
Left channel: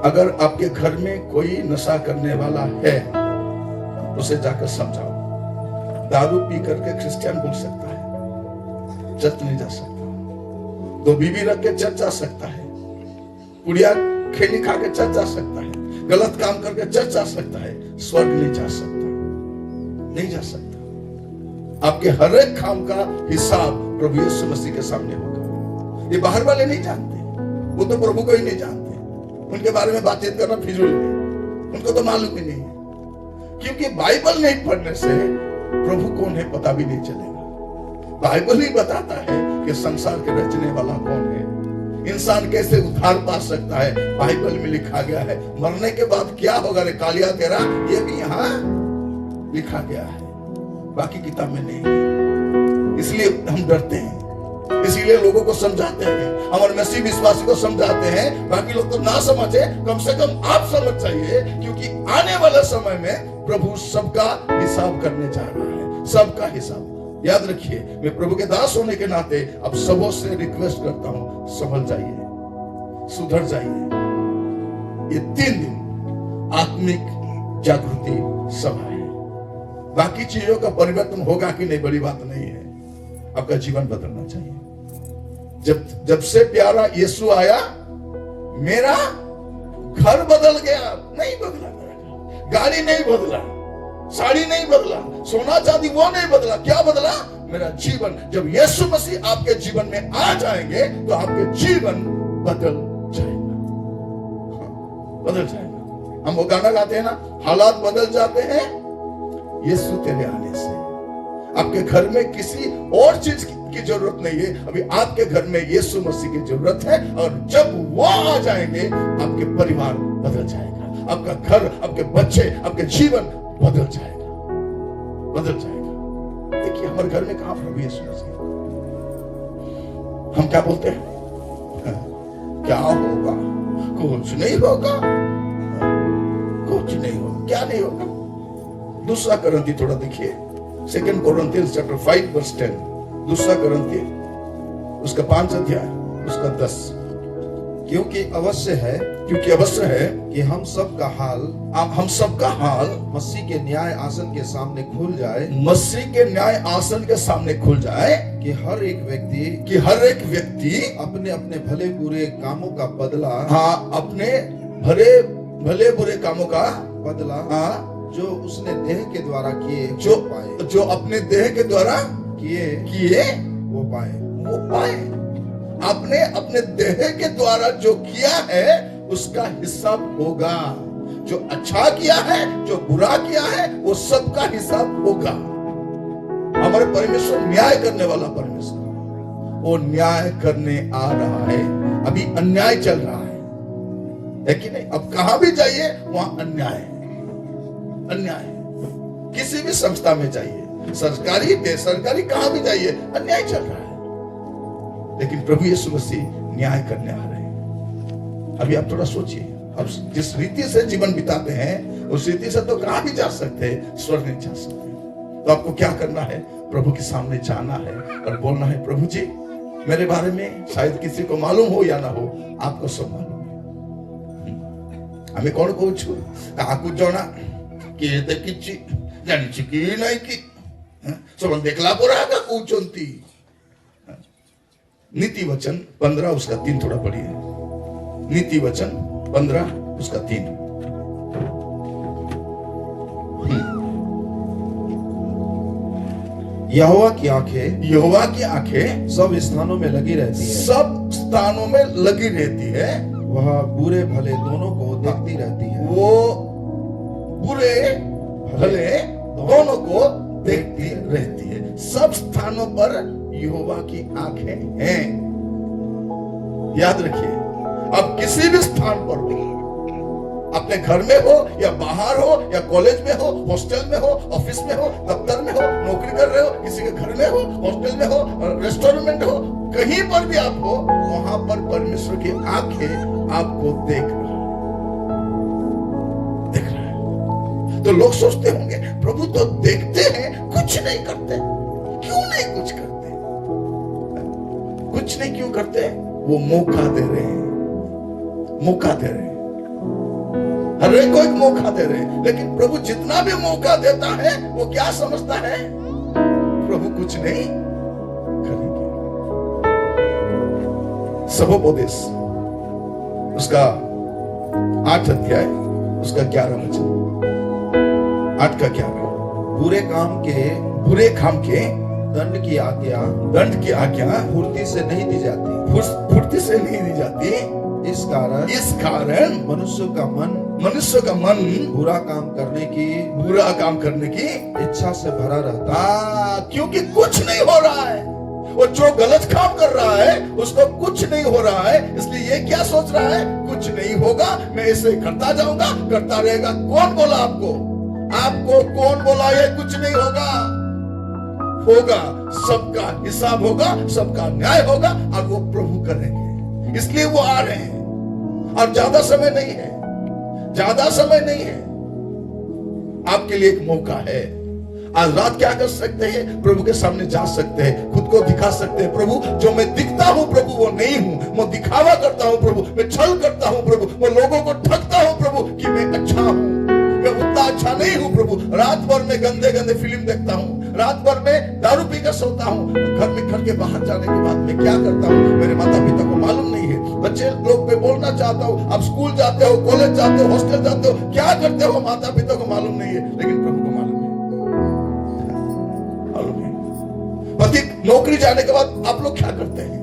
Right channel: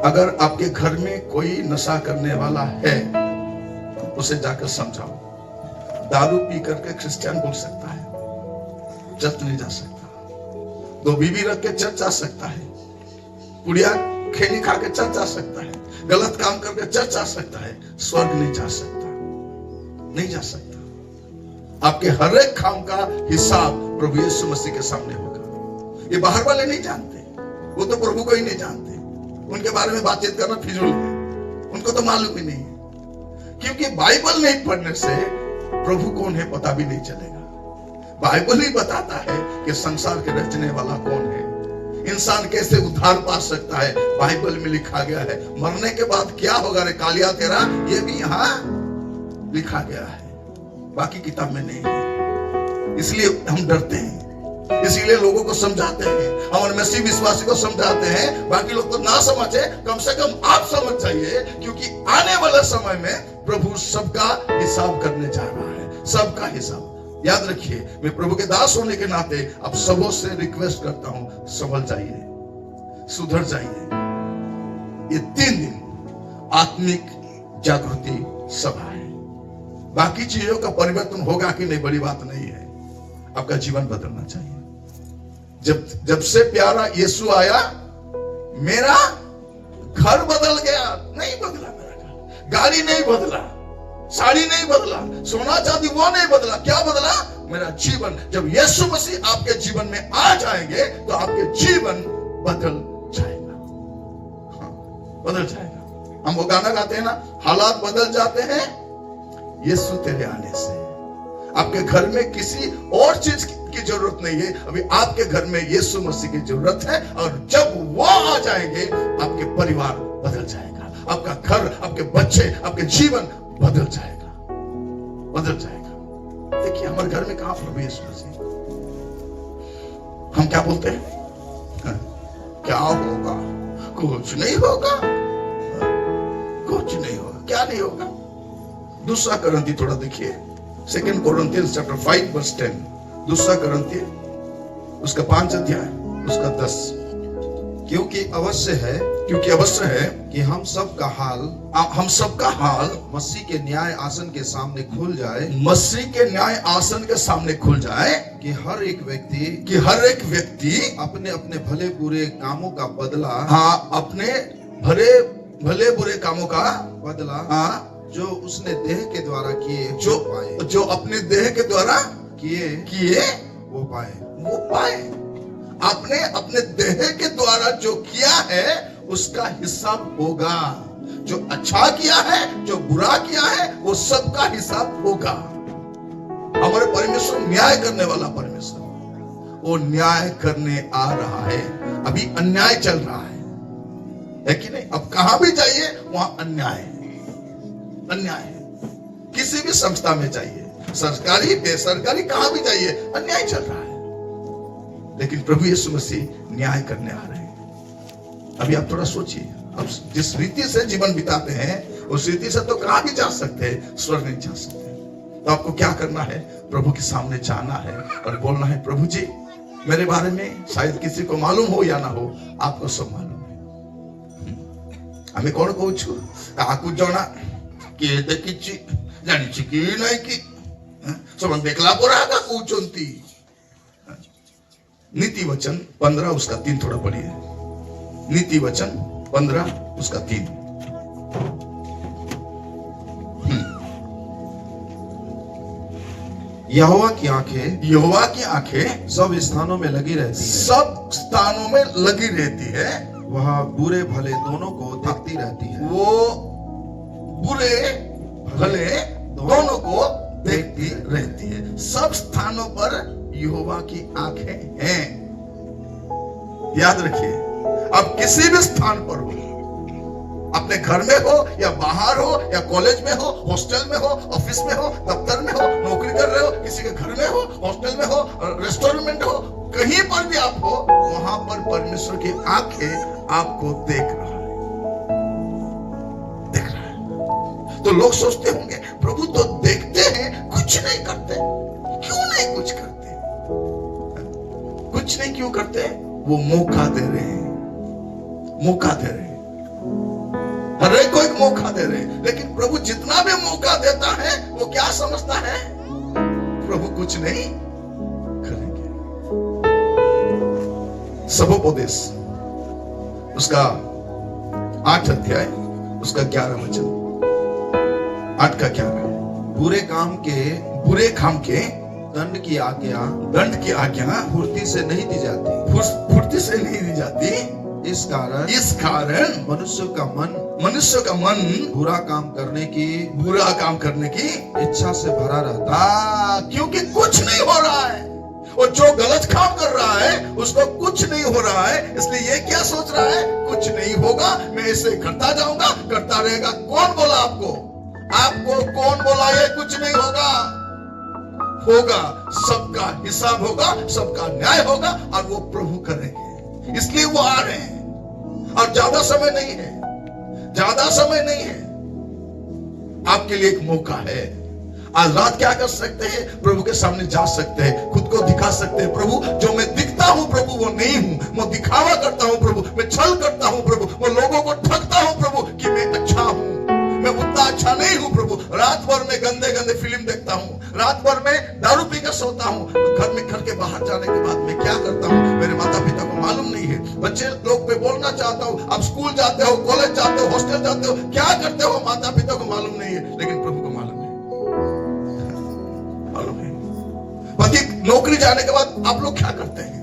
अगर आपके घर में कोई नशा करने वाला है उसे जाकर समझाओ। दारू पी करके क्रिश्चियन बोल सकता है, चर्च नहीं जा सकता। 2 बीवी रख के चर्च जा सकता है, कुड़िया खेली खा के चर्च जा सकता है, गलत काम करके चर्च जा सकता है, स्वर्ग नहीं जा सकता, नहीं जा सकता। आपके हर एक काम का हिसाब प्रभु यीशु मसीह के सामने होगा। ये बाहर वाले नहीं जानते, वो तो प्रभु को ही नहीं जानते, उनके बारे में बातचीत करना फिजूल है, उनको तो मालूम ही नहीं है। क्योंकि बाइबल नहीं पढ़ने से प्रभु कौन है पता भी नहीं चलेगा। बाइबल ही बताता है कि संसार के रचने वाला कौन है, इंसान कैसे उद्धार पा सकता है, बाइबल में लिखा गया है। मरने के बाद क्या होगा रे कालिया तेरा, ये भी यहाँ लिखा गया है, बाकी किताब में नहीं है। इसलिए हम डरते हैं, इसीलिए लोगों को समझाते हैं, हमारे मसीह विश्वासी को समझाते हैं, बाकी लोग तो ना समझे, कम से कम आप समझ जाइए, क्योंकि आने वाले समय में प्रभु सबका हिसाब करने जा रहा है, सबका हिसाब। याद रखिए, मैं प्रभु के दास होने के नाते अब सबों से रिक्वेस्ट करता हूं, संभल जाइए, सुधर जाइए। ये 3 दिन आत्मिक जागृति सभा है, बाकी चीजों का परिवर्तन होगा कि नहीं बड़ी बात नहीं है, आपका जीवन बदलना चाहिए। जब से प्यारा यीशु आया मेरा घर बदल गया। नहीं बदला मेरा घर, गाड़ी नहीं बदला, साड़ी नहीं बदला, सोना चांदी वो नहीं बदला। क्या बदला? मेरा जीवन। जब यीशु मसीह आपके जीवन में आ जाएंगे तो आपके जीवन बदल जाएगा, बदल जाएगा। हम वो गाना गाते हैं ना, हालात बदल जाते हैं यीशु तेरे आने से। आपके घर में किसी और चीज की जरूरत नहीं है, अभी आपके घर में यीशु मसीह की जरूरत है। और जब वो आ जाएंगे आपके परिवार बदल जाएगा, आपका घर, आपके बच्चे, आपके जीवन बदल जाएगा, बदल जाएगा। देखिए हमारे घर में कहां प्रभु यीशु मसीह, हम क्या बोलते हैं? क्या होगा? कुछ नहीं होगा, कुछ कुछ नहीं होगा। क्या नहीं होगा? दूसरा करंती थोड़ा देखिए, 2 Corinthians chapter 5 verse 10। दूसरा करंती उसका 5 अध्याय उसका 10। क्योंकि अवश्य है कि हम सबका हाल मसीह के न्याय आसन के सामने खुल जाए, मसीह के न्याय आसन के सामने खुल जाए, कि हर एक व्यक्ति अपने अपने भले बुरे कामों का बदला, अपने भले बुरे कामों का बदला जो उसने देह के द्वारा किए जो अपने देह के द्वारा किए वो पाए। आपने अपने देह के द्वारा जो किया है उसका हिसाब होगा। जो अच्छा किया है, जो बुरा किया है, वो सबका हिसाब होगा। हमारे परमेश्वर न्याय करने वाला परमेश्वर, वो न्याय करने आ रहा है। अभी अन्याय चल रहा है कि नहीं? अब कहां भी जाइए वहां अन्याय है। किसी भी संस्था में जाइए, सरकारी बेसरकारी, कहां भी जाइए अन्याय चल रहा है। लेकिन प्रभु यीशु मसीह न्याय करने आ रहे हैं। अभी आप थोड़ा सोचिए, अब जिस रीति से जीवन बिताते हैं उस रीति से तो कहां भी जा सकते हैं, स्वर्ग नहीं जा सकते। तो आपको क्या करना है? प्रभु के सामने जाना है और बोलना है, प्रभु जी मेरे बारे में शायद किसी को मालूम हो या ना हो, आपको सब मालूम है। हमें कौन कहूँ आपको जाना कि देखी जानी कि नहीं कि सब देखला पड़ा का कूचंती। नीति वचन 15 उसका 3 थोड़ा पढ़िए। नीति वचन 15 उसका 3। यहोवा की आंखें सब स्थानों में लगी रहती है, वह बुरे भले दोनों को देखती रहती है। वो बुरे भले दोनों को देखती रहती है। सब स्थानों पर यहोवा की आंखें हैं। याद रखिए, अब किसी भी स्थान पर हो, अपने घर में हो या बाहर हो या कॉलेज में हो, हॉस्टल में हो, ऑफिस में हो, दफ्तर में हो, नौकरी कर रहे हो, किसी के घर में हो, हॉस्टल में हो, रेस्टोरेंट हो, कहीं पर भी आप हो, वहां पर परमेश्वर की आंखें आपको देख रहा है। तो लोग सोचते होंगे, प्रभु तो देखते हैं, कुछ नहीं करते। क्यों नहीं कुछ करते? कुछ नहीं क्यों करते? वो मौका दे रहे हैं। हर एक को एक मौका दे रहे हैं। लेकिन प्रभु जितना भी मौका देता है, वो क्या समझता है? प्रभु कुछ नहीं करेंगे। सबोपदेश उसका 8 अध्याय उसका 11 वचन, 8 का 11। बुरे काम के दंड की आज्ञा फुर्ती से नहीं दी जाती। इस कारण मनुष्य का मन बुरा काम करने की इच्छा से भरा रहता है। क्योंकि कुछ नहीं हो रहा है। और जो गलत काम कर रहा है उसको कुछ नहीं हो रहा है, इसलिए ये क्या सोच रहा है? कुछ नहीं होगा, मैं इसे करता जाऊंगा, करता रहेगा। कौन बोला आपको कौन बोला ये कुछ नहीं होगा? सबका हिसाब होगा, सबका न्याय होगा और वो प्रभु करेंगे। इसलिए वो आ रहे हैं और ज्यादा समय नहीं है। आपके लिए एक मौका है। आज रात क्या कर सकते हैं? प्रभु के सामने जा सकते हैं, खुद को दिखा सकते हैं। प्रभु, जो मैं दिखता हूं प्रभु वो नहीं हूं, मैं दिखावा करता हूं प्रभु, मैं छल करता हूं प्रभु, मैं लोगों को ठगता हूं प्रभु कि मैं अच्छा हूं, मैं उतना अच्छा नहीं हूं प्रभु। रात भर में गंदे फिल्म देखता हूं, रात भर में दारू पीकर सोता हूं, घर के बाहर जाने के बाद मैं क्या करता हूं मेरे माता पिता को मालूम नहीं है। बच्चे लोग पे बोलना चाहता हूं, आप स्कूल जाते हो, कॉलेज जाते हो, हॉस्टल जाते हो, क्या करते हो माता पिता को मालूम नहीं है, लेकिन प्रभु को मालूम है। पति नौकरी जाने के बाद आप लोग क्या करते हैं?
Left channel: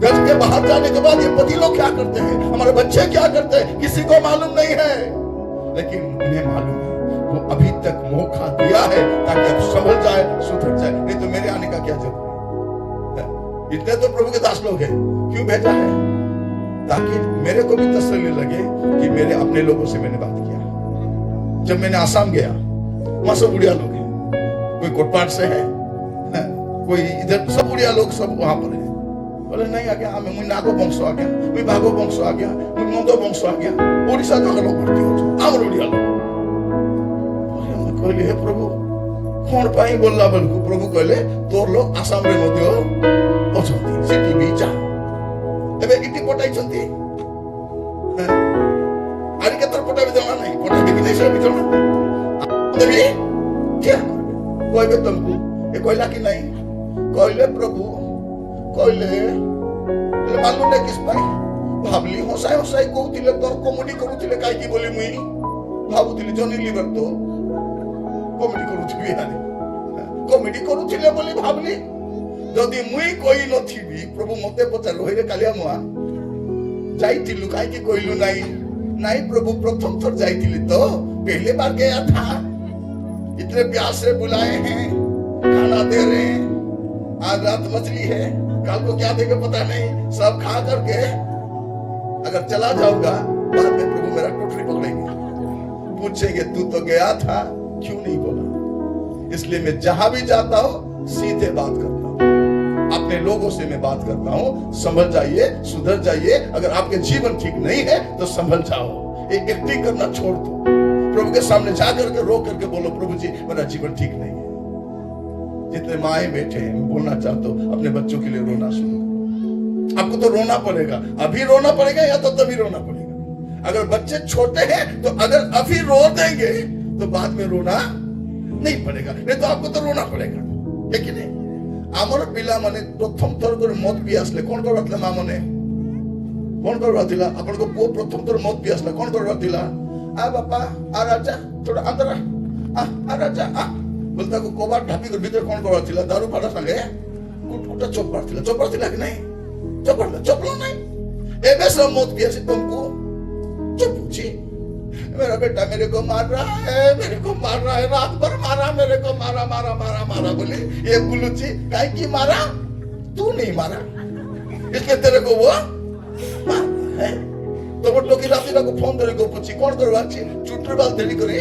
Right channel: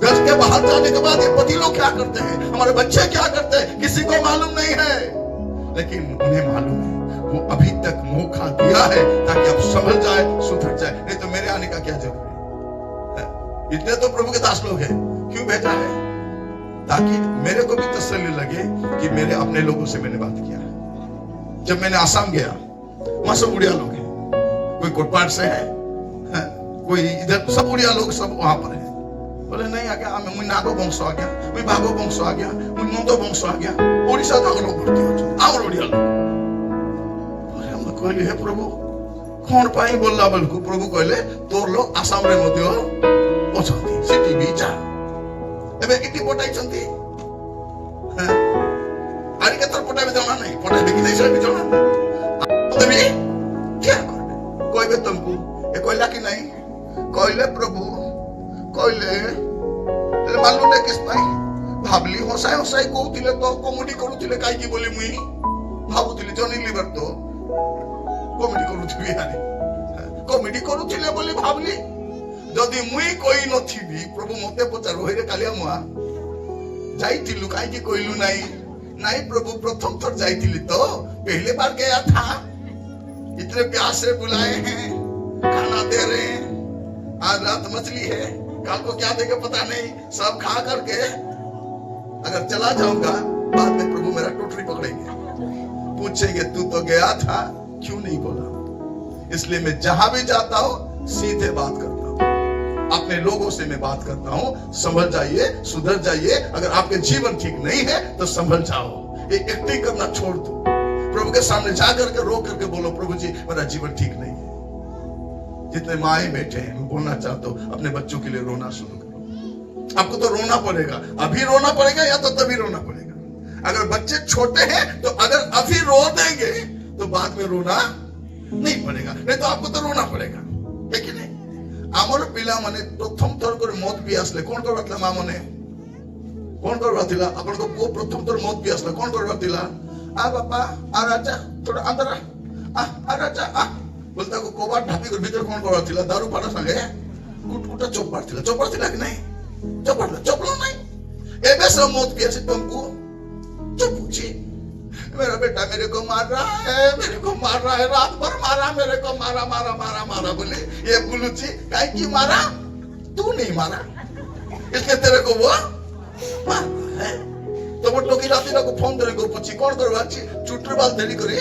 घर के बाहर जाने के बाद ये पति लोग क्या करते हैं? हमारे बच्चे क्या करते हैं? किसी को मालूम नहीं है, लेकिन उन्हें मालूम है। वो अभी तक मौका दिया है ताकि आप समझ जाए, सुधर जाए। नहीं तो मेरे आने का क्या जरूरत है? इतने तो प्रभु के दास लोग हैं। क्यों भेजा है? ताकि मेरे को भी तसल्ली लगे कि मेरे अपने लोगों से मैंने बात किया। जब मैंने आसाम गया, वहां सब बुढ़िया लोग हैं, कोई कोटपाड़ से है, कोई इधर, सब बुढ़िया लोग सब वहां पर है। बोले नहीं आ गया, हमें मुई नागो वंश आ गया, मुई बागो वंश आ गया, मुई मोदो वंश आ गया, ओडिशा जाकर लोग भर्ती हो। आमर ओडिया लोक कहली हे प्रभु कौन पाई बोलला बोलकु प्रभु कहले तोर लोग आसाम रे मध्य अछंती सिटी बीचा एबे इटी पटाई छंती आरी के तर पटाई देला नहीं पटाई देखि नहीं से बिचोना तभी क्या करबे कहबे तुमको ए कहला कि नहीं कहले प्रभु कहले मालूम नहीं किस पाई भाबली हसाई हसाई कहउतिले तो कॉमेडी करूतिले काई की बोली मुई भाबुतिले जनी लिवर तो कॉमेडी करूथिबी यानी कॉमेडी करूथिले बोली भाबली जदी मुई कोई नथिबी प्रभु मते पचार होइरे कालिया मुआ जाइतिलु काई की कहलु नहीं नहीं प्रभु प्रथम थर जाइतिली तो पहले बार गया था इतने प्यार से बुलाए हैं खाना दे रहे हैं आज रात मछली है कल को क्या देगा पता नहीं सब खा करके अगर चला जाऊंगा बाद में प्रभु मेरा टोटरी पकड़ेंगे पूछेंगे तू तो गया था क्यों नहीं बोला इसलिए मैं जहां भी जाता हूं सीधे बात करता हूं अपने लोगों से मैं बात करता हूं संभल जाइए सुधर जाइए अगर आपके जीवन ठीक नहीं है तो संभल जाओ एक एक्टिंग करना छोड़ दो प्रभु के सामने जाकर के रो करके बोलो प्रभु जी मेरा जीवन ठीक नहीं है जितने माए बैठे हैं मैं बोलना चाहता हूं अपने बच्चों के लिए रोना शुरू करो आपको तो रोना पड़ेगा अभी रोना पड़ेगा या तो तभी रोना पड़ेगा अगर बच्चे छोटे हैं तो अगर अभी रो देंगे तो बाद में रोना नहीं पड़ेगा नहीं तो आपको तो रोना पड़ेगा लेकिन आमर पिला माने प्रथम थर कर मत पी आसले कौन करबातला मा माने कौन करबातिला आपन को पुओ प्रथम थर मत पी आसला कौन करबातिला आ बापा आ राजा थोड़ा अंदर आ राजा आ बोलता को कबाड़ ढापी कर भीतर कौन करबातिला दारू पाड़ा संगे कुटकुटा चोपाड़ थिला कि नहीं चोपड़ा नहीं एबे सब मत पी आसी तुमको चुप जी मेरा बेटा मेरे को मार रहा है रात भर मारा मेरे को मारा बोले ये बुलुची काहे की मारा तू नहीं मारा इसके तेरे को वो मार है तो वो टोकी राती को फोन करे को पूछी कौन करवाची चुटरी बाल धरी करे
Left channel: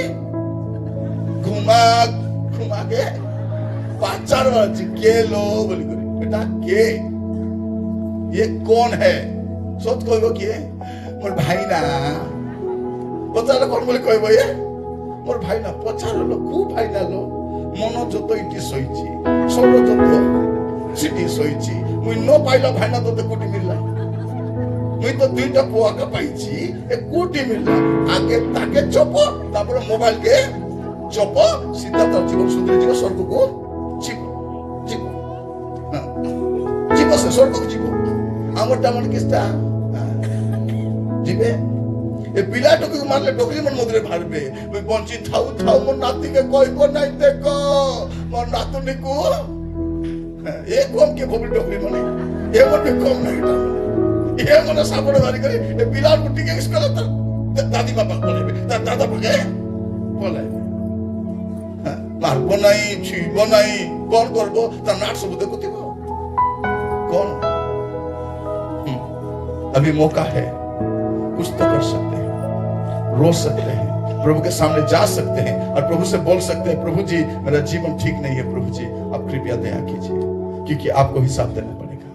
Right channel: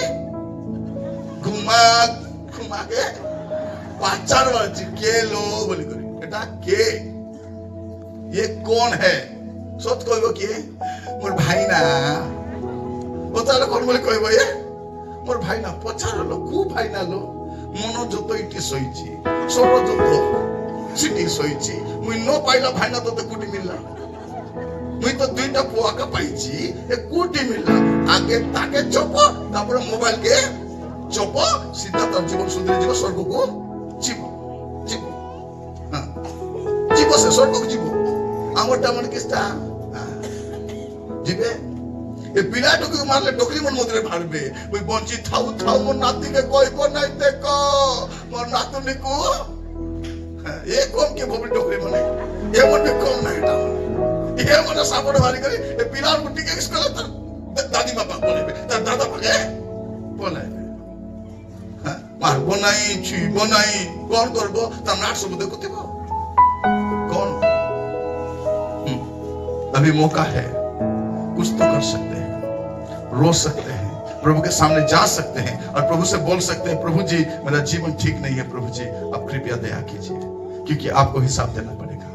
घुमा के पाचार वाची के लो बोली करे बेटा के ये कौन है सोच कहबो कि मोर भाई ना पचारे कौन बोले कहबो ये मोर भाई ना पचार लो खूब भाई ना लो मनो जतो इटी सईची सोरो जतो सिटी सईची मुई न पाइला भाई ना तो कोटी मिलला मुई तो दुईटा पुआ का पाइची ए कोटी मिलला आगे ताके चोपो तापर मोबाइल के चोपो सीधा तो जीवन सुंदर जीवन स्वर्ग को जीवो से स्वर्ग को जीवो आमटा मन किस्ता जीवे ए पिला टोकी मारले डोकरी मन मधुरे भाड़बे मुई बंची थाउ मोर नाती के कहबो नहीं देखो मोर नातुनी को ए कम के भोबी डोकरी मने ए मन के कम नहीं ता ए मन साबोड़ मारी करे ए पिला को टिके स्कूल त दादी बाबा बोले दादा बोले मारबो नहीं छुइबो नहीं कौन करबो ता नाट सब देखुथिबो कौन अभी मौका है कुछ तो कर सकते हैं रो सकते हैं प्रभु के सामने जा सकते हैं और प्रभु से बोल सकते हैं प्रभु जी मेरा जीवन ठीक नहीं है प्रभु जी आप कृपया दया कीजिए क्योंकि आपको हिसाब देना पड़ेगा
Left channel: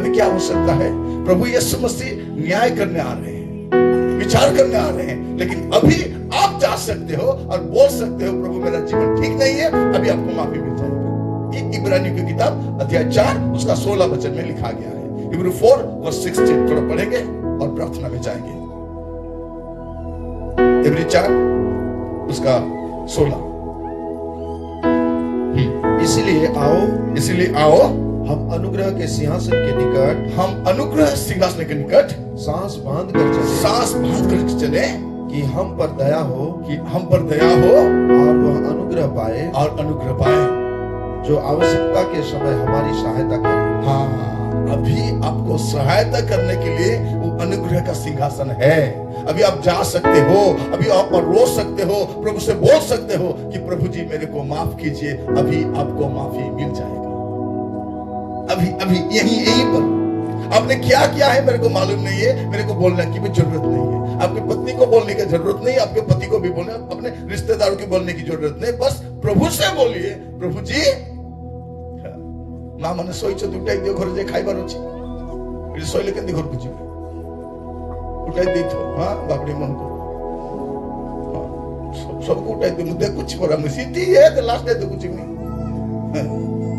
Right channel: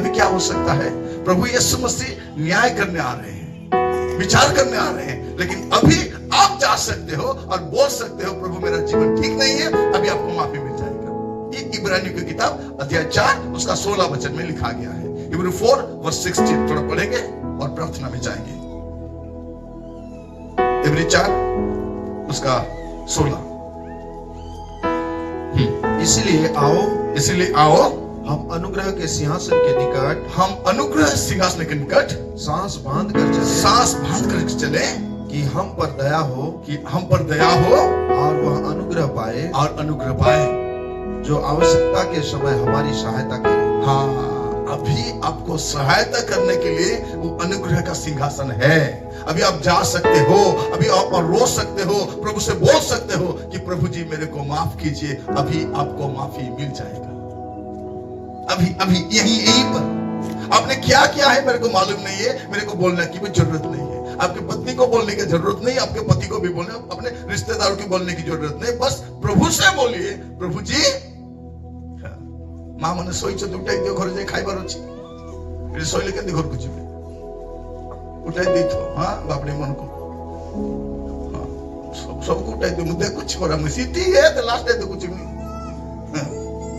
अभी क्या हो सकता है प्रभु यीशु मसीह न्याय करने आ रहे हैं विचार करने आ रहे हैं लेकिन अभी आप जा सकते हो और बोल सकते हो प्रभु मेरा जीवन ठीक नहीं है अभी आपको माफी मिल जाएगा ये इब्रानियों की किताब अध्याय 4 उसका 16 वचन में लिखा गया है इब्रानी 4:16 थोड़ा पढ़ेंगे और प्रार्थना में जाएंगे इब्रानी 4 उसका 16 इसलिए आओ हम अनुग्रह के सिंहासन के निकट सांस बांध कर चले कि हम पर दया हो और वह अनुग्रह पाए जो आवश्यकता के समय हमारी सहायता करे हाँ अभी आपको सहायता करने के लिए वो अनुग्रह का सिंहासन है अभी आप जा सकते हो अभी आप रो सकते हो प्रभु से बोल सकते हो कि प्रभु जी मेरे को माफ कीजिए अभी आपको माफी मिल जाएगा अभी यही पर आपने क्या किया है मेरे को मालूम नहीं है मेरे को बोलने की भी जरूरत नहीं है आपकी पत्नी को बोलने की जरूरत नहीं आपके पति को भी बोलने अपने रिश्तेदारों की बोलने की जरूरत नहीं बस प्रभु से बोलिए प्रभु जी माँ मैंने शोच दुटाई दियो घर जाए खाइबार अच्छी शोले के घर को जी उठाई दी हाँ बापड़ी मन को सबको टाइप मुद्दे कुछ करा मुसीती है तो लास्ट डे तो कुछ नहीं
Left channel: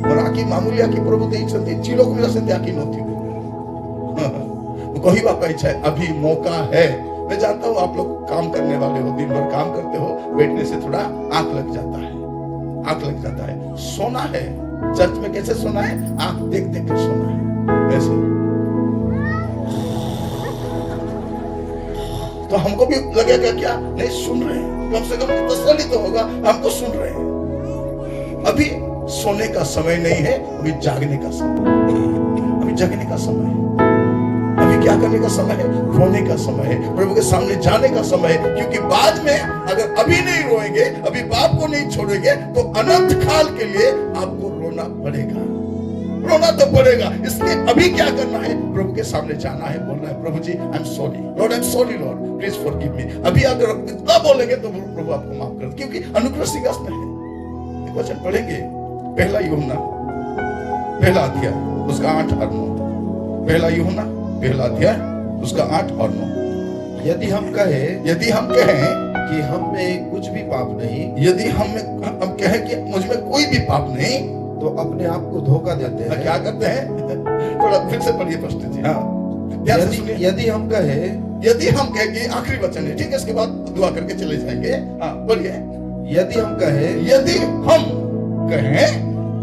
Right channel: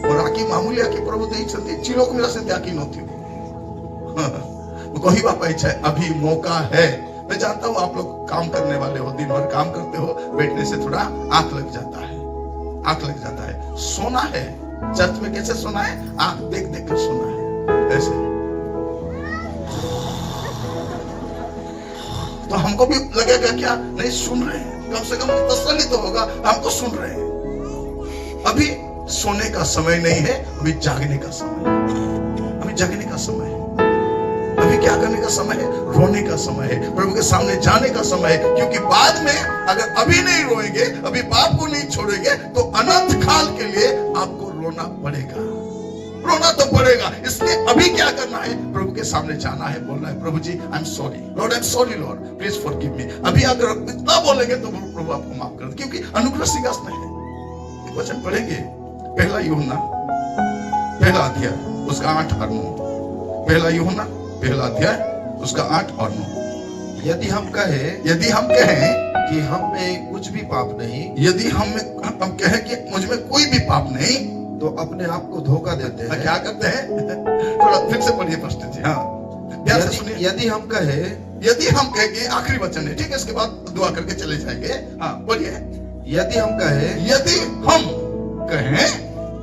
और आकी मामूली आकी प्रभु दे छंती चिलोक मिला से आकी नथी कहवा पाई छे अभी मौका है। मैं जानता हूं आप लोग काम करने वाले हो, दिन भर काम करते हो, बैठने से थोड़ा आंख लग जाता है, सोना है। चर्च में कैसे सोना है? आंख देख देख कर सोना है ऐसे। तो हमको भी लगेगा क्या नहीं सुन रहे हैं, कम से कम तसल्ली तो होगा हमको सुन रहे हैं। अभी सोने का समय नहीं है, अभी जागने का समय है, अभी जगने का समय है, अभी क्या करने का समय है? रोने का समय है, प्रभु के सामने जाने का समय है। क्योंकि बाद में अगर अभी नहीं रोएंगे, अभी बाप को नहीं छोड़ेंगे तो अनंत काल के लिए आपको रोना पड़ेगा, रोना तो पड़ेगा। इसलिए अभी क्या करना है? प्रभु के सामने जाना है, बोलना है प्रभु जी I am sorry lord, I am sorry lord, please forgive me. अभी अगर इतना बोलेंगे तो प्रभु आपको माफ कर, क्योंकि अनुग्रह सिंहासन है। एक वचन पढ़ेंगे, पहला यूहन्ना पहला अध्याय उसका 8 और 9। पहला यूहन्ना पहला अध्याय उसका 8 और 9। यदि हम कहें कि हम में कुछ भी पाप नहीं, यदि हम कहें कि मुझ में कोई भी पाप नहीं, तो अपने आप को धोखा देते हैं। क्या करते हैं? थोड़ा फिर से पढ़िए प्रश्न जी। हाँ, यदि हम कहें कि आखिरी वचन है, ठीक है, इसके बाद दुआ करके चले जाएंगे। हाँ बोलिए। यदि हम कहें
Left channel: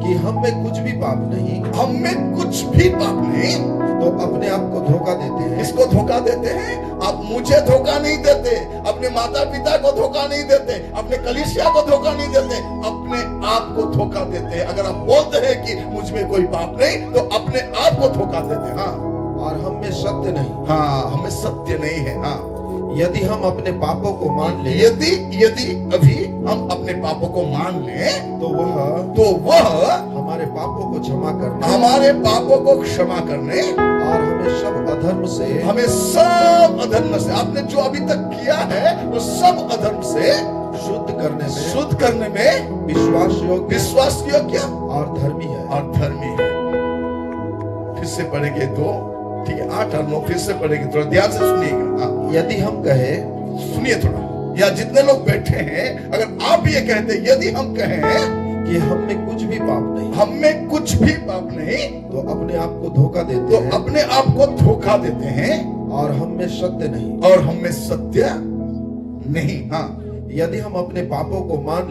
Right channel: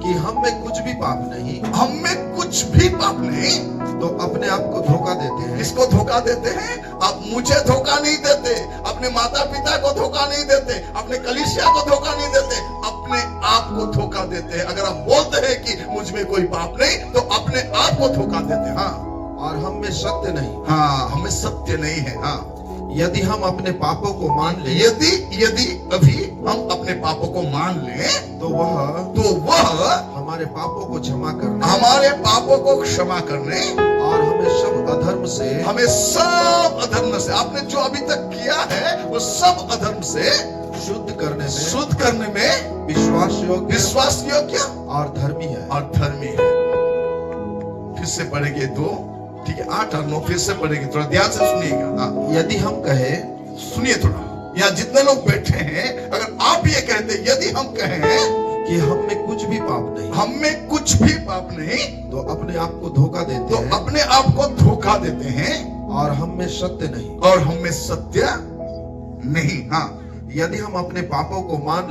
कि हम में कुछ भी पाप नहीं, हम में कुछ भी पाप नहीं, तो अपने आप को धोखा देते हैं। इसको धोखा देते हैं। आप मुझे धोखा नहीं देते, अपने माता पिता को धोखा नहीं देते, अपने कलीसिया को धोखा नहीं देते, अपने आप को धोखा देते हैं। अगर आप बोलते हैं कि मुझ में कोई पाप नहीं, तो अपने आप को धोखा देते हैं। हाँ, और हम में सत्य नहीं। हाँ, हमें सत्य नहीं है। हाँ, यदि हम अपने पापों को मान ले, यदि अभी हम अपने पापों को मान लें, तो वह हमारे पापों को क्षमा करने, और हमें सब अधर्म से आपने जो अभी तक किया है वो सब अधर्म से शुद्ध करने में विश्वास योग्य और धर्मी है। फिर से पढ़ेंगे 2, ठीक है, 8 और 9 फिर से पढ़ेंगे, थोड़ा ध्यान से सुनिएगा। हाँ, यदि हम कहें, सुनिए थोड़ा, यहाँ जितने लोग बैठे हैं, अगर आप ये कहते यदि हम कहें कि हम में कुछ भी पाप नहीं, तो अपने आप को धोखा देते हैं, और हम में सत्य नहीं। हाँ, यदि हम अपने पापों को मान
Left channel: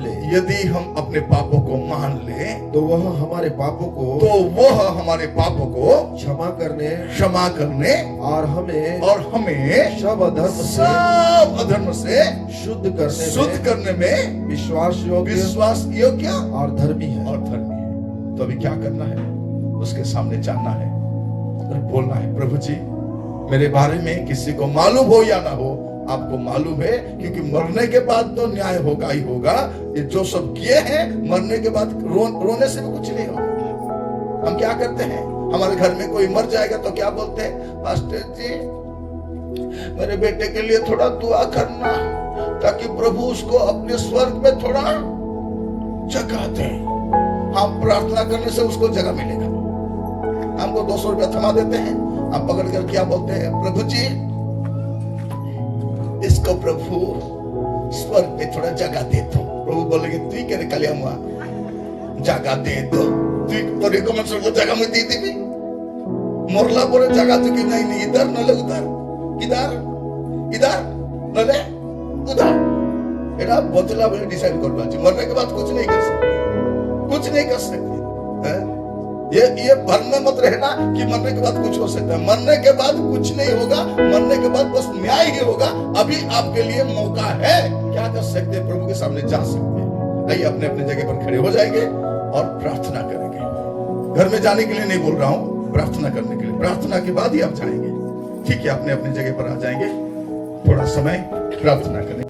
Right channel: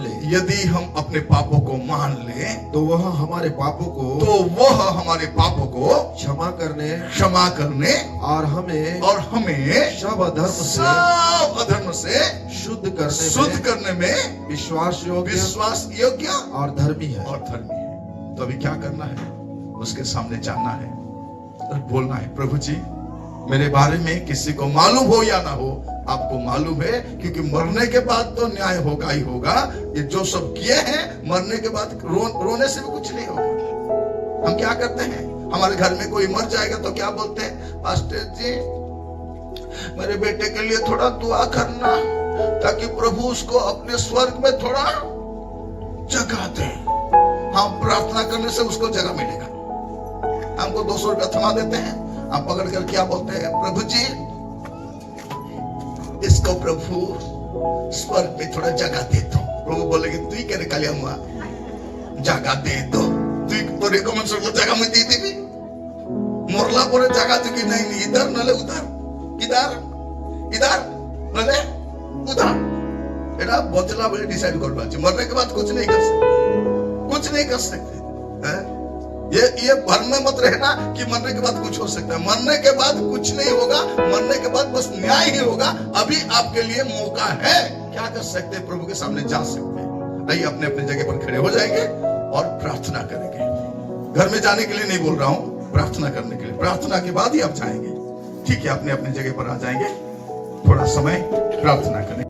ले, तो वह हमारे पापों को क्षमा करने, और हमें सब अधर्म से शुद्ध करने में विश्वास योग्य और धर्मी है। तो अभी क्या करना है? उसके सामने जाना है और बोलना है, प्रभु जी मेरे बारे में किसी को मालूम हो या ना हो, आपको मालूम है, क्योंकि मरने के बाद तो न्याय होगा ही होगा। ये जो सब किए हैं, मरने के बाद रोने से भी कुछ नहीं होगा। हम क्या करते हैं? हमारे घर में कोई मर जाएगा तो क्या बोलते हैं? पास्टर जी मेरे बेटे के लिए थोड़ा दुआ करना, ताकि प्रभु उसको अपने स्वर्ग में थोड़ा जगह दे। हम प्रार्थना करने से उसको जगह मिलेगा। हमको 200 रुपया थमा देते हैं, आप पकड़ कर क्या बोलते हैं? प्रभु जी इसको प्रभु स्वर्ग में थोड़ा जगह दे दो। प्रभु बोलेंगे तू ही करे कलिया हुआ जगह दे दो, तू रिकमेंड कर जगह में दी दी मोरला पर जगह तू की नहीं, इधर नले उधर, इधर नले उधर, एटा बदला बोले डिसाइड करवा चाहिए। मरने के बाद कुछ नहीं कर सकते। ये भर में मत रहना कि मरने के बाद कुछ हो सकता है। मरने के बाद कुछ नहीं होगा, मरने के बाद बस न्याय ही होगा। अभी आपके लिए मौका है, क्या कर सकते हैं? प्रभु के सामने जा सकते हैं। नहीं, अपने अपने जगह पर खड़े हो जाएंगे और प्रार्थना करेंगे। घर में जाने के लिए नहीं बोल रहा हूं, प्रार्थना करने के लिए। प्रार्थना के बाद ही आप जाएंगे, ठीक है? अपने अपने जगह पर आ जाएंगे, थोड़ा समय प्रार्थना करें।